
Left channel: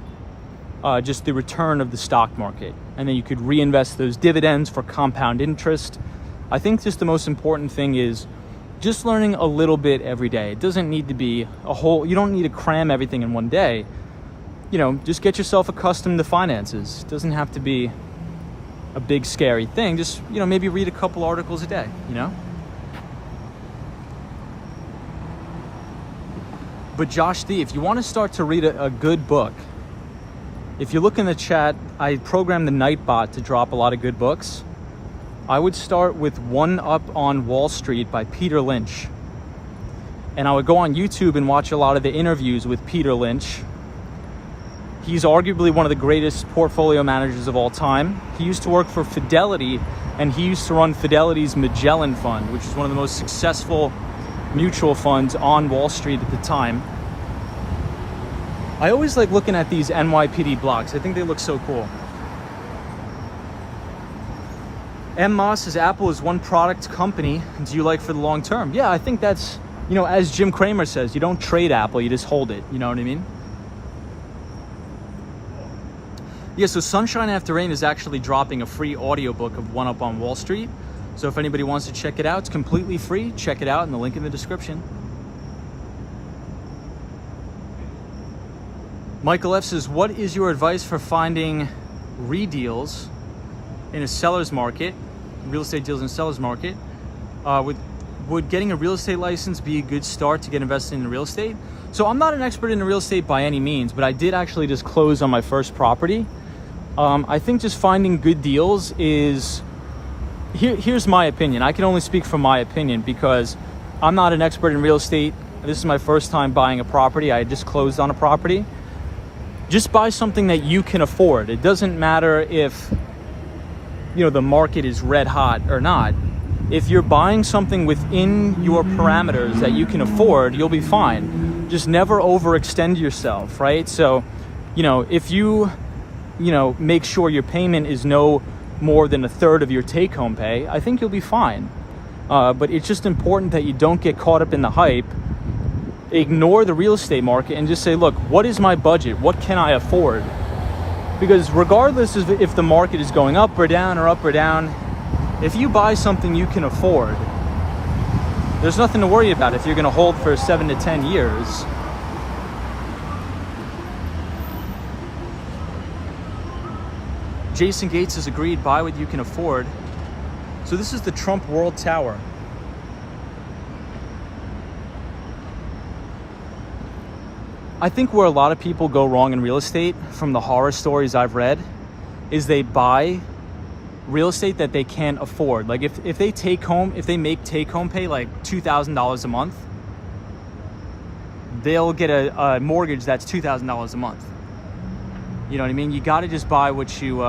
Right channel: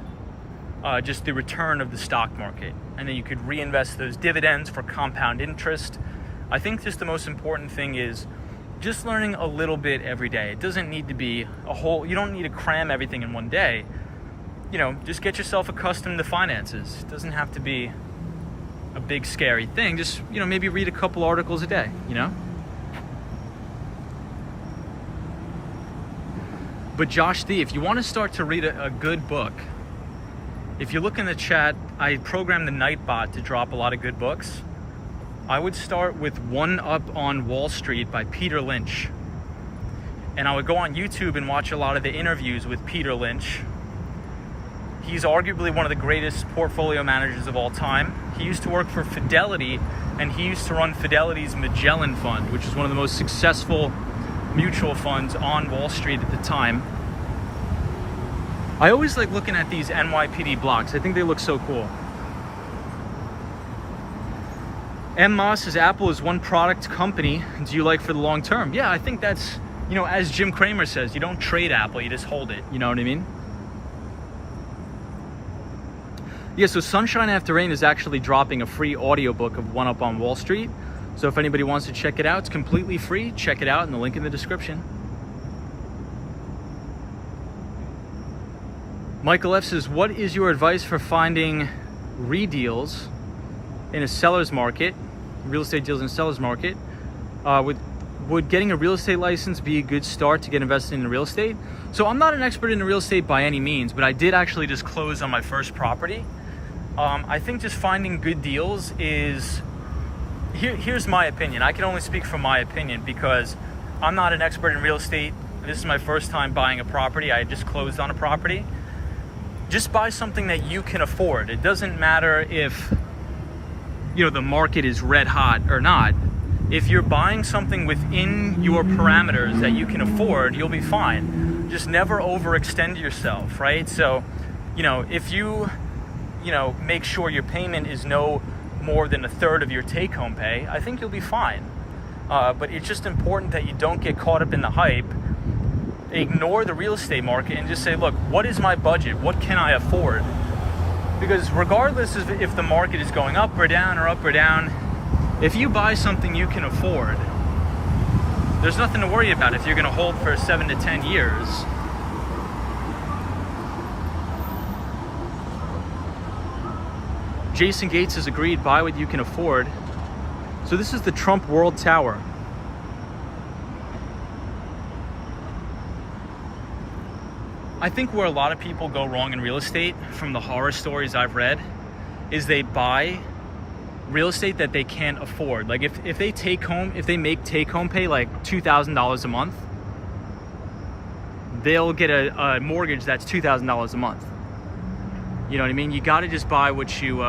just the return of the stock market. And then you could reinvest those dividends for compound interest. I think just the most important thing is just learning a little bit every day. It doesn't need to be a whole, you don't need to cram everything in one day. You know, just get yourself accustomed to finances. It doesn't have to be a big scary thing. Just, you know, maybe read a couple articles a day, you know? But Josh D, if you want to start to read a good book, if you look in the chat, I programmed the Nightbot to drop a lot of good books. I would start with One Up on Wall Street by Peter Lynch. And I would go on YouTube and watch a lot of the interviews with Peter Lynch. He's arguably one of the greatest portfolio managers of all time. He used to work for Fidelity, and he used to run Fidelity's Magellan Fund, which was one of the most successful mutual funds on Wall Street at the time. I always like looking at these NYPD blocks. I think they look so cool. M. Moss says, Apple is one product company. Do you like for the long term? Yeah, I think that's you know, as Jim Cramer says, you don't trade Apple, you just hold it. You know what I mean? Yeah, so Sunshine After Rain is actually dropping a free audiobook of One Up on Wall Street. So if anybody wants to check it out, it's completely free. Check it out in the link in the description. Michael F says, what is your advice for finding re-deals in a seller's market, real estate deals in a seller's market? Would getting a real estate license be a good start to get invested in real estate? So I'm not an expert in real estate by any means, but I did actually just close on my first property. I think just finding good deals is, here's my opinion. I can only speak from my opinion because I'm not an expert in real estate. This is my first time buying a property. I just closed on a property. Just buy something that you can afford. It doesn't matter if, you know, the market is red hot or not. If you're buying something within your parameters that you can afford, you'll be fine. Just never overextend yourself, right? So, you know, if you make sure your payment is no more than a third of your take-home pay, I think you'll be fine. But it's just important that you don't get caught up in the hype. Ignore the real estate market and just say, look, what is my budget? What can I afford? Because regardless of if the market is going up or down, if you buy something you can afford, there's nothing to worry about if you're going to hold for 7 to 10 years. Jason Gates has agreed, buy what you can afford. So this is the Trump World Tower. I think where a lot of people go wrong in real estate, from the horror stories I've read, is they buy real estate that they can't afford. Like if they make take home pay like $2,000 a month, they'll get a mortgage that's $2,000 a month. You know what I mean? You got to just buy what you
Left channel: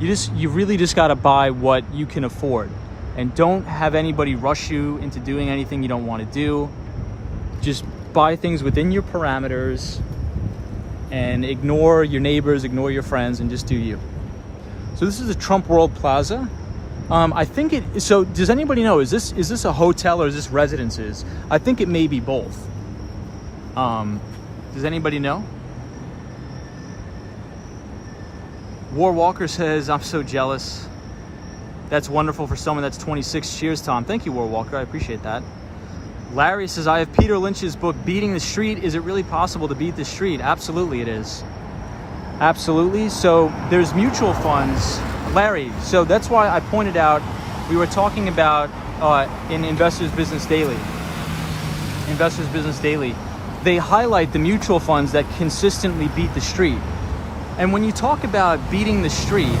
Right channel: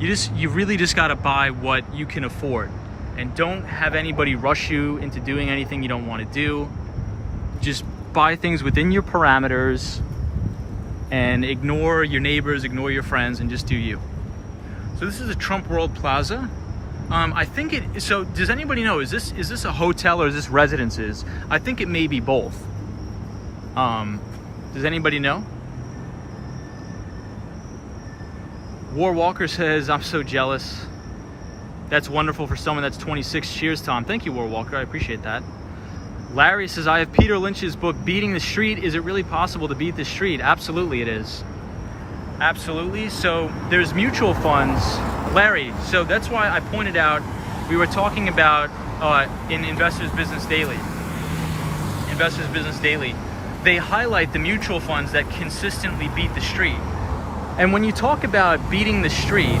really just got to buy what you can afford, and don't have anybody rush you into doing anything you don't want to do. Just buy things within your parameters and ignore your neighbors, ignore your friends, and just do you. So this is the Trump World Plaza. I think it, so does anybody know, is this a hotel or is this residences? I think it may be both. Does anybody know? War Walker says, I'm so jealous. That's wonderful for someone that's 26. Cheers, Tom. Thank you, War Walker. I appreciate that. Larry says, I have Peter Lynch's book, Beating the Street. Is it really possible to beat the street? Absolutely it is. Absolutely. So there's mutual funds. Larry, so that's why I pointed out, we were talking about in Investors Business Daily. Investors Business Daily. They highlight the mutual funds that consistently beat the street. And when you talk about beating the street,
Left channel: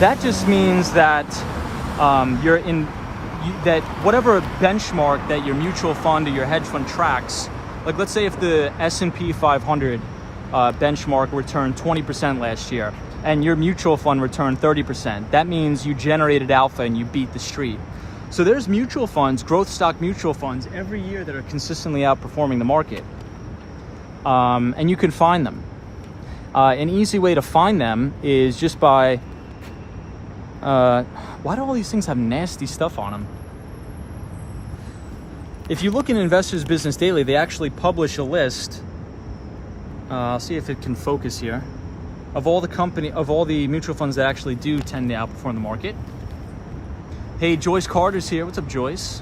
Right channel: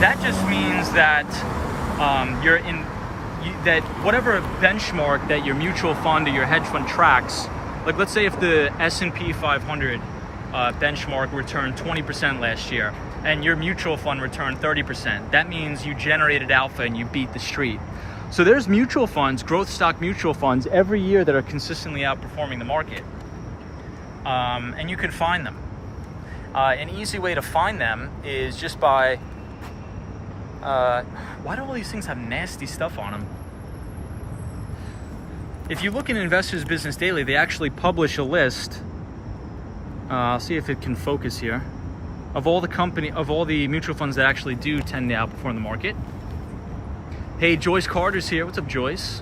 that just means that that whatever benchmark that your mutual fund or your hedge fund tracks, like let's say if the S&P 500 benchmark returned 20% last year and your mutual fund returned 30%, that means you generated alpha and you beat the street. So there's mutual funds, growth stock mutual funds every year that are consistently outperforming the market. And you can find them. An easy way to find them is just by, why do all these things have nasty stuff on them? If you look in Investors Business Daily, they actually publish a list. I'll see if it can focus here, of all the mutual funds that actually do tend to outperform the market. Hey, Joyce Carter's here. What's up, Joyce?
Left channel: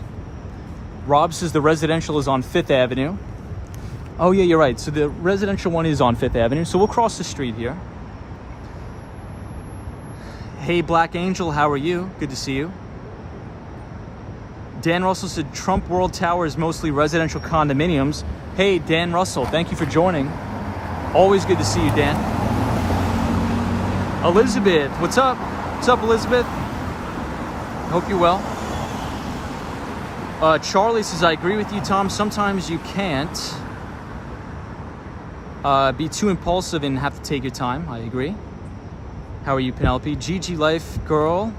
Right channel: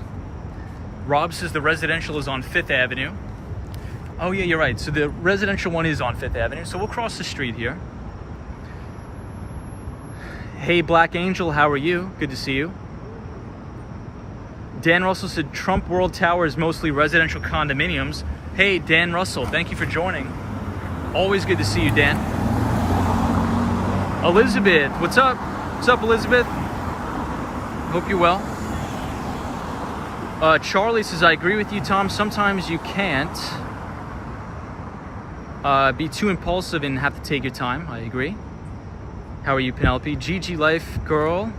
Rob says the residential is on 5th Avenue. Oh yeah, you're right. So the residential one is on 5th Avenue. So we'll cross the street here. Hey, Black Angel, how are you? Good to see you. Dan Russell said Trump World Tower is mostly residential condominiums. Hey, Dan Russell, thank you for joining. Always good to see you, Dan. Elizabeth, what's up? What's up, Elizabeth? Hope you're well. Charlie says, I agree with you, Tom. Sometimes you can't be too impulsive and have to take your time. I agree. How are you, Penelope? GG Life Girl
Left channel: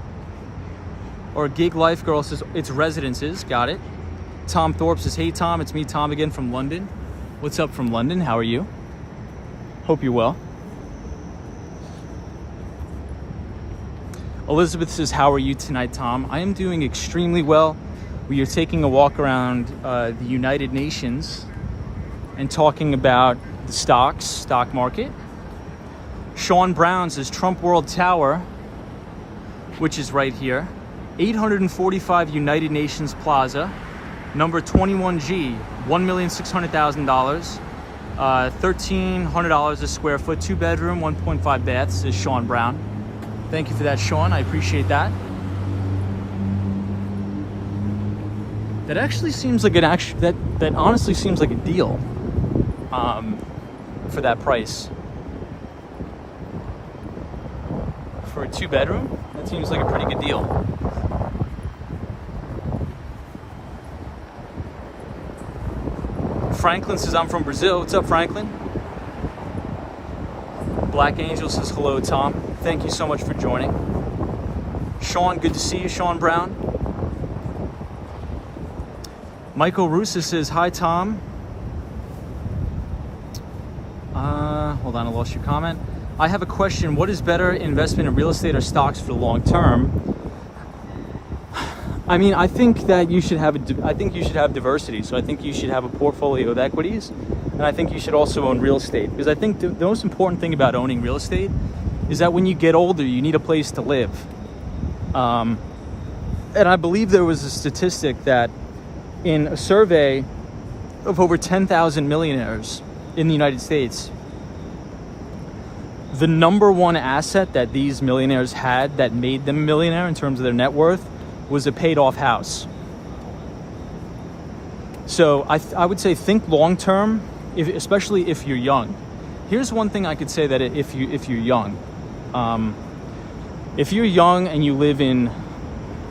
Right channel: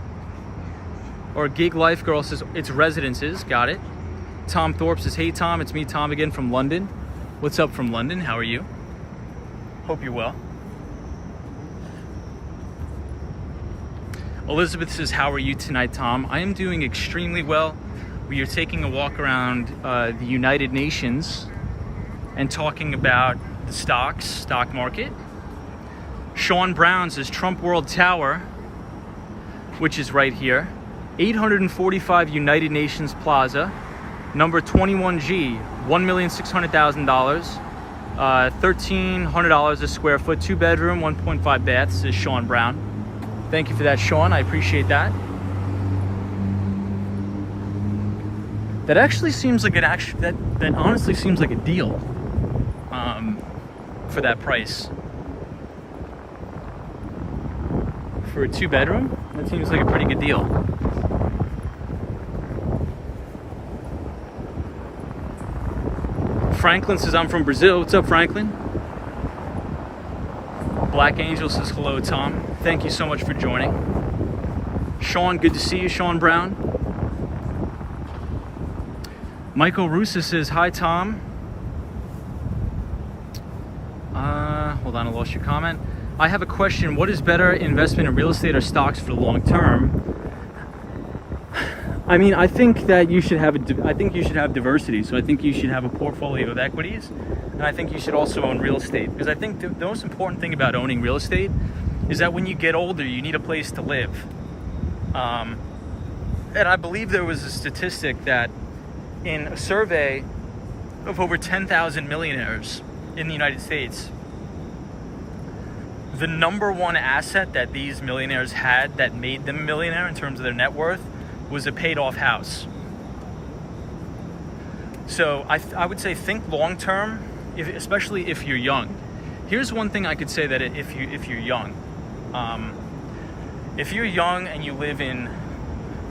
or Gig Life Girl says it's residences. Got it. Tom Thorpe says, hey, Tom, it's me, Tom, again from London. What's up from London? How are you? Hope you're well. Elizabeth says, how are you tonight, Tom? I am doing extremely well. We are taking a walk around the United Nations and talking about the stock market. Sean Brown's is Trump World Tower, which is right here. 845 United Nations Plaza, number 21G, $1,600,000, $1,300 a square foot, 2-bedroom, 1.5 baths. This is Sean Brown. Thank you for that, Sean. I appreciate that. That actually seems like that honestly seems like a deal for that price. For a 2-bedroom, that seems like a pretty good deal. Franklin says, I'm from Brazil. What's up, Franklin? Black Angel says, hello, Tom. Thank you so much for joining. Sean, good to see you, Sean Brown. Michael Russa says, hi, Tom. Hold on, I lost your comment. I have a question. What is better, investment in real estate or stocks for the long term? I mean, I think that you should have diversity. So I think you should have a portfolio of equities, and I think you should also own real estate, because I think the most important thing about owning real estate is that when you get older, you need a place to live. And I believe there was a statistic that in a survey of over 10,000 millionaires in the United States, the number one asset that these millionaires had that made them a millionaire in terms of their net worth was a paid off house. So I would say think long term, especially if you're young. Here's one thing I could say, that if you're young, if you're young and you live in,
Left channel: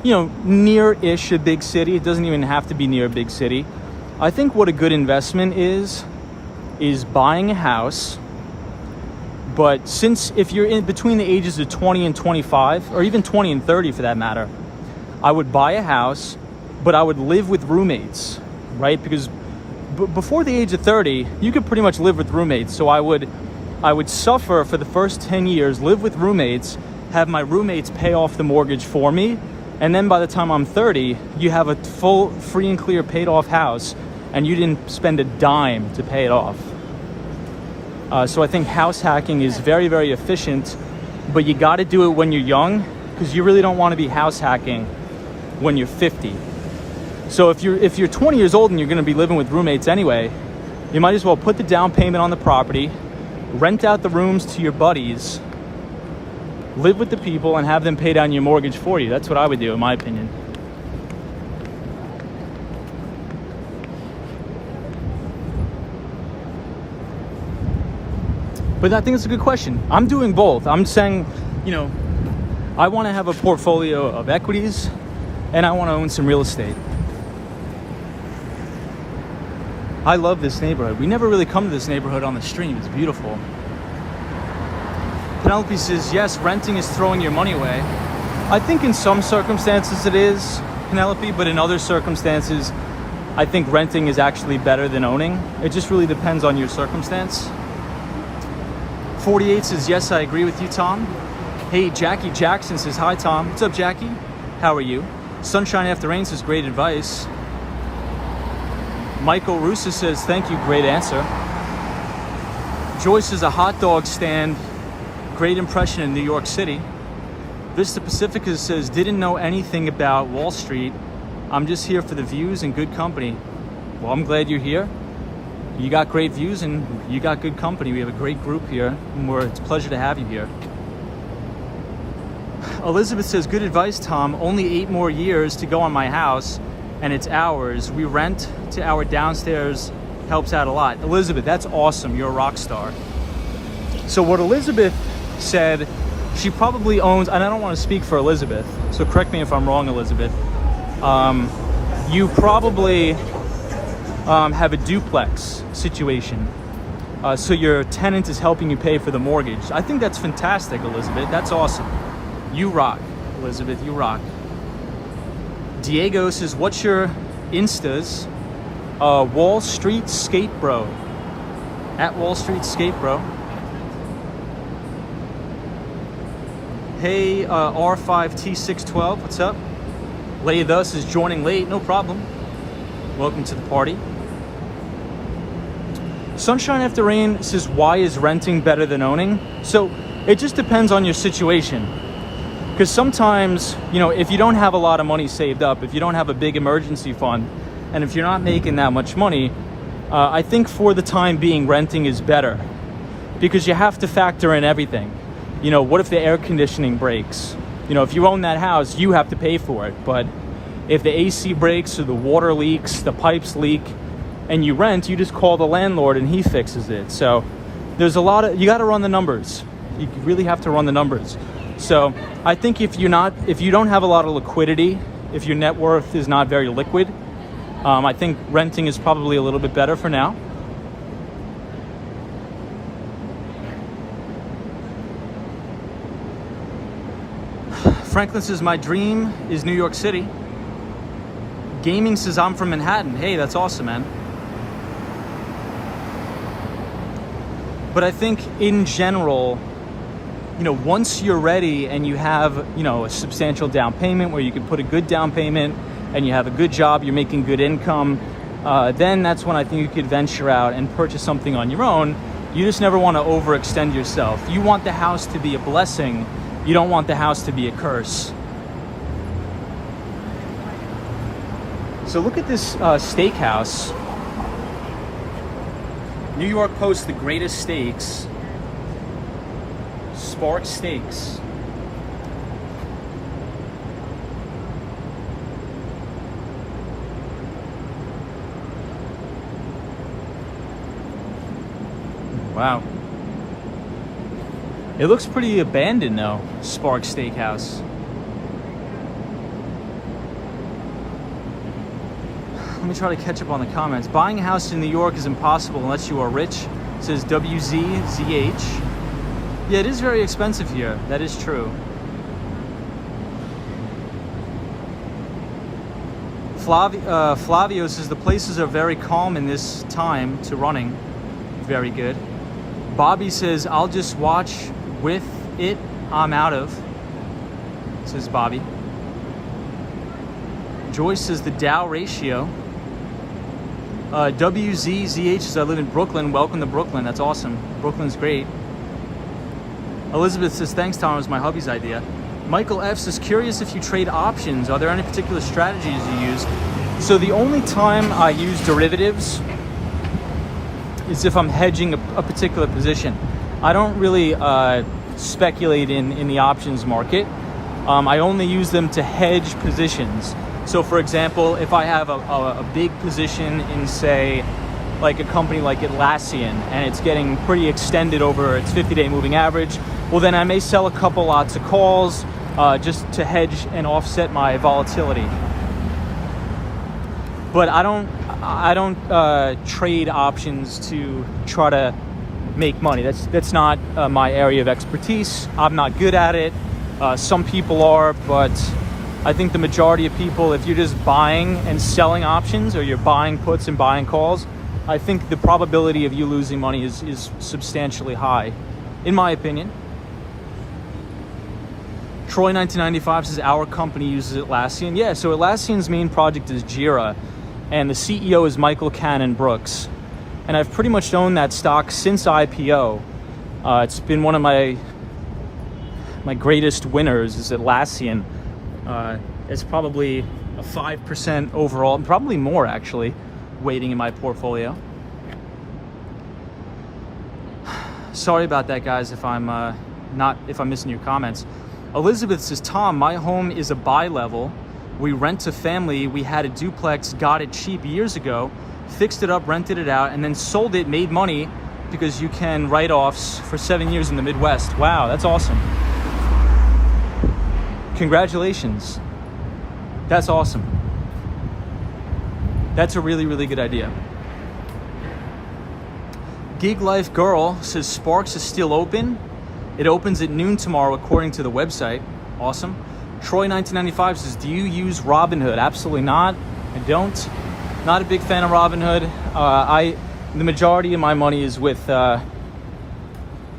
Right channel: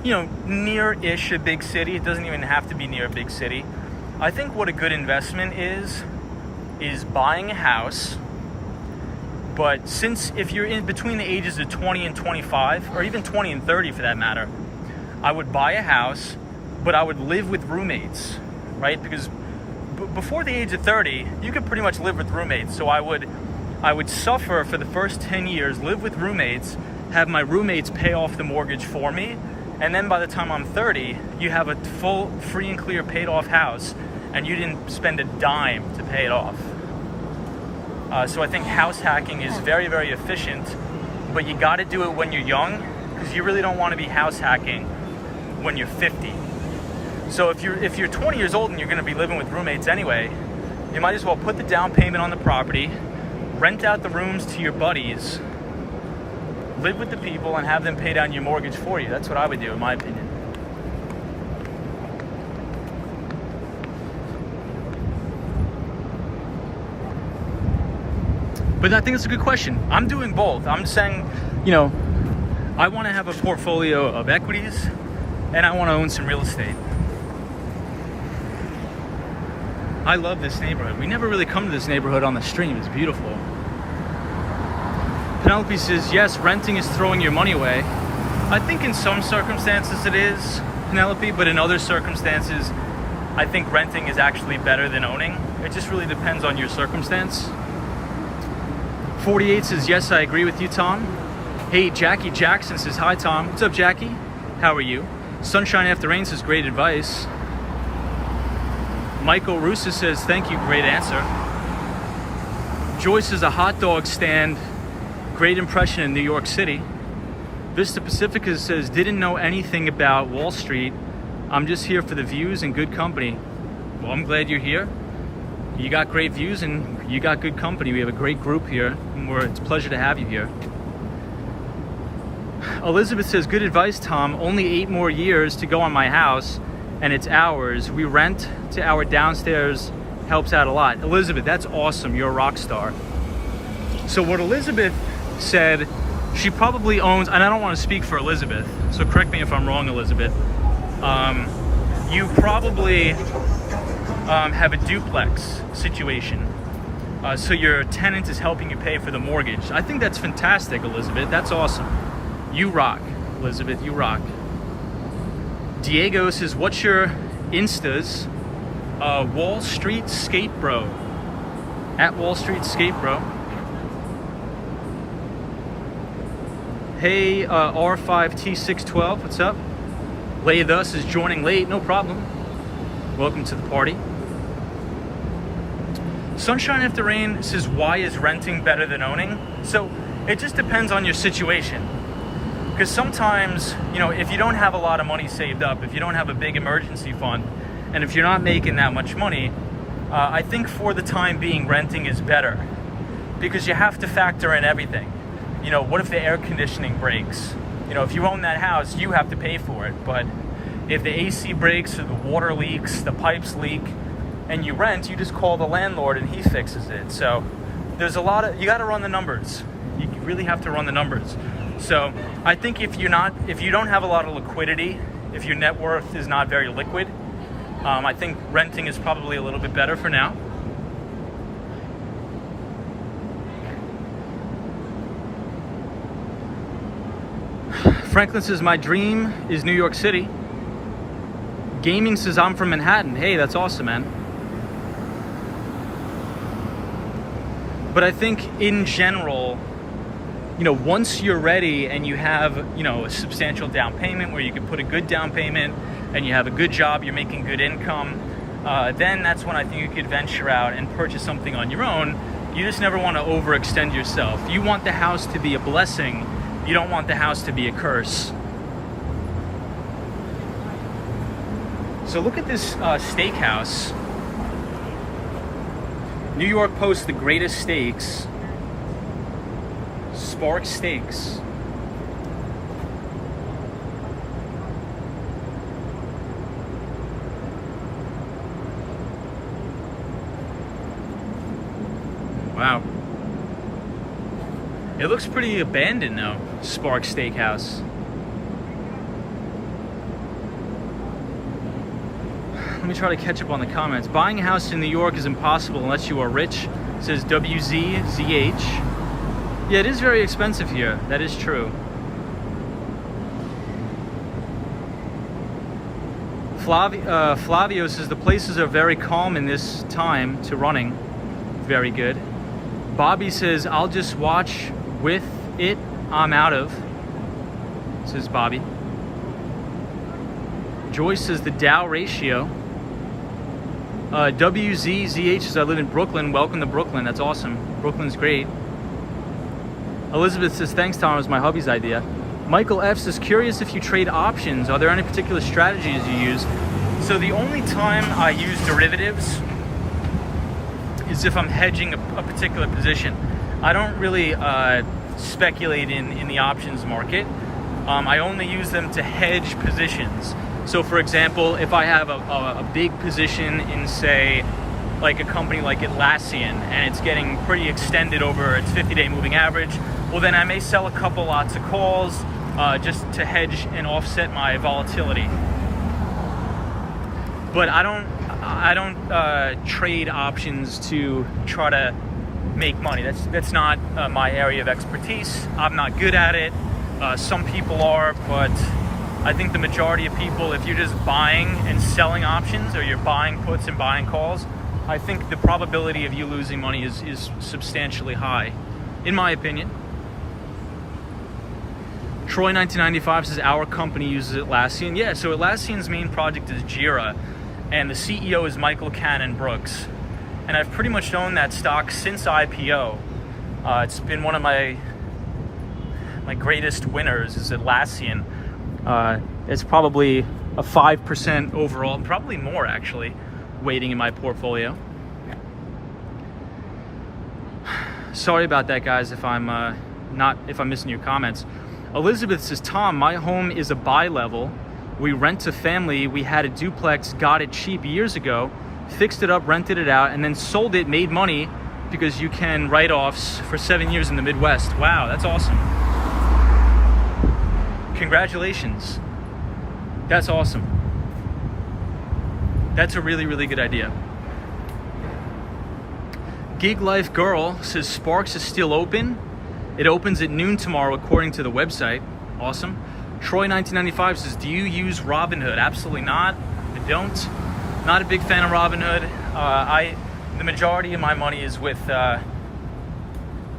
near-ish a big city, it doesn't even have to be near a big city. I think what a good investment is buying a house. But if you're in between the ages of 20 and 25, or even 20 and 30 for that matter, I would buy a house, but I would live with roommates, right? Because before the age of 30, you could pretty much live with roommates. So I would suffer for the first 10 years, live with roommates, have my roommates pay off the mortgage for me, and then by the time I'm 30, you have a full, free and clear paid off house, and you didn't spend a dime to pay it off. So I think house hacking is very, very efficient, but you got to do it when you're young, because you really don't want to be house hacking when you're 50. So if you're 20 years old and you're going to be living with roommates anyway, you might as well put the down payment on the property, rent out the rooms to your buddies, live with the people, and have them pay down your mortgage for you. That's what I would do, in my opinion. But I think it's a good question. I'm doing both. I'm saying, I want to have a portfolio of equities, and I want to own some real estate. I love this neighborhood. We never really come to this neighborhood on the stream. It's beautiful. Penelope says, yes, renting is throwing your money away. I think in some circumstances it is, Penelope, but in other circumstances, I think renting is actually better than owning. It just really depends on your circumstance. 48 says, yes, I agree with you, Tom. Hey, Jackie Jackson says, hi, Tom. What's up, Jackie? How are you? Sunshine After Rain says, great advice. Michael Russa says, thank you, great answer. Joyce is a hot dog stand. Great impression in New York City. Vista Pacifica says, didn't know anything about Wall Street. I'm just here for the views and good company. Well, I'm glad you're here. You got great views and you got good company. We have a great group here, and it's a pleasure to have you here. Elizabeth says, good advice, Tom. Only 8 more years to go on my house, and it's ours. We rent to our downstairs, helps out a lot. Elizabeth, that's awesome. You're a rock star. So what Elizabeth said, she probably owns, and I don't want to speak for Elizabeth, so correct me if I'm wrong, Elizabeth. You probably have a duplex situation. So your tenant is helping you pay for the mortgage. I think that's fantastic, Elizabeth. That's awesome. You rock, Elizabeth, you rock. Diego says, what's your Instas? Wall Street Skate Bro. At Wall Street Skate Bro. Hey, R5T612, what's up? Lay Thus is joining late, no problem. Welcome to the party. Sunshine After Rain says, why is renting better than owning? So it just depends on your situation. Because sometimes, you know, if you don't have a lot of money saved up, if you don't have a big emergency fund, and if you're not making that much money, I think for the time being, renting is better. Because you have to factor in everything. You know, what if the air conditioning breaks? You know, if you own that house, you have to pay for it. But if the AC breaks or the water leaks, the pipes leak, and you rent, you just call the landlord and he fixes it. So there's a lot of, you got to run the numbers. You really have to run the numbers. So I think if you don't have a lot of liquidity, if your net worth is not very liquid, I think renting is probably a little bit better for now. Franklin says, my dream is New York City. Gaming says, I'm from Manhattan. Hey, that's awesome, man. But I think in general, you know, once you're ready and you have, you know, a substantial down payment where you can put a good down payment and you have a good job, you're making good income, then that's when I think you could venture out and purchase something on your own. You just never want to overextend yourself. You want the house to be a blessing. You don't want the house to be a curse. So look at this steakhouse. New York Post, the greatest steaks. Spark Steaks. Wow. It looks pretty abandoned though, Spark Steakhouse. Let me try to catch up on the comments. Buying a house in New York is impossible unless you are rich, says WZZH. Yeah, it is very expensive here. That is true. Flavio says the places are very calm in this time to running. Very good. Bobby says, I'll just watch with it. I'm out of. Says Bobby. Joyce says the Dow ratio. WZZH says I live in Brooklyn. Welcome to Brooklyn. That's awesome. Brooklyn's great. Elizabeth says, thanks, Tom. It was my hubby's idea. Michael F says, curious if you trade options. Are there any particular strategies you use? So the only time I use derivatives is if I'm hedging a particular position. I don't really speculate in the options market. I only use them to hedge positions. So for example, if I have a big position in, say, like a company like Atlassian, and it's getting pretty extended over its 50-day moving average, well then I may sell a couple lots of calls just to hedge and offset my volatility. But I don't trade options to try to make money. That's not my area of expertise. I'm not good at it. Some people are, but I think the majority of people, if you're just buying and selling options, or you're buying puts and buying calls, I think the probability of you losing money is substantially high, in my opinion. Troy 1995 says our company uses Atlassian. Yeah, so Atlassian's main project is Jira, and the CEO is Michael Cannon Brooks. And I've pretty much owned that stock since IPO. It's been one of my greatest winners is Atlassian. It's probably a 5% overall, probably more actually, weighting in my portfolio. Sorry about that, guys, if I'm missing your comments. Elizabeth says, Tom, my home is a buy level. We rent to family. We had a duplex, got it cheap years ago, fixed it up, rented it out, and then sold it, made money because you can write-offs for 7 years in the Midwest. Wow, that's awesome. Congratulations. That's awesome. That's a really, really good idea. Gig Life Girl says Sparks is still open. It opens at noon tomorrow according to the website. Awesome. Troy 1995 says, do you use Robinhood? Absolutely not. I don't. Not a big fan of Robinhood. The majority of my money is with, I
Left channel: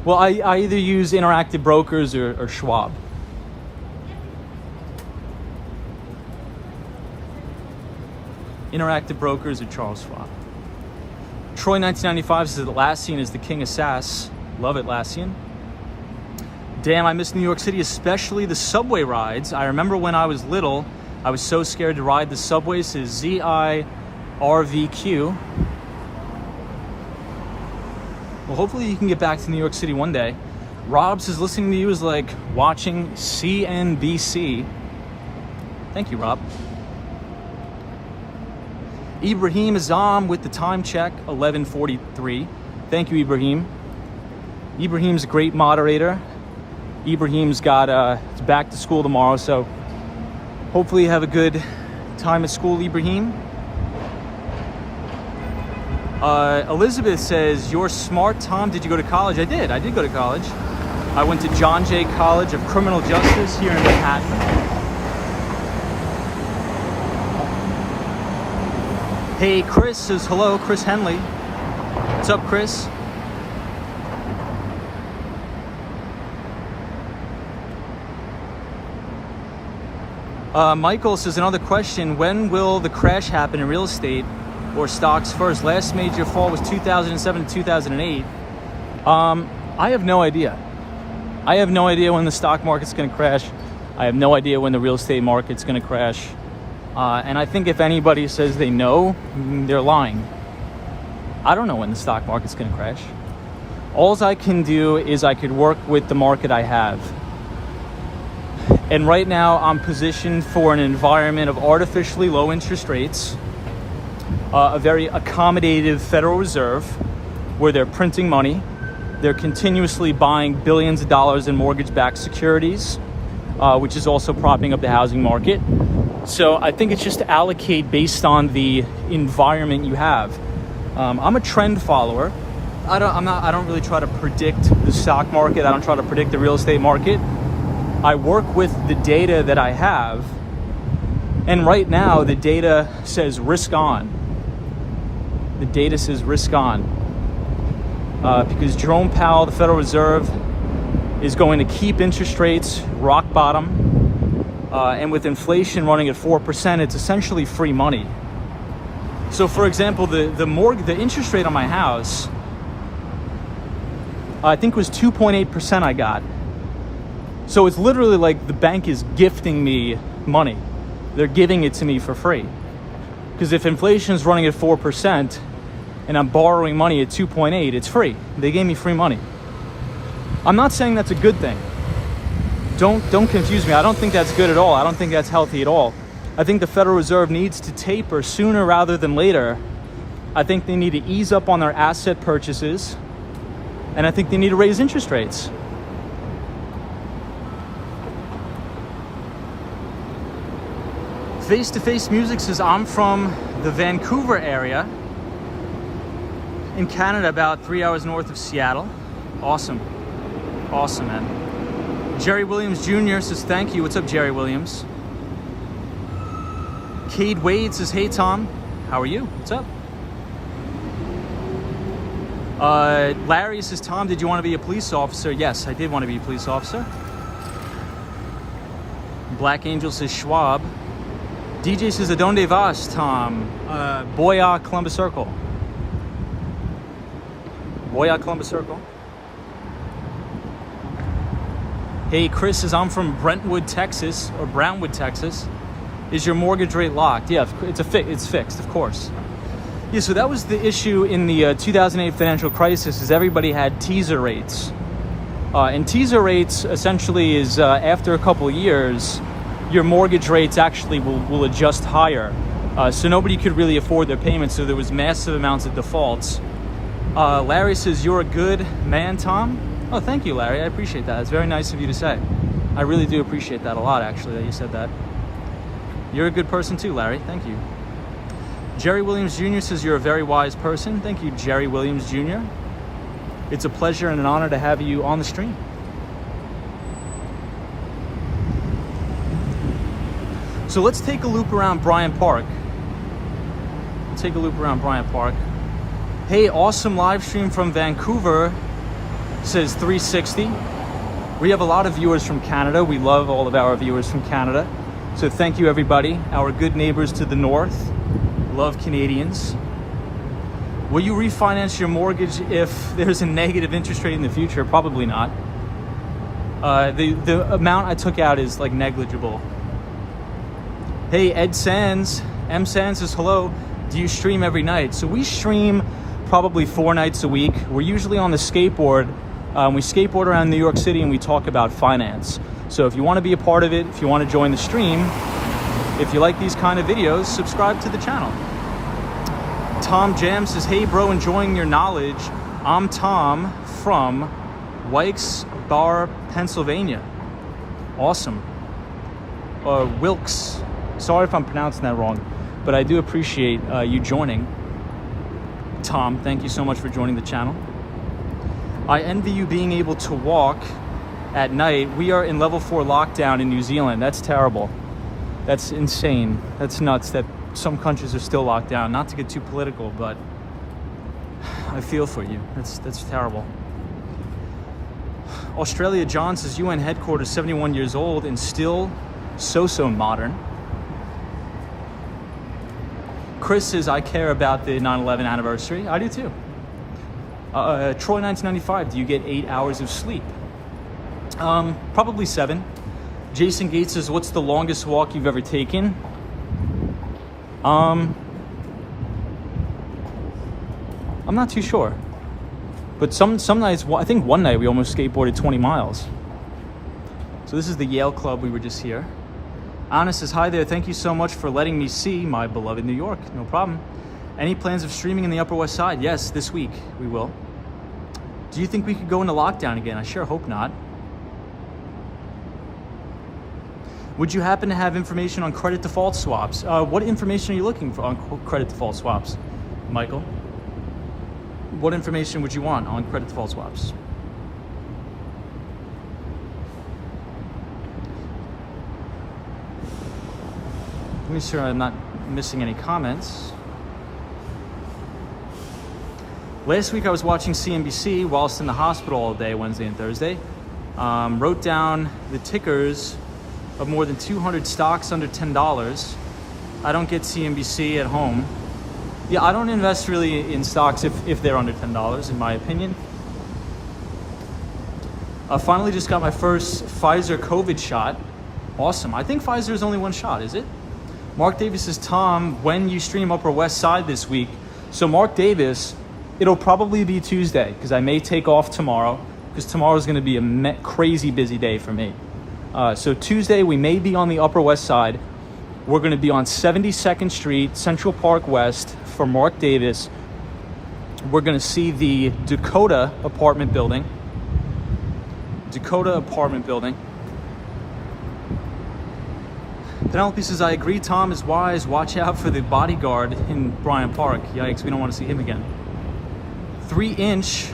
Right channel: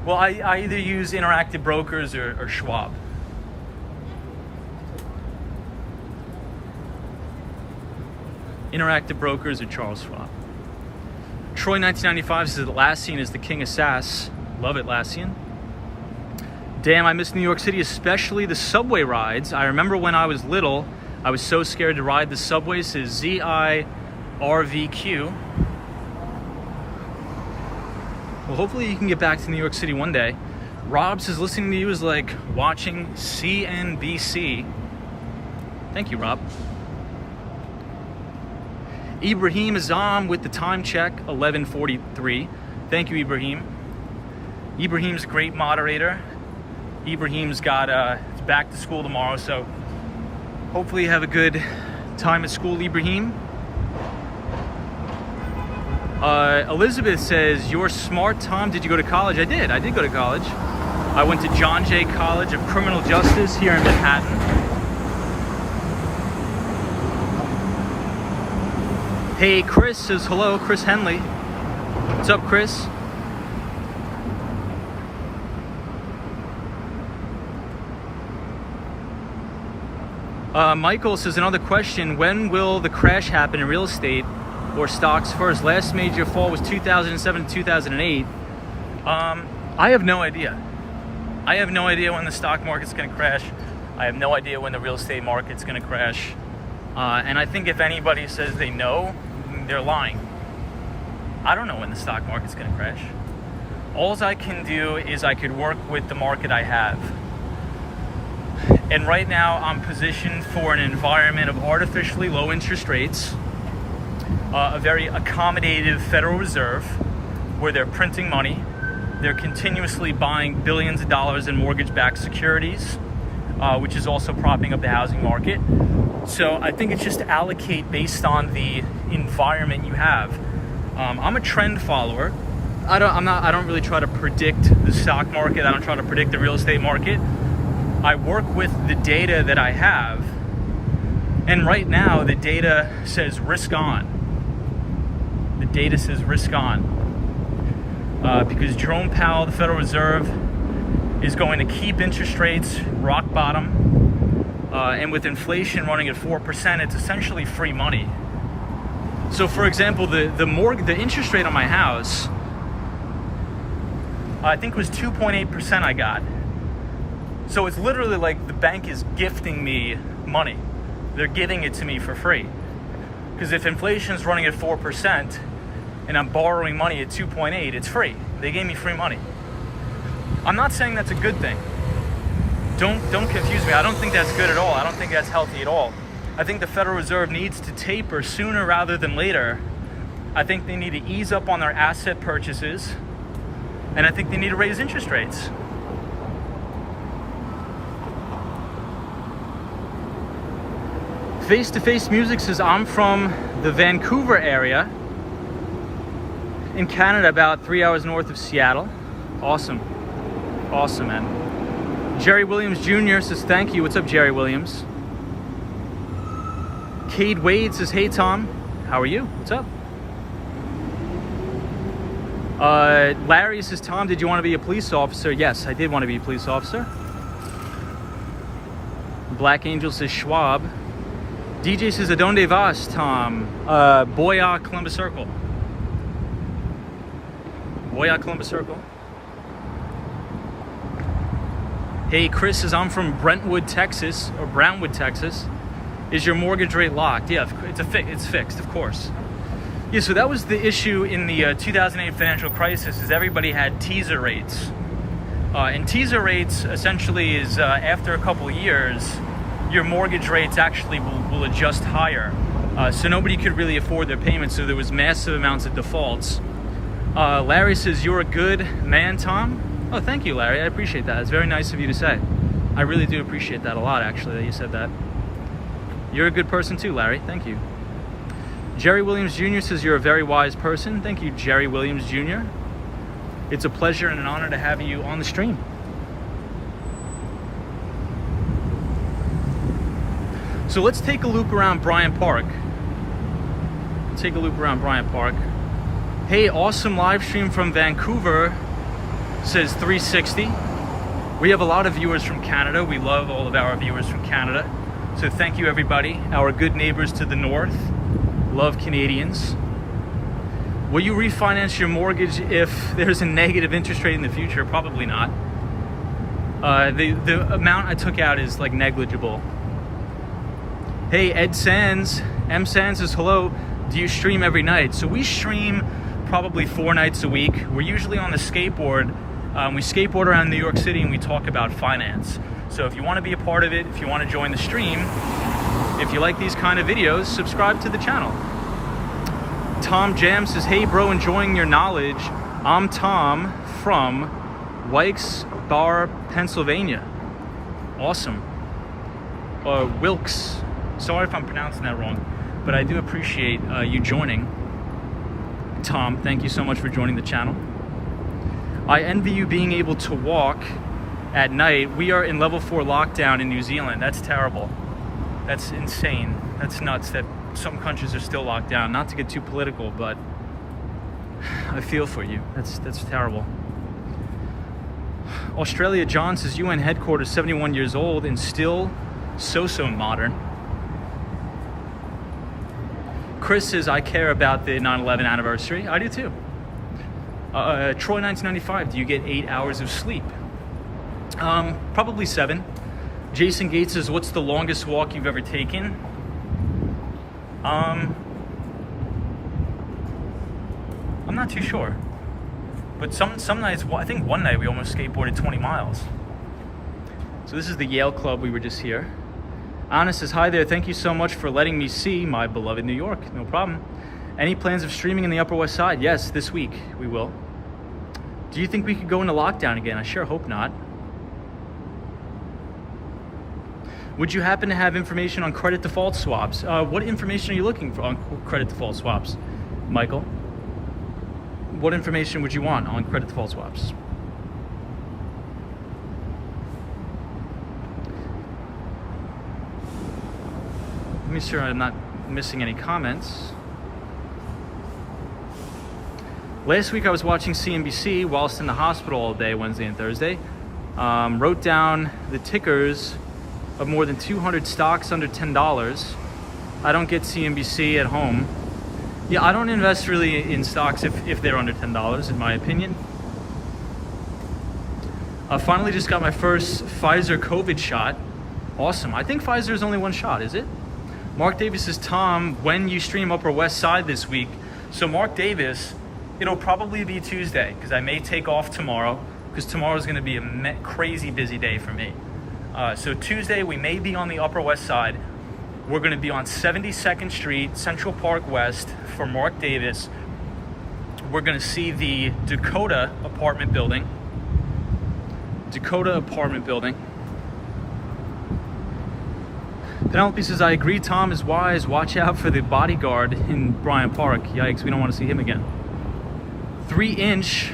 either use Interactive Brokers or Schwab. Interactive Brokers or Charles Schwab. Troy 1995 says Atlassian is the king of SaaS. Love Atlassian. Damn, I miss New York City, especially the subway rides. I remember when I was little, I was so scared to ride the subway, says ZIRVQ. Well, hopefully you can get back to New York City one day. Rob says listening to you is like watching CNBC. Thank you, Rob. Ibrahim Azam with the time check, 11:43. Thank you, Ibrahim. Ibrahim's a great moderator. Ibrahim's got it's back to school tomorrow, so hopefully you have a good time at school, Ibrahim. Elizabeth says, you're smart, Tom. Did you go to college? I did go to college. I went to John Jay College of Criminal Justice here in Manhattan. Hey, Chris says hello, Chris Henley. What's up, Chris? Michael says, another question, when will the crash happen in real estate or stocks first? Last major fall was 2007 to 2008. I have no idea. I have no idea when the stock market's going to crash. I have no idea when the real estate market's going to crash. And I think if anybody says they know, they're lying. I don't know when the stock market's going to crash. All I can do is I could work with the market I have. And right now I'm positioned for an environment of artificially low interest rates, a very accommodative Federal Reserve where they're printing money. They're continuously buying billions of dollars in mortgage-backed securities, which is also propping up the housing market. So I think it's just to allocate based on the environment you have. I'm a trend follower. I don't really try to predict the stock market. I don't try to predict the real estate market. I work with the data that I have. And right now the data says risk on. The data says risk on. Because Jerome Powell, the Federal Reserve, is going to keep interest rates rock bottom. And with inflation running at 4%, it's essentially free money. So for example, the interest rate on my house, I think it was 2.8% I got. So it's literally like the bank is gifting me money. They're giving it to me for free. Because if inflation is running at 4% and I'm borrowing money at 2.8, it's free. They gave me free money. I'm not saying that's a good thing. Don't confuse me. I don't think that's good at all. I don't think that's healthy at all. I think the Federal Reserve needs to taper sooner rather than later. I think they need to ease up on their asset purchases. And I think they need to raise interest rates. Face-to-Face Music says, I'm from the Vancouver area in Canada, about 3 hours north of Seattle. Awesome. Awesome, man. Jerry Williams Jr. says, thank you. What's up, Jerry Williams? Cade Wade says, hey, Tom. How are you? What's up? Larry says, Tom, did you want to be a police officer? Yes, I did want to be a police officer. Black Angel says, Schwab. DJ says, Adonde vas, Tom? Boya, Columbus Circle. Boya, Columbus Circle. Hey, Chris says, I'm from Brentwood, Texas, or Brownwood, Texas. Is your mortgage rate locked? Yeah, it's fixed, of course. Yeah, so that was the issue in the 2008 financial crisis, is everybody had teaser rates. And teaser rates essentially is after a couple of years, your mortgage rates actually will adjust higher. So nobody could really afford their payments, so there was massive amounts of defaults. Larry says, you're a good man, Tom. Oh, thank you, Larry. I appreciate that. It's very nice of you to say. I really do appreciate that a lot, actually, that you said that. You're a good person too, Larry. Thank you. Jerry Williams Jr. says, you're a very wise person. Thank you, Jerry Williams Jr. It's a pleasure and an honor to have you on the stream. So let's take a loop around Bryant Park. Take a loop around Bryant Park. Hey, awesome live stream from Vancouver, says 360. We have a lot of viewers from Canada. We love all of our viewers from Canada. So thank you, everybody. Our good neighbors to the north. Love Canadians. Will you refinance your mortgage if there's a negative interest rate in the future? Probably not. The amount I took out is like negligible. Hey, Ed Sands, M Sands says, hello, do you stream every night? So we stream probably 4 nights a week. We're usually on the skateboard. We skateboard around New York City and we talk about finance. So if you want to be a part of it, if you want to join the stream, if you like these kind of videos, subscribe to the channel. Tom Jam says, hey bro, enjoying your knowledge. I'm Tom from Wykes Bar, Pennsylvania. Awesome. Wilkes. Sorry if I'm pronouncing that wrong, but I do appreciate you joining. Tom, thank you so much for joining the channel. I envy you being able to walk at night. We are in level 4 lockdown in New Zealand. That's terrible. That's insane. That's nuts that some countries are still locked down. Not to get too political, but I feel for you. That's terrible. Australia John says, UN headquarters, 71 years old and still so modern. Chris says, I care about the 9/11 anniversary. I do too. Troy 1995, do you get 8 hours of sleep? Probably 7. Jason Gates says, what's the longest walk you've ever taken? I'm not too sure. But some nights, I think one night we almost skateboarded 20 miles. So this is the Yale Club, we were just here. Anna says, hi there, thank you so much for letting me see my beloved New York. No problem. Any plans of streaming in the Upper West Side? Yes, this week we will. Do you think we could go into lockdown again? I sure hope not. Would you happen to have information on credit default swaps? What information are you looking for on credit default swaps, Michael? What information would you want on credit default swaps? Let me make sure I'm not missing any comments. Last week I was watching CNBC whilst in the hospital all day, Wednesday and Thursday. Wrote down the tickers of more than 200 stocks under $10. I don't get CNBC at home. Yeah, I don't invest really in stocks if they're under $10, in my opinion. I finally just got my first Pfizer COVID shot. Awesome. I think Pfizer is only one shot, is it? Mark Davis says, Tom, when you stream Upper West Side this week? So Mark Davis, it'll probably be Tuesday because I may take off tomorrow because tomorrow is going to be a crazy busy day for me. So Tuesday we may be on the Upper West Side. We're going to be on 72nd Street, Central Park West for Mark Davis. We're going to see the Dakota apartment building. Penelope says, I agree, Tom is wise. Watch out for the bodyguard in Bryant Park. Yikes, we don't want to see him again. 3-inch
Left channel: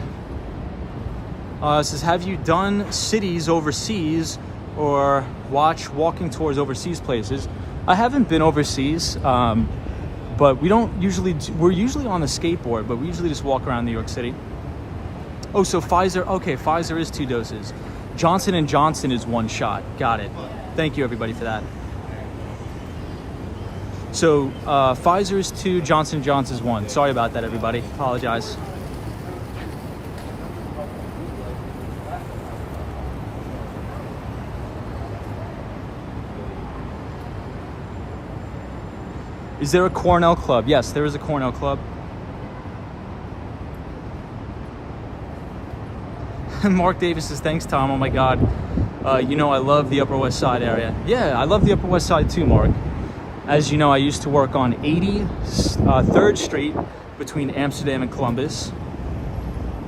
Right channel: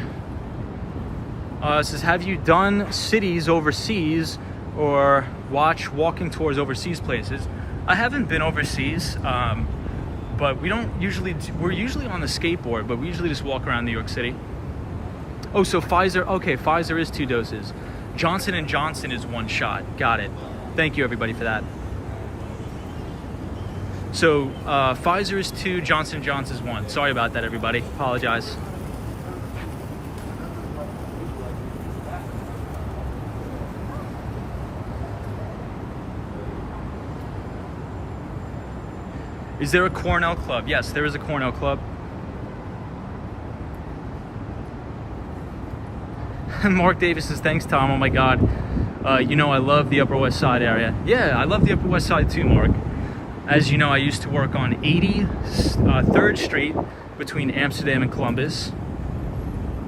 says, have you done cities overseas or watch walking tours overseas places? I haven't been overseas, but we're usually on the skateboard, but we usually just walk around New York City. Oh, so Pfizer, okay, Pfizer is 2 doses. Johnson & Johnson is 1 shot. Got it. Thank you everybody for that. So Pfizer is 2, Johnson & Johnson is 1. Sorry about that, everybody. Apologize. Is there a Cornell Club? Yes, there is a Cornell Club. Mark Davis says, thanks, Tom. Oh my God. You know, I love the Upper West Side area. Yeah, I love the Upper West Side too, Mark. As you know, I used to work on 83rd Street between Amsterdam and Columbus.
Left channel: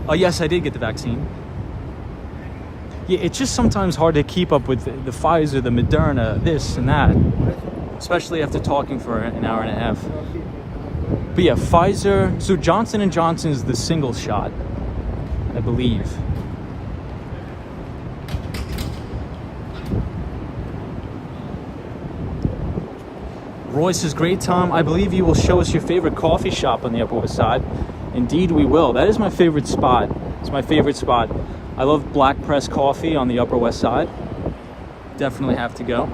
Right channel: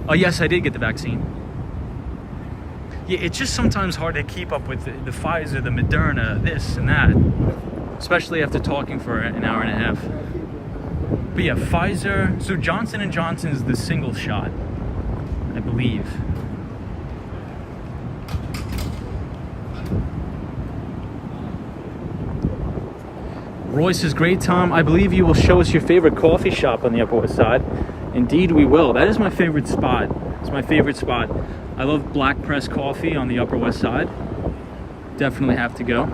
Oh, yes, I did get the vaccine. Yeah, it's just sometimes hard to keep up with the Pfizer, the Moderna, this and that. Especially after talking for an hour and a half. But yeah, Pfizer, so Johnson & Johnson is the single shot, I believe. Royce is great, Tom. I believe you will show us your favorite coffee shop on the Upper West Side. Indeed, we will. That is my favorite spot. It's my favorite spot. I love Black Press Coffee on the Upper West Side. Definitely have to go.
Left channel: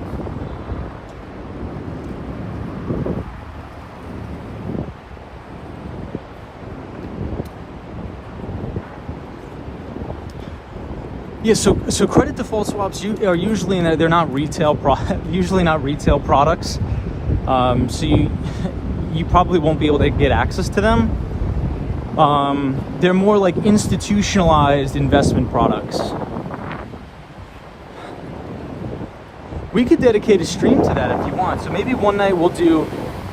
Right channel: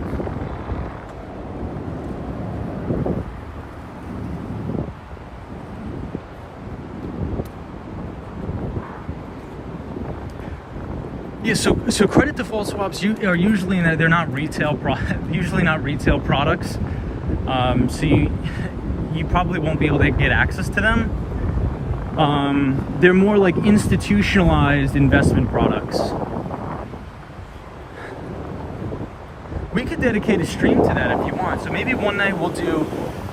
Yeah, so credit default swaps are usually they're not usually not retail products. So you probably won't be able to get access to them. They're more like institutionalized investment products. We could dedicate a stream to that if you want. So maybe one night we'll do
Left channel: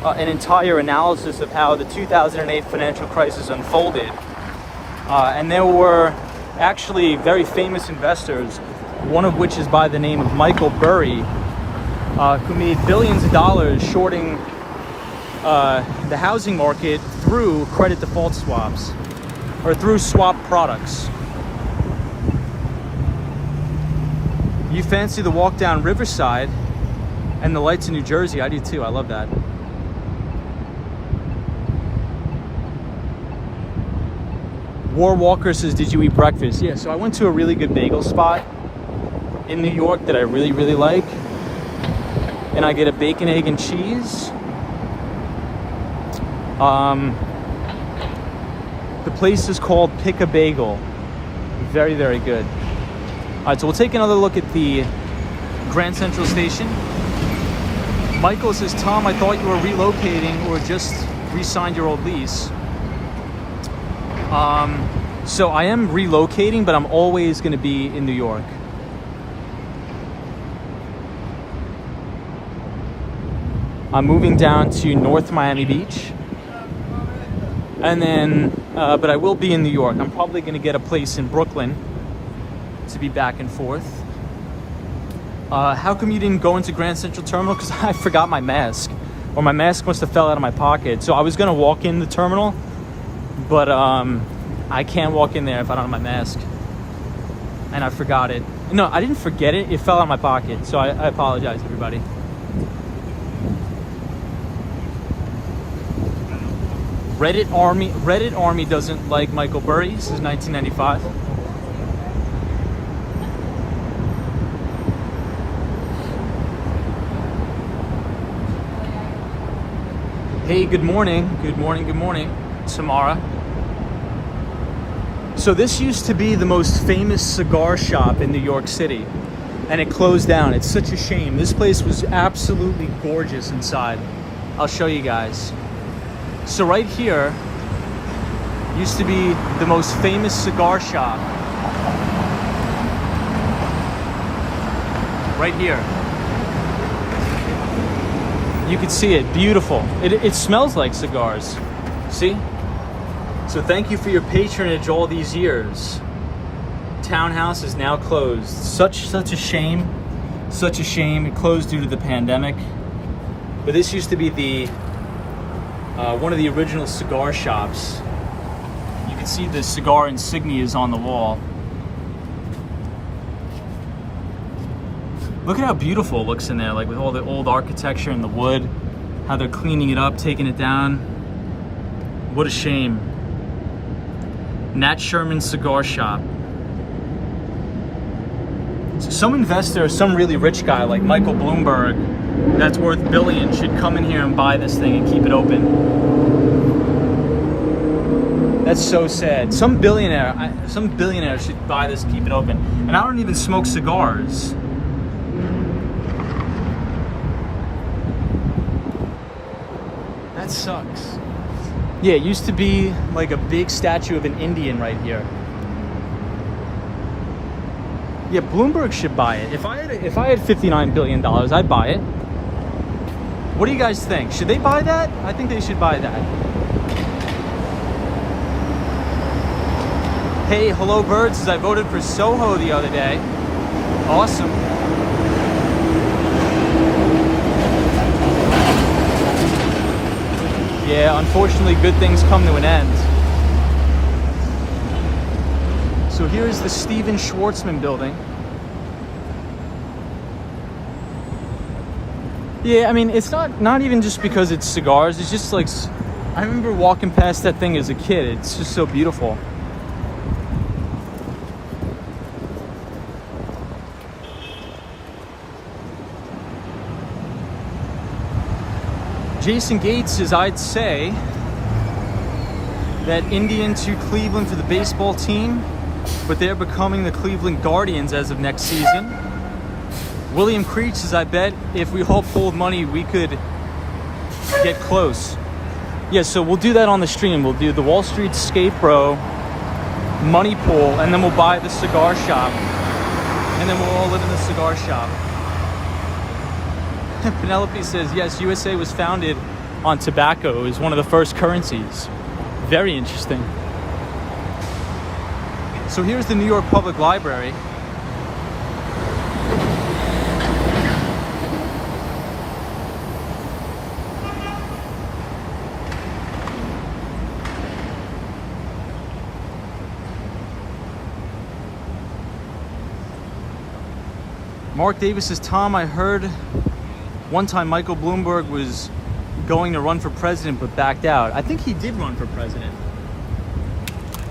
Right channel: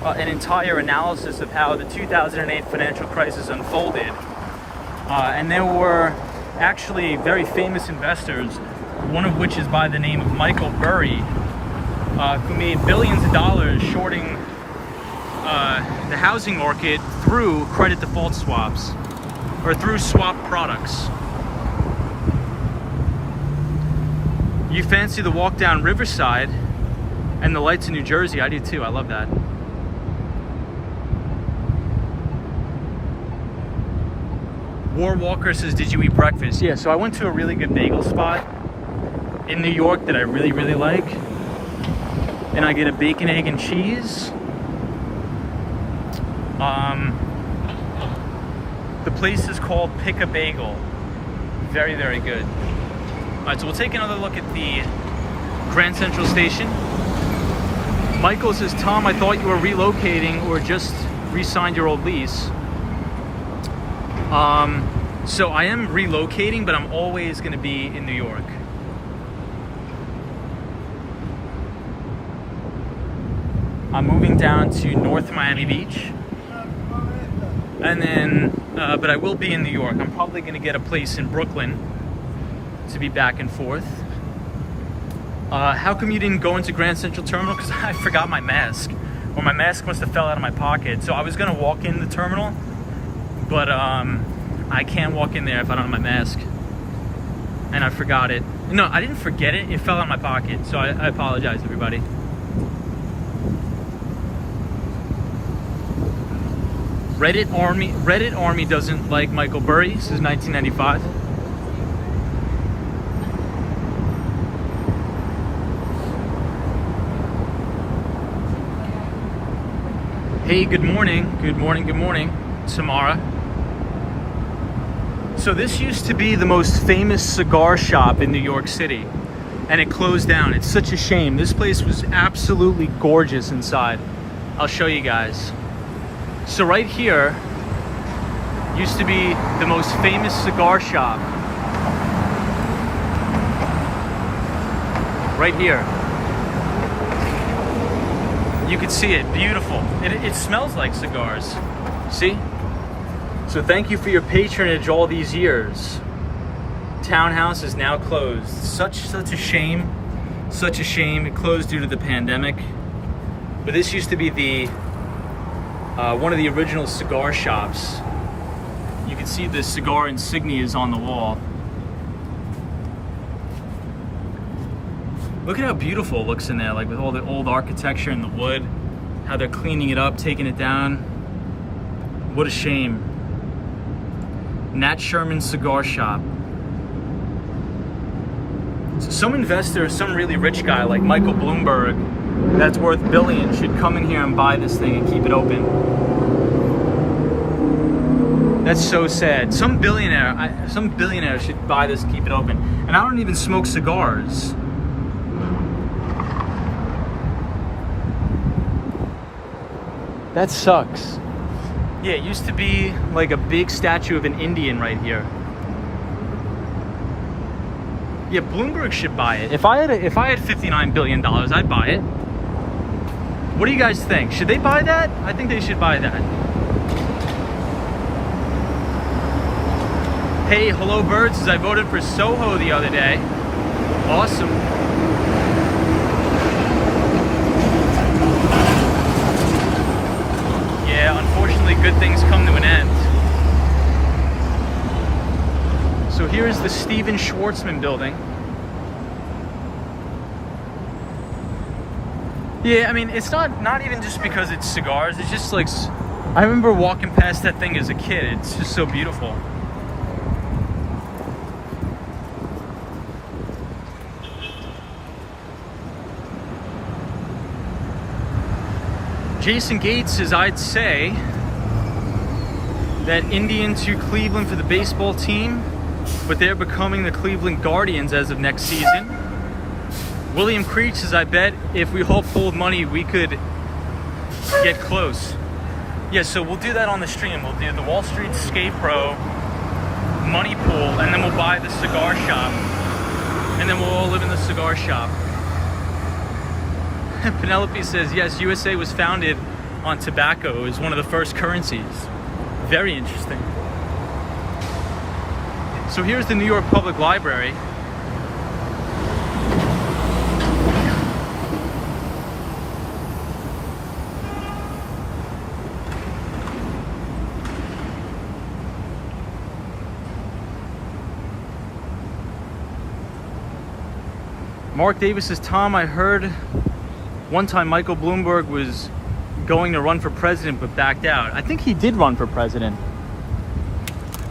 an entire analysis of how the 2008 financial crisis unfolded. And there were actually very famous investors, one of which is by the name of Michael Burry, who made billions of dollars shorting the housing market through credit default swaps, or through swap products. You fancy the walk down Riverside and the lights in New Jersey? I do too, I love that. War Walker says, did you eat breakfast? Yeah, so I went to a really good bagel spot in New York that I really, really like. And I get a bacon, egg, and cheese. The place is called Pick a Bagel. Very, very good. All right, so we'll take another look at the Grand Central Station. Michael says, Tom, I thought you were relocating or just re-signed your old lease. So I am relocating, but I'm always going to be in New York. I'm moving down to North Miami Beach, and then, but I will be in New York. I'm probably going to get a place in Brooklyn to be back and forth. How come you didn't go into Grand Central Terminal? Because I forgot my mask, or my mask must have fell out of my pocket. So I was going to walk in the terminal, but I can't walk in there if I don't have my mask, and I forgot it. No, I didn't forget it. It fell out of my pocket, so I apologize, everybody. Reddit Army doesn't like Michael Burry since 1995. Hey, good morning. Good morning, good morning, Tamara. So this used to be the most famous cigar shop in New York City, and it closed down. It's such a shame. This place was absolutely gorgeous inside. I'll show you guys. So right here used to be the most famous cigar shop. Right here. You can see it, beautiful. It smells like cigars, see? So thank you for your patronage all these years. Townhouse is now closed. Such a shame, such a shame. It closed due to the pandemic. But this used to be the one of the original cigar shops. You can see the cigar insignias on the wall. Look at how beautiful it looks in there, like with all the old architecture and the wood, how they're cleaning it up, taking it down. What a shame. Nat Sherman Cigar Shop. So some investor, some really rich guy like Michael Bloomberg, that's worth billions, should come in here and buy this thing and keep it open. That's so sad. Some billionaire should buy this, keep it open. And I don't even smoke cigars. That sucks. Yeah, it used to be like a big statue of an Indian right here. Yeah, Bloomberg should buy it. If I had $59 billion, I'd buy it. What do you guys think? Should they buy that? I think they should buy that. Hey, Hello Bird says I voted for Soho the other day. Awesome. Yeah, unfortunately, good things come to an end. So here's the Steven Schwartzman building. Yeah, I mean, it's not even just because it's cigars. It's just like, I remember walking past that thing as a kid. It's just so beautiful. Jason Gates says, I'd say that Indian to Cleveland for the baseball team but they're becoming the Cleveland Guardians as of next season. William Creech says, I bet if we all pulled money, we could get close. Yeah, so we'll do that on the stream. We'll do the Wall Street Skate Pro money pool, and then we'll buy the cigar shop, and then we'll all live in the cigar shop. Penelope says, yes, USA was founded on tobacco. It was one of the first currencies. Very interesting. So here's the New York Public Library. Mark Davis says, Tom, I heard one time Michael Bloomberg was going to run for president but backed out. I think he did run for president.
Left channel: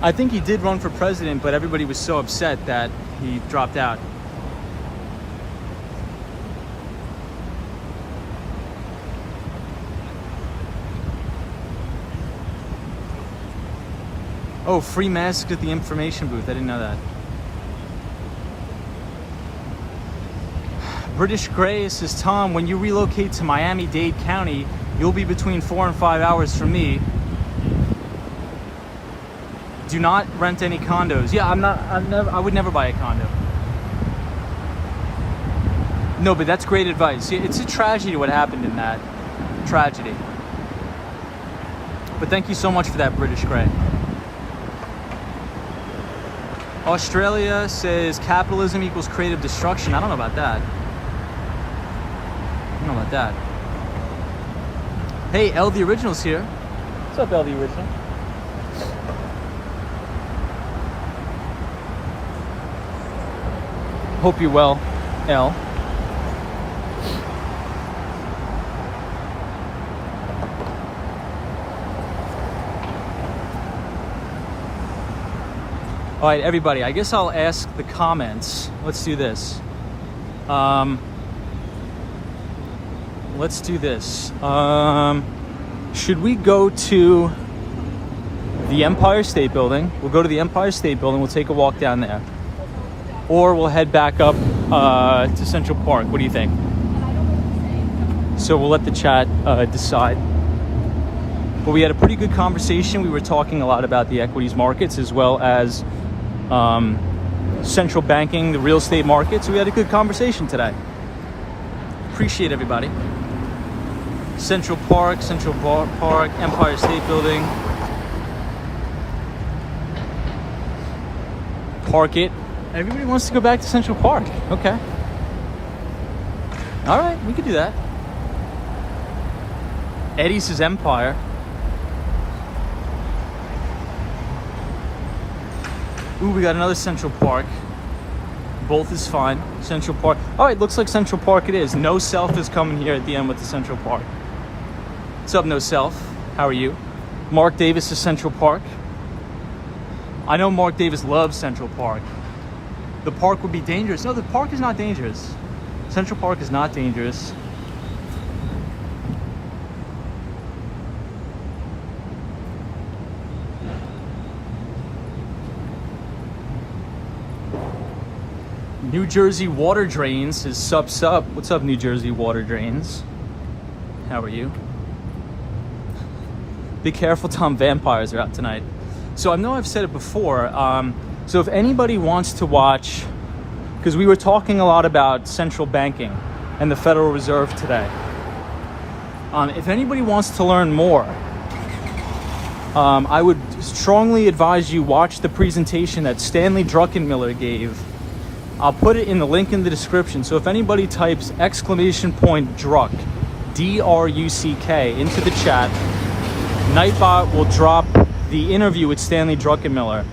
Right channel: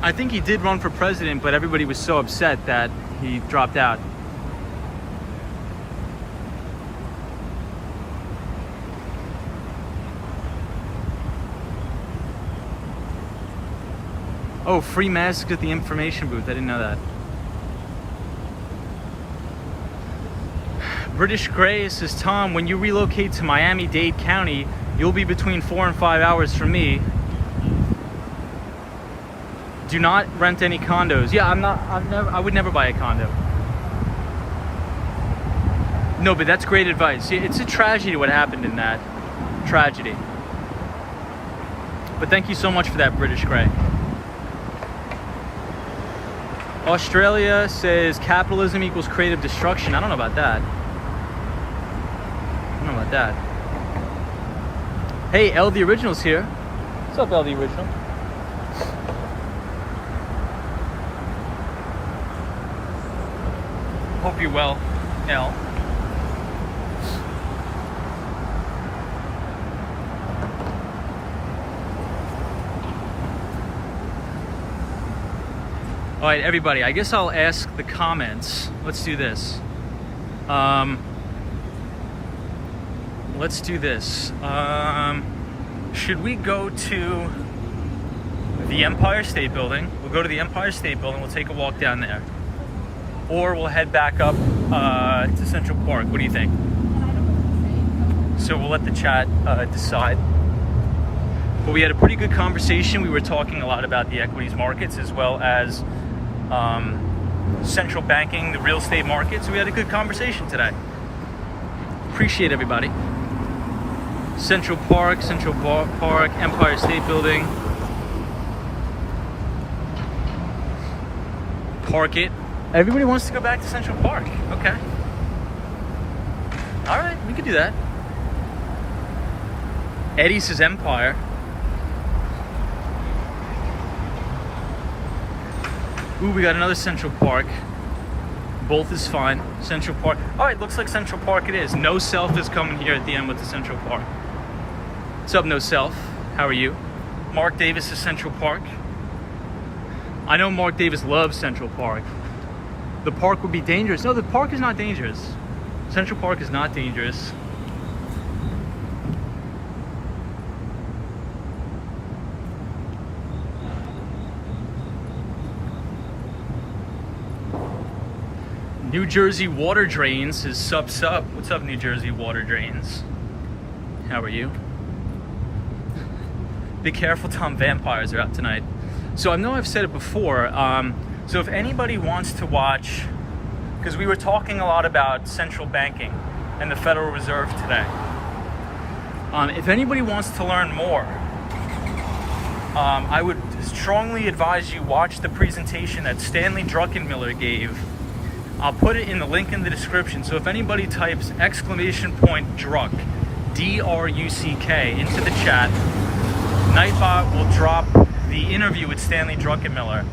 But everybody was so upset that he dropped out. Oh, free masks at the information booth. I didn't know that. British Gray says, Tom, when you relocate to Miami-Dade County, you'll be between 4 and 5 hours from me. Do not rent any condos. Yeah, I would never buy a condo. No, but that's great advice. It's a tragedy what happened in that. Tragedy. But thank you so much for that, British Gray. Australia says capitalism equals creative destruction. I don't know about that. Hey, L the Original's here. What's up, L the Original? Hope you're well, L. All right, everybody, I guess I'll ask the comments. Let's do this. Should we go to the Empire State Building? We'll go to the Empire State Building. We'll take a walk down there. Or we'll head back up to Central Park. What do you think? So we'll let the chat decide. But we had a pretty good conversation. We were talking a lot about the equities markets as well as central banking, the real estate market. So we had a good conversation today. Appreciate everybody. Central Park, Empire State Building. Park it. Everybody wants to go back to Central Park. Okay. All right, we could do that. Eddie says Empire. Ooh, we got another Central Park. Both is fine. Central Park. All right, looks like Central Park it is. No Self is coming here at the end with the Central Park. What's up, No Self? How are you? Mark Davis is Central Park. I know Mark Davis loves Central Park. The park would be dangerous. No, the park is not dangerous. Central Park is not dangerous. New Jersey Water Drains is sup. What's up, New Jersey Water Drains? How are you? Be careful, Tom, vampires are out tonight. So I know I've said it before. So if anybody wants to watch, because we were talking a lot about central banking and the Federal Reserve today. If anybody wants to learn more, I would strongly advise you watch the presentation that Stanley Druckenmiller gave. I'll put it in the link in the description. So if anybody types !Druck, D-R-U-C-K into the chat, Nightbot will drop the interview with Stanley Druckenmiller.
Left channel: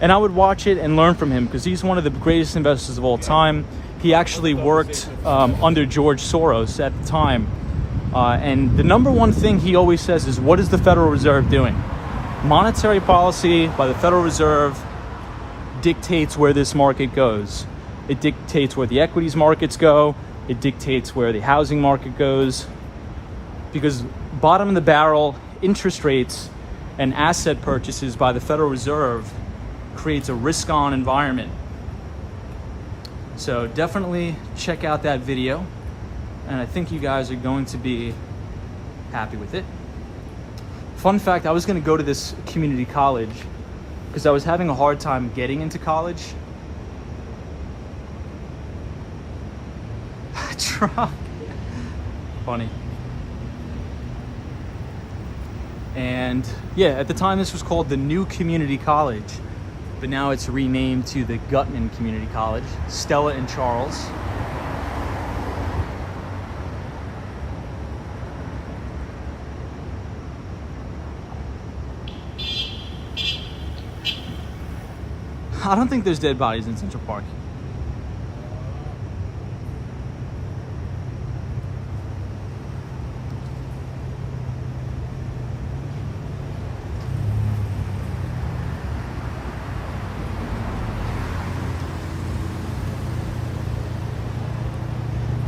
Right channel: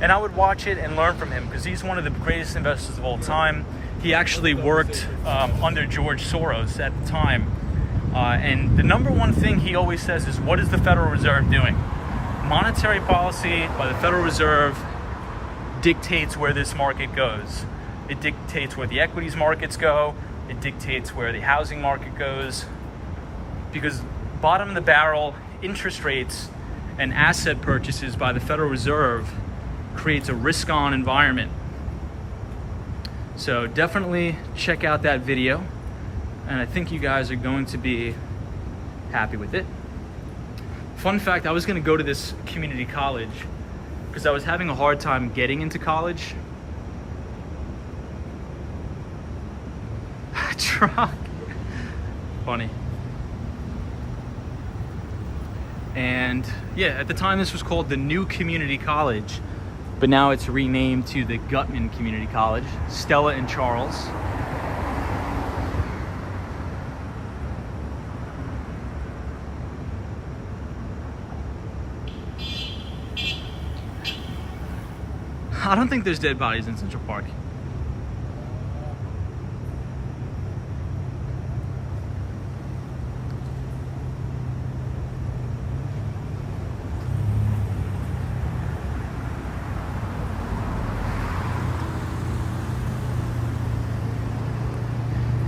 And I would watch it and learn from him because he's one of the greatest investors of all time. He actually worked under George Soros at the time. And the number one thing he always says is, what is the Federal Reserve doing? Monetary policy by the Federal Reserve dictates where this market goes. It dictates where the equities markets go. It dictates where the housing market goes. Because bottom of the barrel interest rates and asset purchases by the Federal Reserve creates a risk-on environment. So definitely check out that video, and I think you guys are going to be happy with it. Fun fact, I was gonna go to this community college because I was having a hard time getting into college. Truck. Funny. And yeah, at the time this was called the New Community College, but now it's renamed to the Gutman Community College. Stella and Charles. I don't think there's dead bodies in Central Park.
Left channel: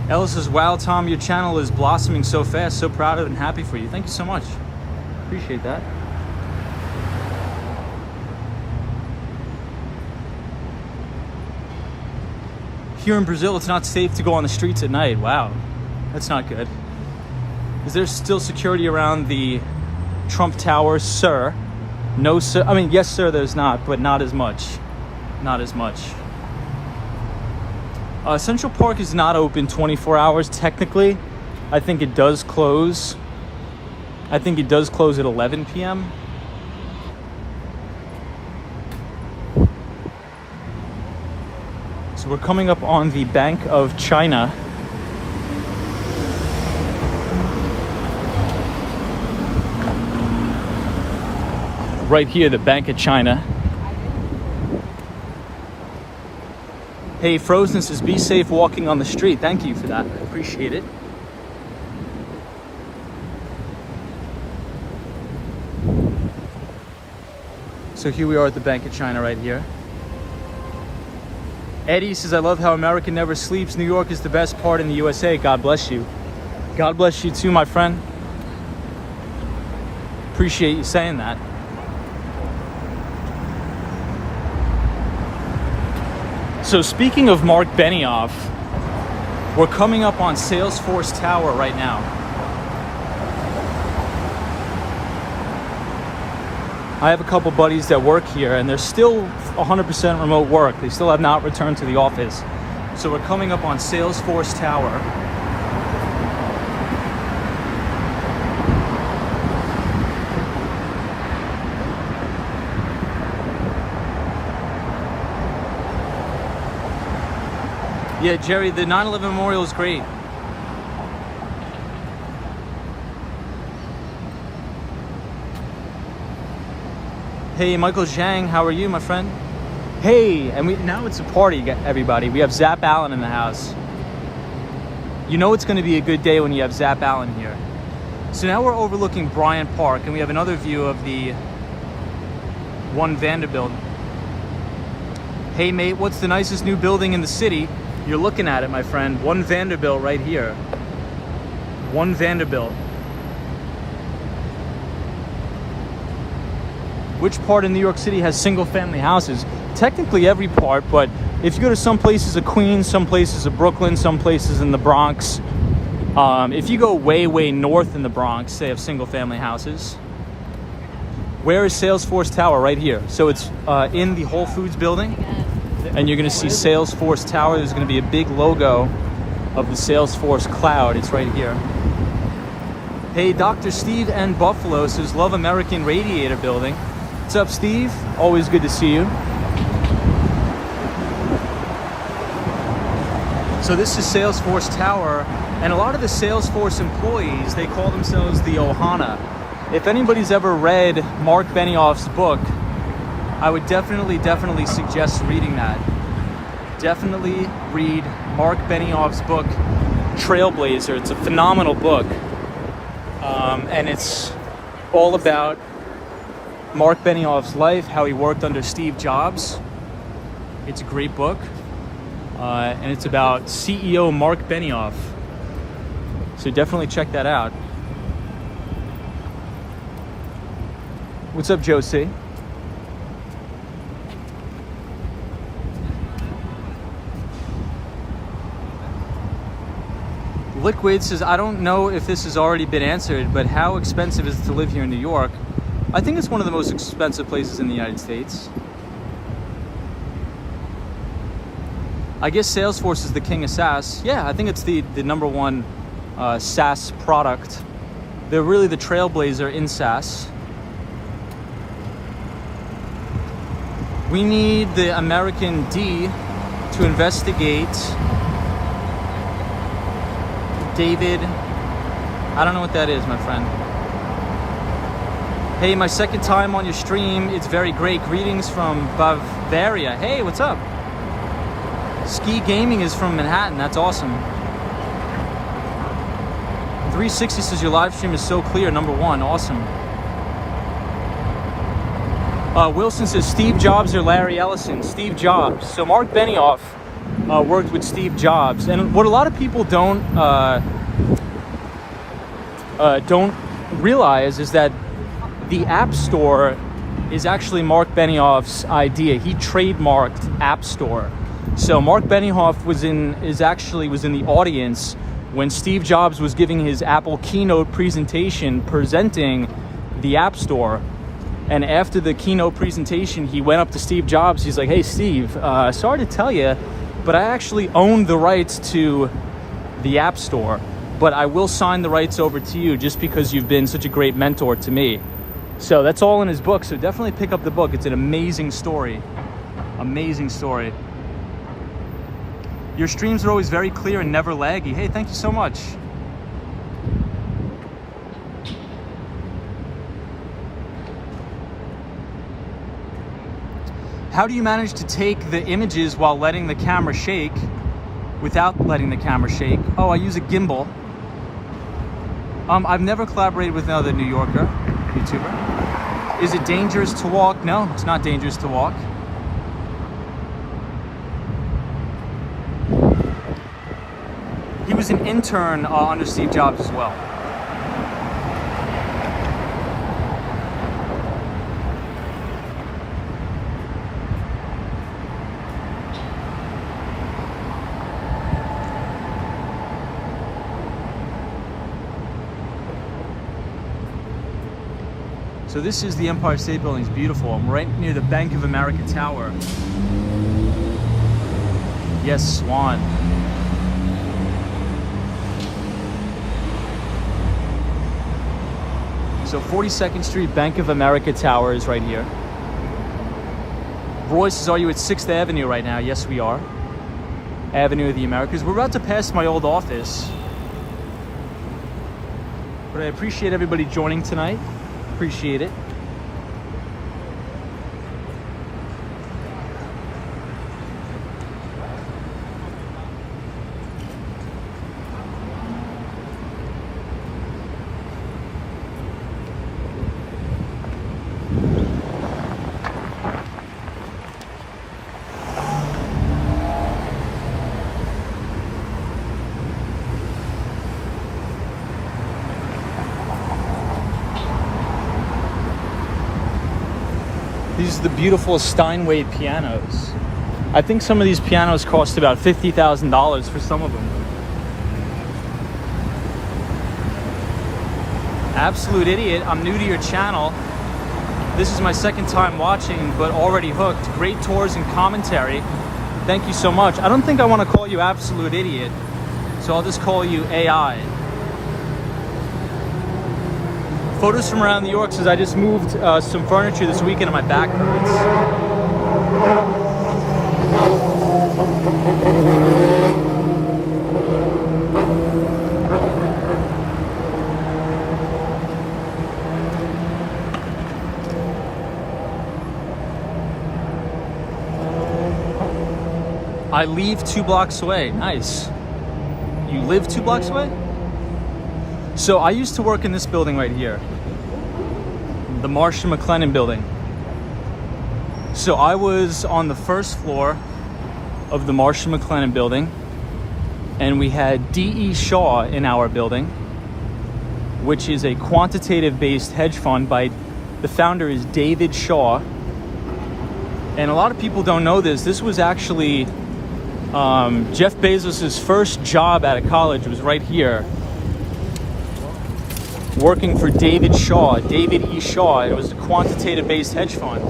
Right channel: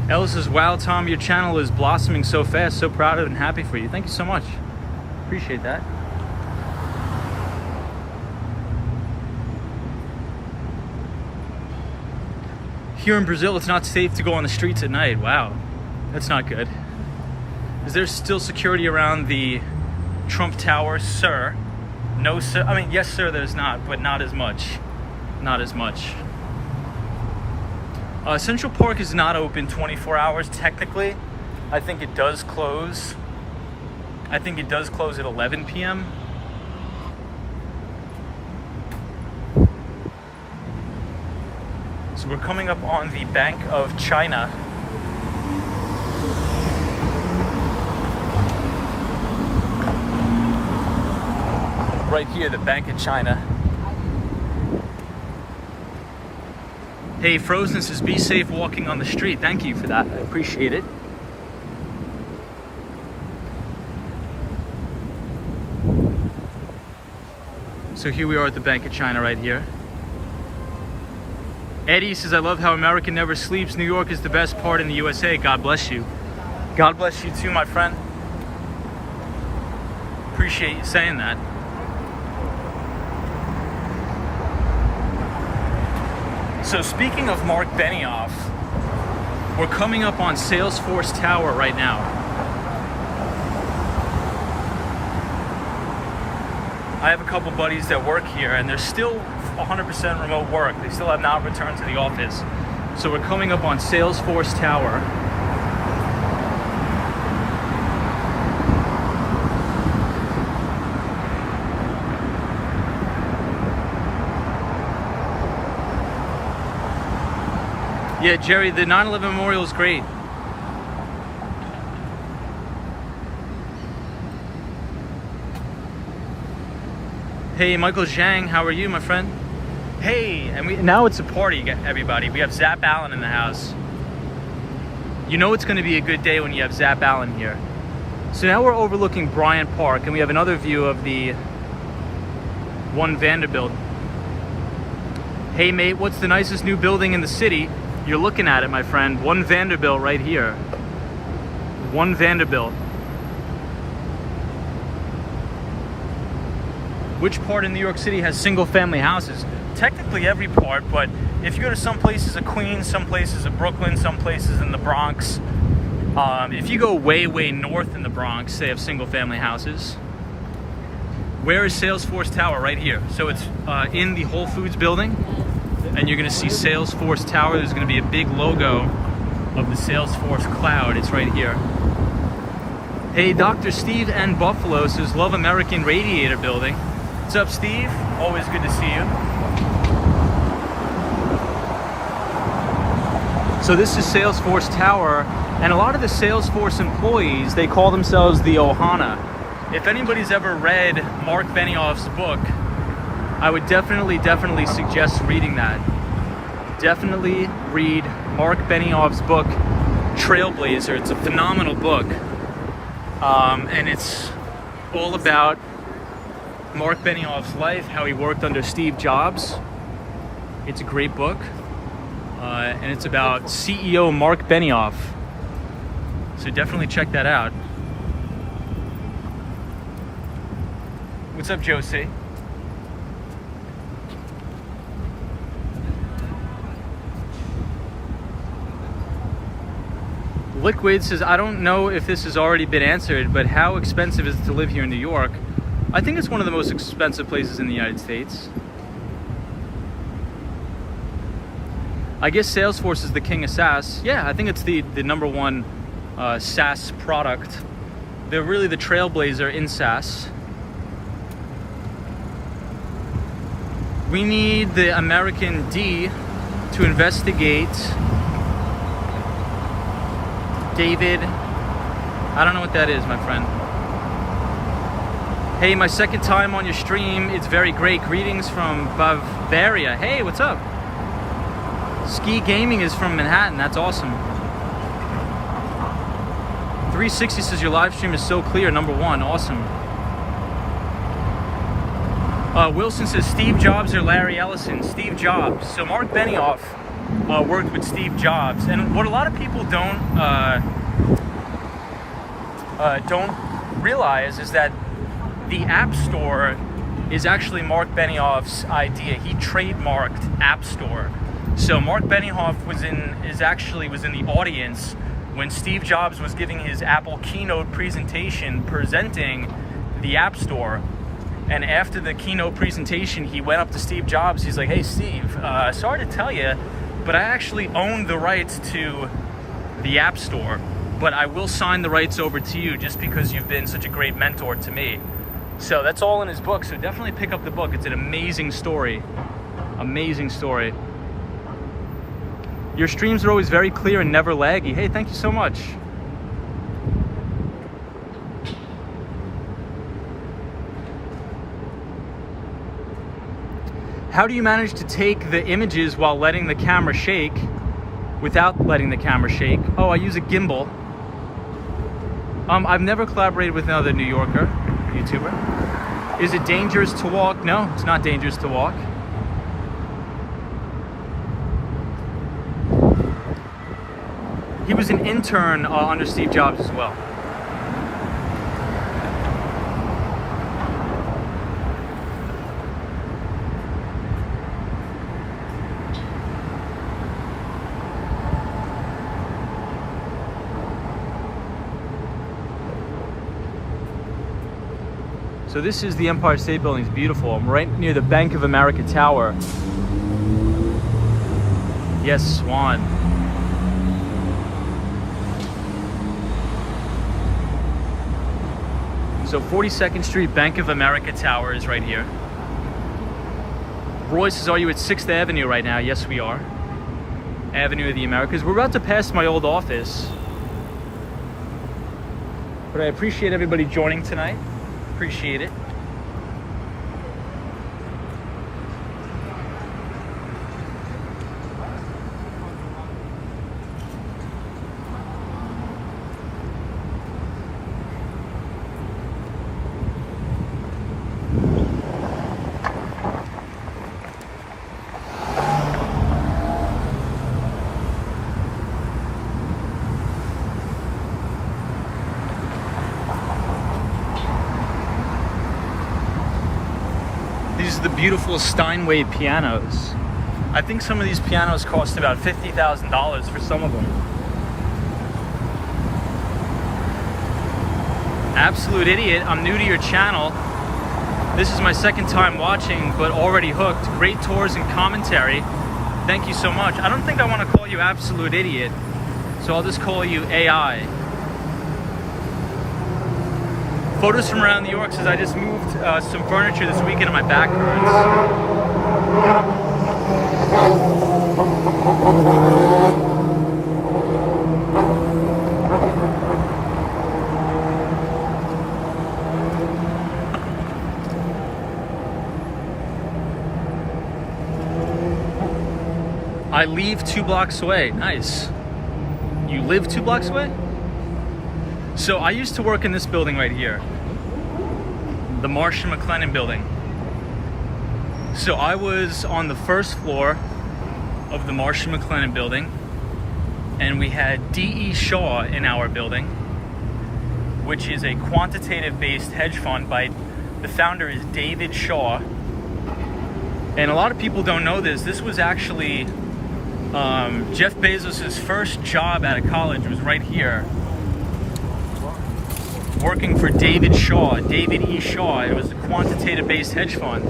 Ella says, wow, Tom, your channel is blossoming so fast. So proud of and happy for you. Thank you so much. Appreciate that. Here in Brazil, it's not safe to go on the streets at night. Wow, that's not good. Is there still security around the Trump Tower, sir? No, sir. I mean, yes, sir, there's not, but not as much. Not as much. Central Park is not open 24 hours technically. I think it does close. I think it does close at 11 p.m. So we're coming up on the Bank of China. Right here, the Bank of China. Hey, Frozen says, be safe walking on the street. Thank you for that. I appreciate it. So here we are at the Bank of China right here. Eddie says, I love how America never sleeps. New York is the best part in the USA. God bless you. God bless you too, my friend. Appreciate you saying that. So speaking of Mark Benioff, we're coming up on Salesforce Tower right now. I have a couple buddies that work here and they're still 100% remote work. They still have not returned to the office. So we're coming up on Salesforce Tower. Yeah, Jerry, the 9/11 memorial is great. Hey, Michael Zhang, how are you, my friend? Hey, and now it's a party, everybody. We have Zap Allen in the house. You know it's going to be a good day when you have Zap Allen here. So now we're overlooking Bryant Park, and we have another view of the One Vanderbilt. Hey, mate, what's the nicest new building in the city? You're looking at it, my friend. One Vanderbilt right here. One Vanderbilt. Which part of New York City has single-family houses? Technically every part, but if you go to some places of Queens, some places of Brooklyn, some places in the Bronx, if you go way, way north in the Bronx, they have single-family houses. Where is Salesforce Tower? Right here. So it's in the Whole Foods building. And you're gonna see Salesforce Tower. There's gonna be a big logo of the Salesforce cloud. It's right here. Hey, Dr. Steve and Buffalo says, love American Radiator Building. What's up, Steve? Always good to see you. So this is Salesforce Tower, and a lot of the Salesforce employees, they call themselves the Ohana. If anybody's ever read Mark Benioff's book, I would definitely suggest reading that. Definitely read Mark Benioff's book, Trailblazer. It's a phenomenal book. And it's all about Mark Benioff's life, how he worked under Steve Jobs. It's a great book. And it's about CEO Mark Benioff. So definitely check that out. What's up, Josie? Liquid says, I don't know if this has already been answered, but how expensive is it to live here in New York? I think it's one of the most expensive places in the United States. I guess Salesforce is the king of SaaS. Yeah, I think it's the number one SaaS product. They're really the trailblazer in SaaS. We need the American D to investigate David. I don't know what that is, my friend. Hey, my second time on your stream. It's very great. Greetings from Bavaria. Hey, what's up? Ski Gaming is from Manhattan. That's awesome. 360 says your live stream is so clear. Number one. Awesome. Wilson says Steve Jobs or Larry Ellison. Steve Jobs. So Mark Benioff worked with Steve Jobs, and what a lot of people don't realize is that the App Store is actually Mark Benioff's idea. He trademarked App Store. So Mark Benioff was in the audience when Steve Jobs was giving his Apple keynote presentation presenting the App Store. And after the keynote presentation, he went up to Steve Jobs. He's like, hey, Steve, sorry to tell you, but I actually own the rights to the App Store, but I will sign the rights over to you just because you've been such a great mentor to me. So that's all in his book. So definitely pick up the book. It's an amazing story. Amazing story. Your streams are always very clear and never laggy. Hey, thank you so much. How do you manage to take the images while letting the camera shake without letting the camera shake? Oh, I use a gimbal. I've never collaborated with another New Yorker YouTuber. Is it dangerous to walk? No, it's not dangerous to walk. He was an intern under Steve Jobs as well. So this is the Empire State Building. It's beautiful. I'm right near the Bank of America Tower. Yes, Swan. So 42nd Street Bank of America Tower is right here. Roy says, are you at 6th Avenue right now? Yes, we are. Avenue of the Americas. We're about to pass my old office. But I appreciate everybody joining tonight. Appreciate it. These are the beautiful Steinway pianos. I think some of these pianos cost about $50,000 for some of them. Absolute idiot, I'm new to your channel. This is my second time watching, but already hooked. Great tours and commentary. Thank you so much. I don't think I want to call you absolute idiot, so I'll just call you AI. Photos from around New York says I just moved some furniture this weekend and my back hurts. I leave 2 blocks away. Nice. You live 2 blocks away? So I used to work in this building right here, the Marsh & McLennan building. So I was on the first floor of the Marsh & McLennan building, and we had D.E. Shaw in our building, which is a quantitative-based hedge fund by the founder is David Shaw. And a lot of people don't know this. This was actually Jeff Bezos' first job out of college was right here, working for David E. Shaw. It was a quantitative-based hedge fund.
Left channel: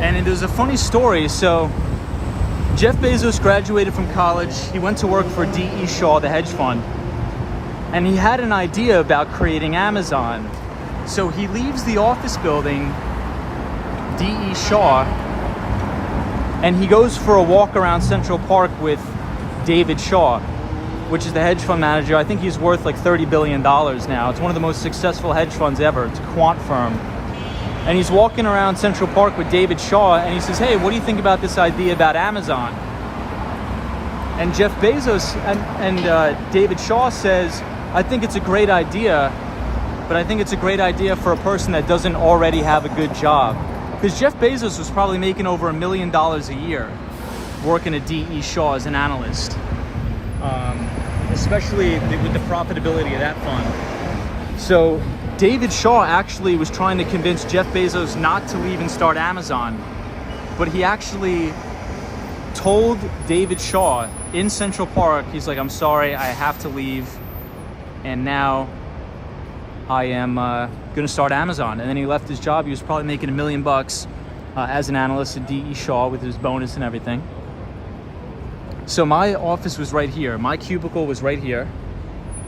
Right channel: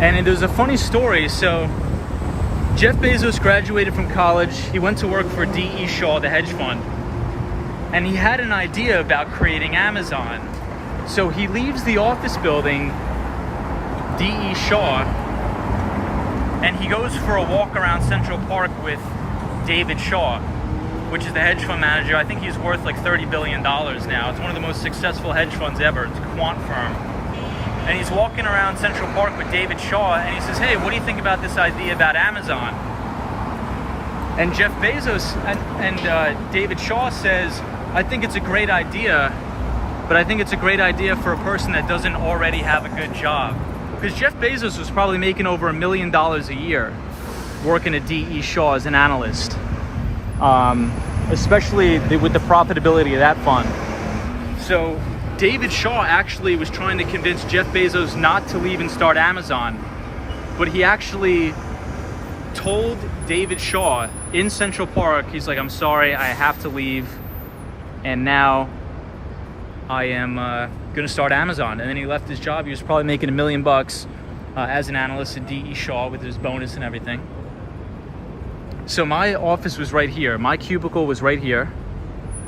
And there's a funny story. So Jeff Bezos graduated from college. He went to work for D.E. Shaw, the hedge fund. And he had an idea about creating Amazon. So he leaves the office building, D.E. Shaw, and he goes for a walk around Central Park with David Shaw, which is the hedge fund manager. I think he's worth like $30 billion now. It's one of the most successful hedge funds ever. It's a quant firm. And he's walking around Central Park with David Shaw, and he says, hey, what do you think about this idea about Amazon? And Jeff Bezos and David Shaw says, I think it's a great idea, but I think it's a great idea for a person that doesn't already have a good job. Because Jeff Bezos was probably making over $1 million a year working at D.E. Shaw as an analyst, especially with the profitability of that fund. So David Shaw actually was trying to convince Jeff Bezos not to leave and start Amazon, but he actually told David Shaw in Central Park, he's like, I'm sorry, I have to leave, and now I am going to start Amazon. And then he left his job. He was probably making $1 million as an analyst at D.E. Shaw with his bonus and everything. So my office was right here. My cubicle was right here.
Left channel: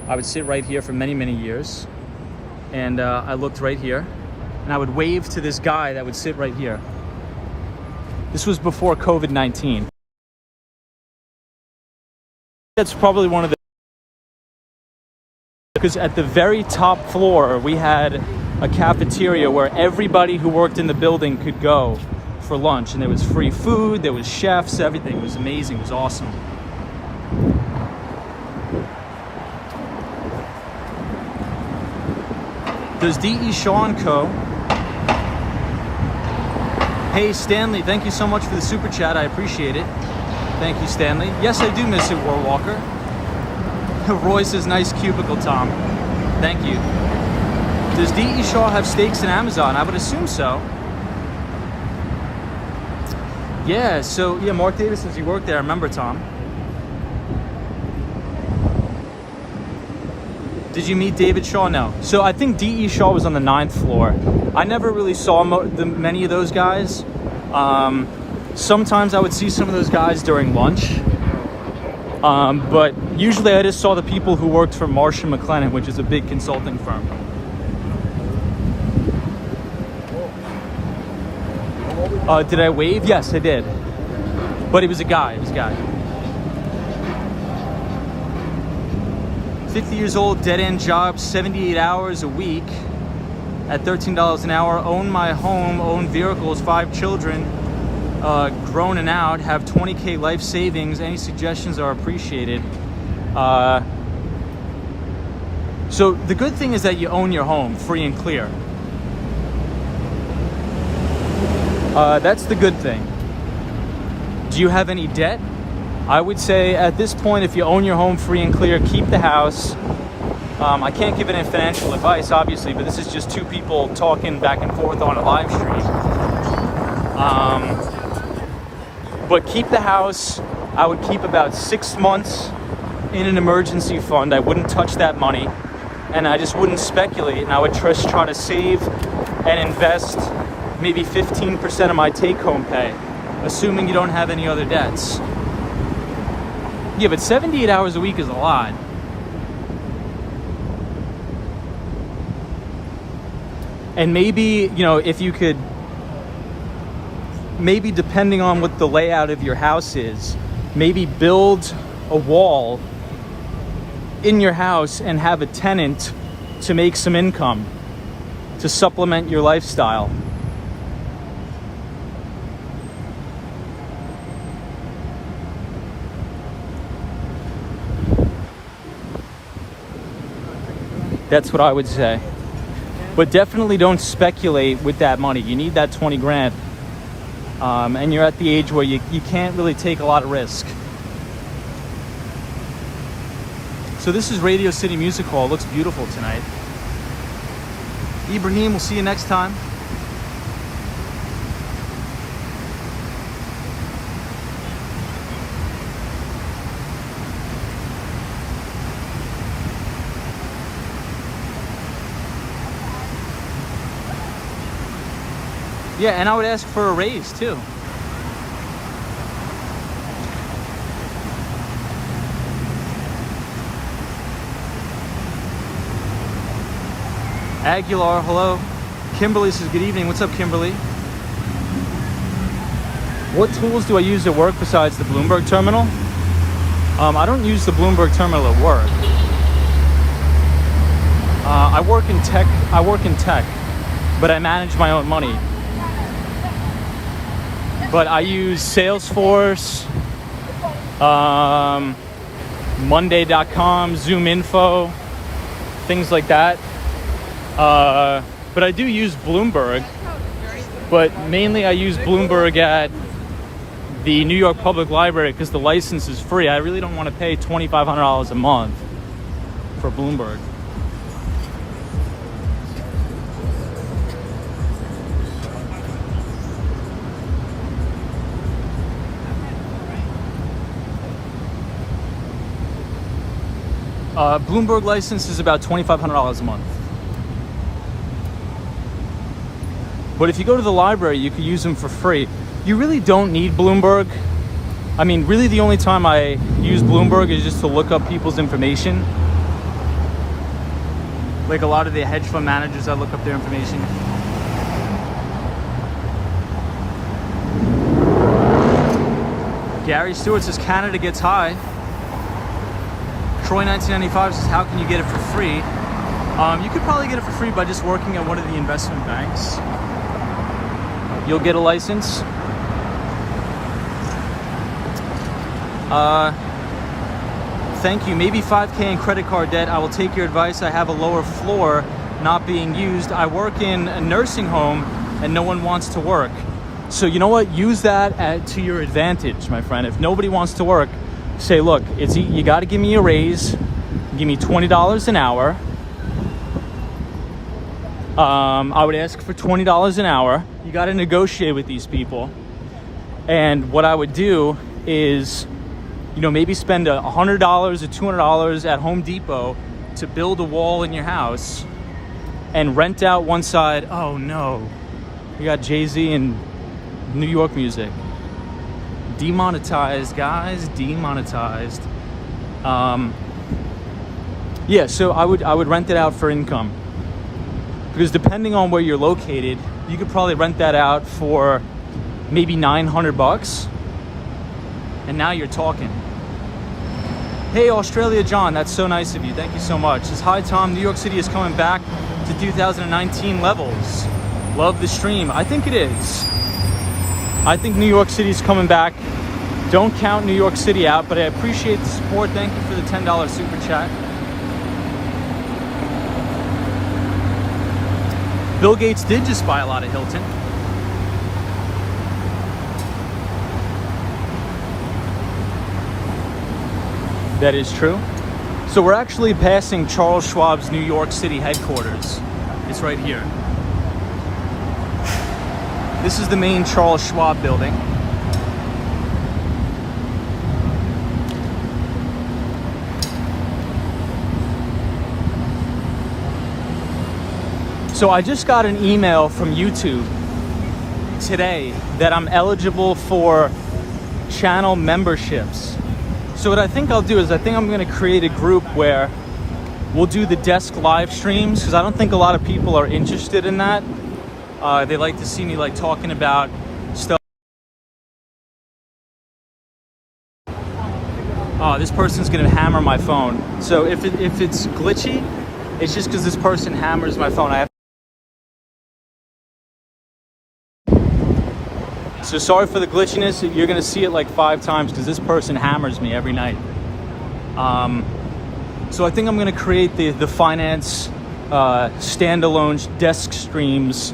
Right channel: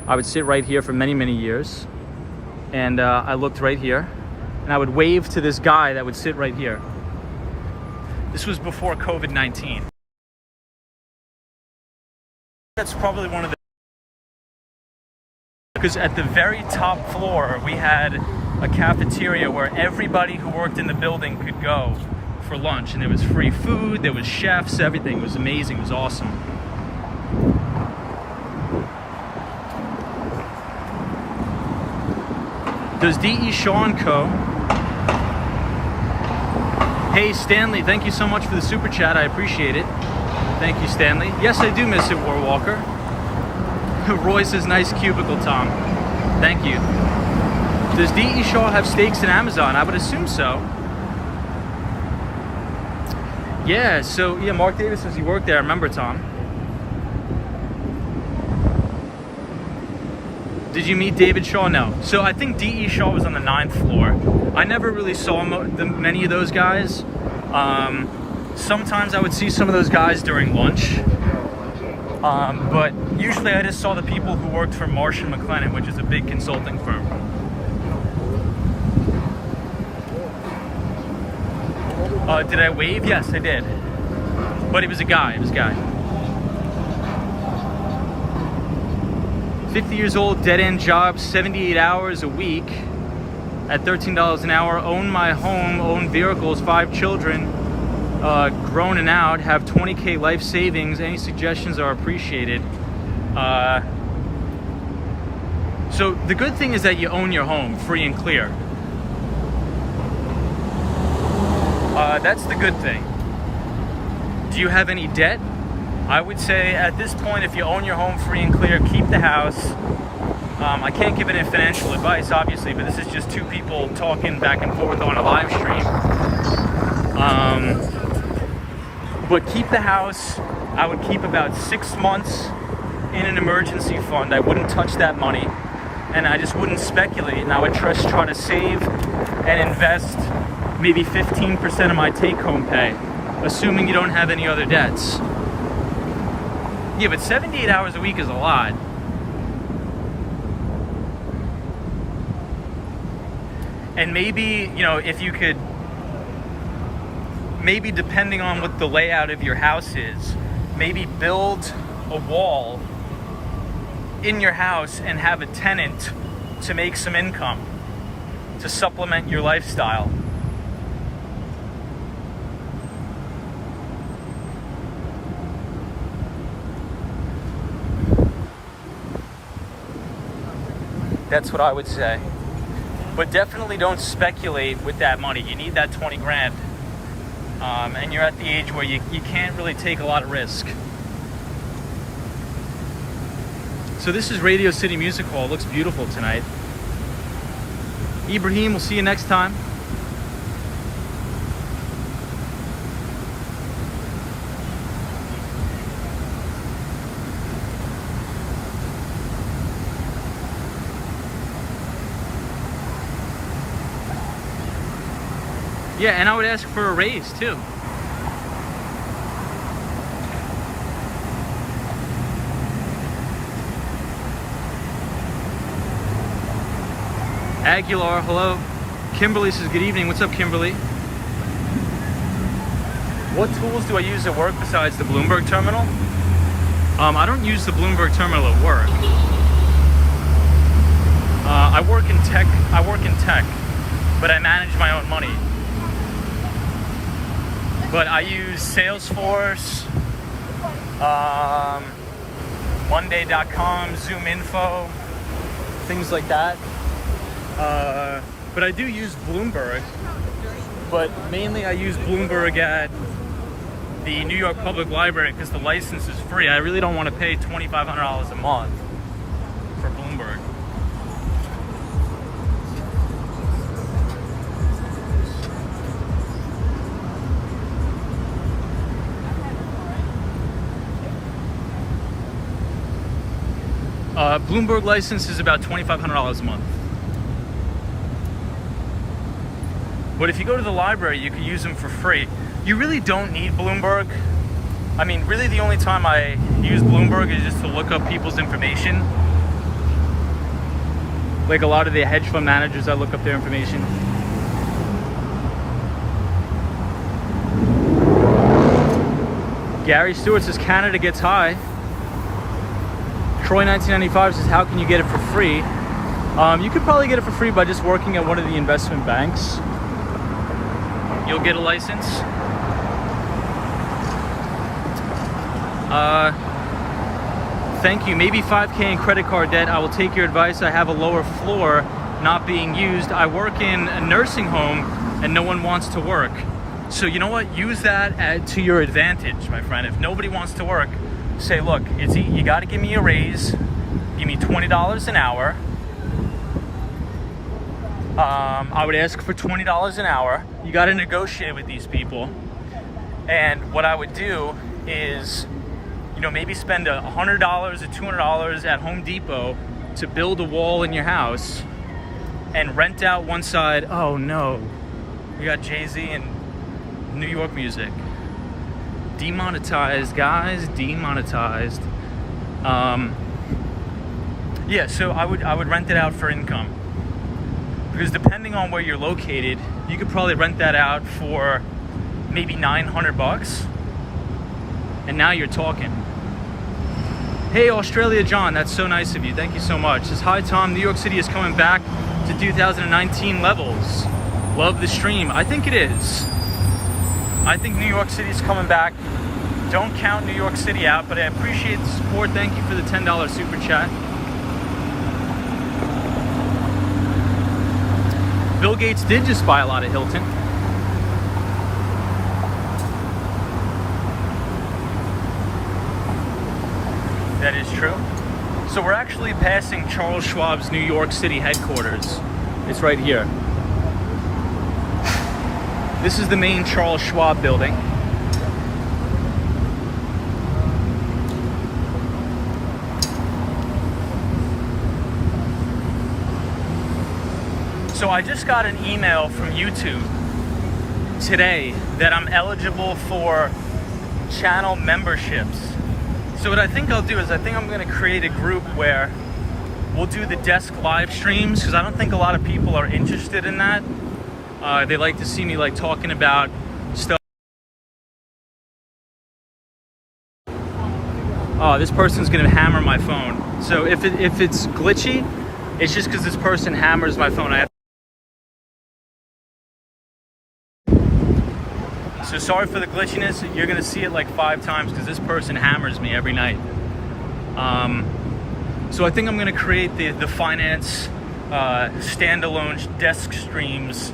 I would sit right here for many, many years. And I looked right here. And I would wave to this guy that would sit right here. This was before COVID-19. That's probably one of the... Because at the very top floor, we had a cafeteria where everybody who worked in the building could go for lunch. And there was free food, there was chefs, everything. It was amazing, it was awesome. Does D.E. Shaw & Co. Hey, Stanley, thank you so much for the super chat. I appreciate it. Thank you, Stanley. Yes, I do miss it, Warwalker. Roy says, nice cubicle, Tom. Thank you. Does D.E. Shaw have stakes in Amazon? I would assume so. Yeah, so, yeah, Mark Davis says he worked there. I remember, Tom. Did you meet David Shaw? No. So I think D.E. Shaw was on the 9th floor. I never really saw many of those guys. Sometimes I would see some of those guys during lunch. But usually I just saw the people who worked for Marsh & McLennan, which is a big consulting firm. Did I wave? Yes, I did. But it was a guy. It was a guy. 50 years old, dead-end job, 78 hours a week at $13 an hour. Own my home, own vehicles, 5 children. Grown and out, have 20K life savings. Any suggestions are appreciated. So the good thing is that you own your home free and clear. That's the good thing. Do you have any debt? I would say at this point, if you own your home free and clear, keep the house. I can't give any financial advice, obviously, but this is just two people talking back and forth on a live stream. But keep the house. I would keep about 6 months in an emergency fund. I wouldn't touch that money, and I just wouldn't speculate. And I would just try to save and invest maybe 15% of my take-home pay, assuming you don't have any other debts. Yeah, but 78 hours a week is a lot. And maybe, you know, if you could, maybe depending on what the layout of your house is, maybe build a wall in your house and have a tenant to make some income to supplement your lifestyle. That's what I would say. But definitely don't speculate with that money. You need that 20 grand. And you're at the age where you can't really take a lot of risk. So this is Radio City Music Hall. It looks beautiful tonight. Ibrahim, we'll see you next time. Yeah, and I would ask for a raise too. Aguilar, hello. Kimberly says, good evening. What's up, Kimberly? What tools do I use at work besides the Bloomberg terminal? I don't use the Bloomberg terminal at work. I work in tech, but I manage my own money. But I use Salesforce, Monday.com, Zoom Info, things like that. But I do use Bloomberg, but mainly I use Bloomberg at the New York Public Library because the license is free. I really don't want to pay $2,500 a month for Bloomberg. Bloomberg license is about $2,500 a month. But if you go to the library, you can use them for free. You really don't need Bloomberg. I mean, really the only time I use Bloomberg is just to look up people's information. Like a lot of the hedge fund managers, I look up their information. Gary Stewart says Canada gets high. Troy 1995 says, how can you get it for free? You could probably get it for free by just working at one of the investment banks. You'll get a license. Thank you. Maybe 5K in credit card debt. I will take your advice. I have a lower floor not being used. I work in a nursing home and no one wants to work. So you know what? Use that to your advantage, my friend. If nobody wants to work, say, look, you got to give me a raise. Give me $20 an hour. I would ask for $20 an hour. You got to negotiate with these people. And what I would do is, you know, maybe spend $100 or $200 at Home Depot to build a wall in your house and rent out one side. Oh no, we got Jay-Z and New York music. Demonetized, guys, demonetized. Yeah, so I would rent it out for income. Because depending on where you're located, you could probably rent that out for maybe $900. And now you're talking. Hey, Australia John, that's so nice of you. Thank you so much. Says, hi Tom, New York City is coming back to 2019 levels. Love the stream. I think it is. I think New York City is coming back. Don't count New York City out, but I appreciate the support. Thank you for the $10 super chat. Bill Gates did just buy a lot of Hilton. That is true. So we're actually passing Charles Schwab's New York City headquarters. It's right here. This is the main Charles Schwab building. So I just got an email from YouTube today that I'm eligible for channel memberships. So what I think I'll do is I think I'm going to create a group where we'll do the desk live streams, because I don't think a lot of people are interested in that. They like to see me like talking about stuff. Oh, this person's going to hammer my phone. So if it's glitchy, it's just because this person hammers my phone. So sorry for the glitchiness. You're gonna see it like 5 times because this person hammers me every night. So I think I'm gonna create the finance standalone desk streams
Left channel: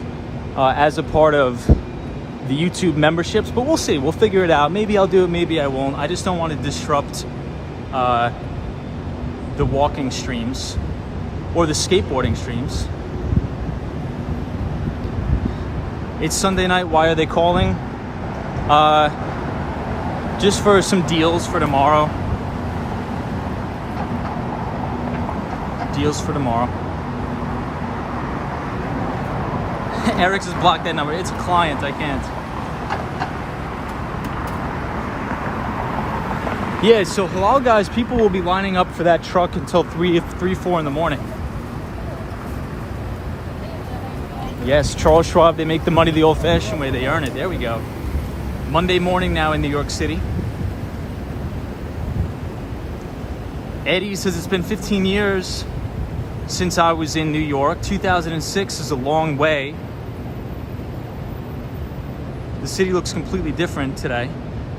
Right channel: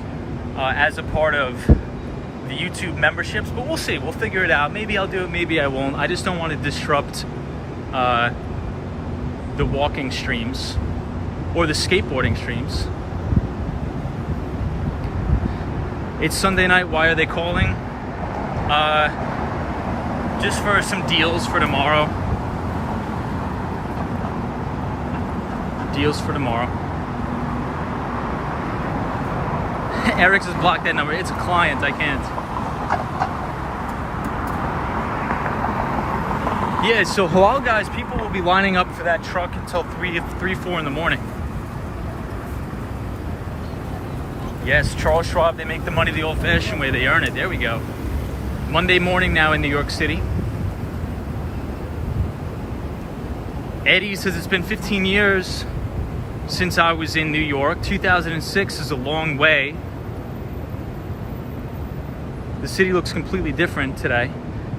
as a part of the YouTube memberships, but we'll see. We'll figure it out. Maybe I'll do it, maybe I won't. I just don't want to disrupt the walking streams or the skateboarding streams. It's Sunday night. Why are they calling? Just for some deals for tomorrow. Deals for tomorrow. Eric just blocked that number. It's a client, I can't. Yeah, so halal guys, people will be lining up for that truck until 3, 4 in the morning. Yes, Charles Schwab, they make the money the old-fashioned way. They earn it. There we go. Monday morning now in New York City. Eddie says it's been 15 years since I was in New York. 2006 is a long way. The city looks completely different today.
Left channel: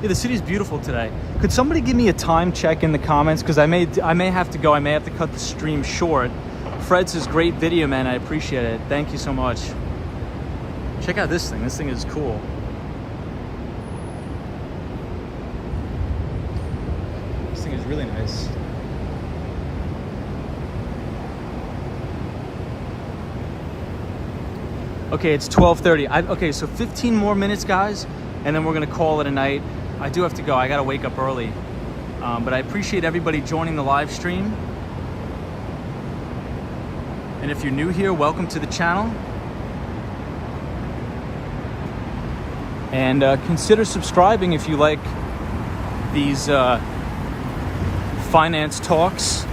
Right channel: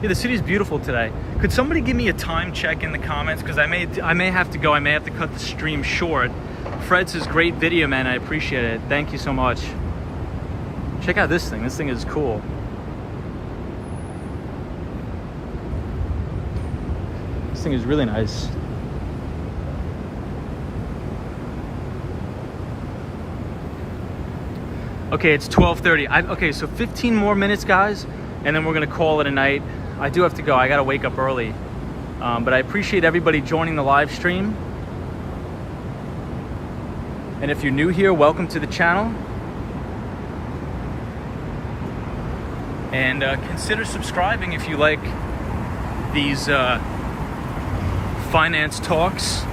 Yeah, the city's beautiful today. Could somebody give me a time check in the comments? Because I may have to go. I may have to cut the stream short. Fred says, great video, man. I appreciate it. Thank you so much. Check out this thing. This thing is cool. This thing is really nice. Okay, it's 12:30. Okay, so 15 more minutes, guys, and then we're gonna call it a night. I do have to go. I gotta wake up early. But I appreciate everybody joining the live stream. And if you're new here, welcome to the channel. And consider subscribing if you like these finance talks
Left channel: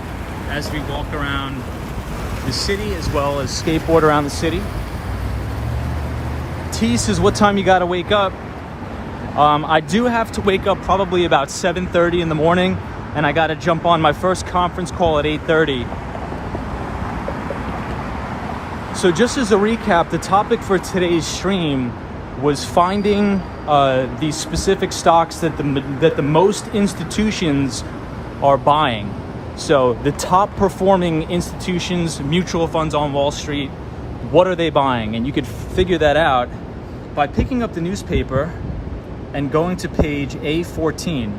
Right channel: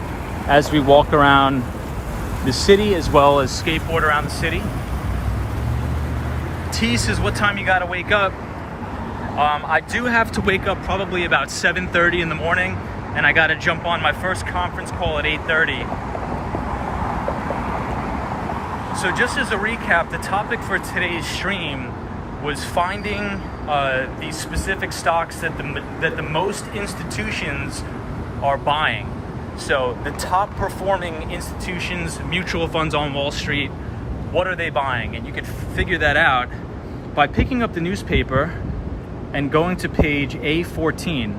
as we walk around the city, as well as skateboard around the city. T says, what time you gotta wake up? I do have to wake up probably about 7:30 in the morning, and I gotta jump on my first conference call at 8:30. So just as a recap, the topic for today's stream was finding these specific stocks that the most institutions are buying. So the top performing institutions, mutual funds on Wall Street, what are they buying? And you could figure that out by picking up the newspaper and going to page A14.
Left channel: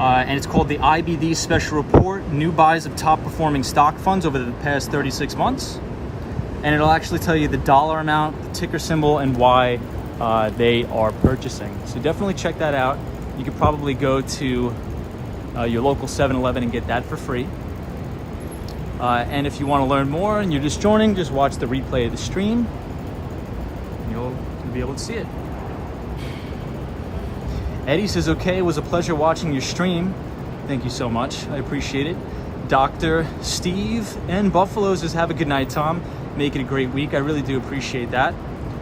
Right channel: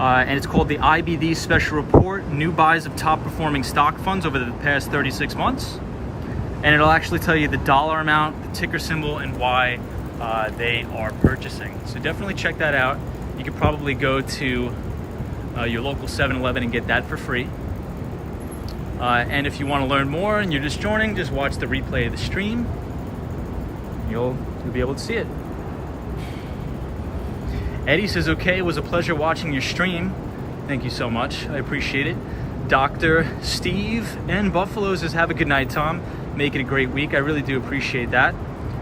And it's called the IBD Special Report, New Buys of Top Performing Stock Funds over the past 36 months. And it'll actually tell you the dollar amount, the ticker symbol, and why they are purchasing. So definitely check that out. You could probably go to your local 7-Eleven and get that for free. And if you want to learn more and you're just joining, just watch the replay of the stream. You'll be able to see it. Eddie says, okay, it was a pleasure watching your stream. Thank you so much. I appreciate it. Dr. Steve and Buffalo says, have a good night, Tom. Make it a great week. I really do appreciate that.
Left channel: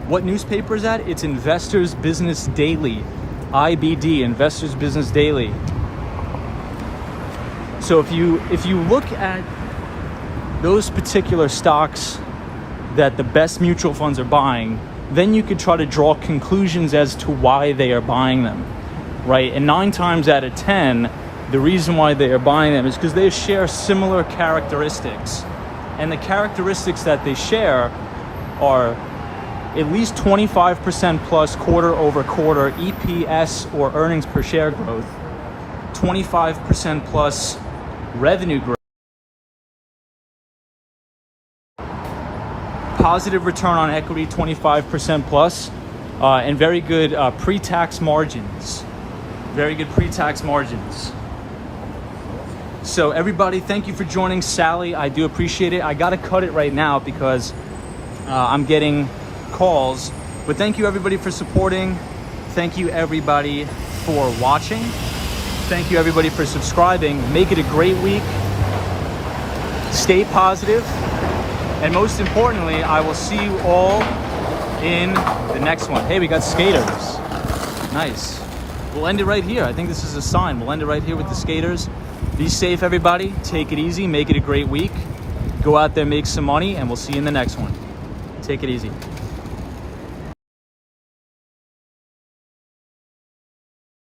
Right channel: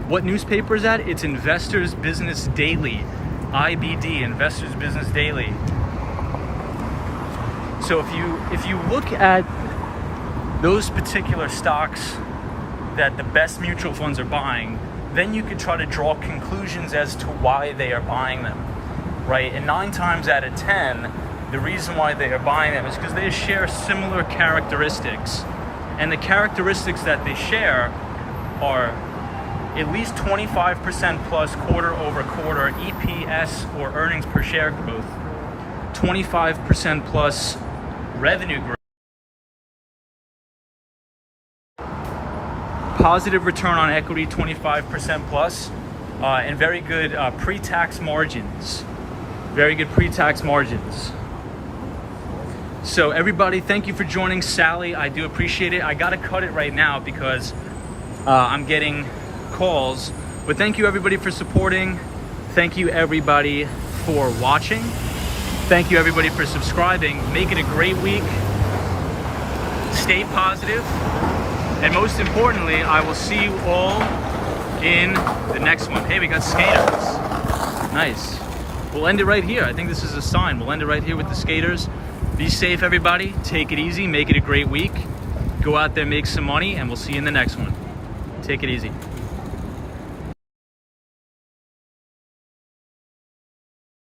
What newspaper is that? It's Investors Business Daily. IBD, Investors Business Daily. So if you look at those particular stocks that the best mutual funds are buying, then you could try to draw conclusions as to why they are buying them, right? And 9 times out of 10, the reason why they are buying them is because they share similar characteristics. And the characteristics that they share are at least 25% plus quarter over quarter EPS or earnings per share growth, 25% plus revenue growth, positive return on equity, 25% plus, and very good pre-tax margins. Very good pre-tax margins. So everybody, thank you for joining. Sally, I do appreciate it. I gotta cut it right now because I'm getting calls. But thank you everybody for supporting. Thank you everybody for watching. Thank you everybody for subscribing. Make it a great week. Stay positive. And most importantly, I will see you all in the next one. Hey, we got skaters. Nice. We'll end it right here. I think this is a sign. We'll end it right here with the skaters. Be safe, everybody. Take it easy. Make it a great week. Go out there, make some money, and we'll see you in the next one. Take it easy.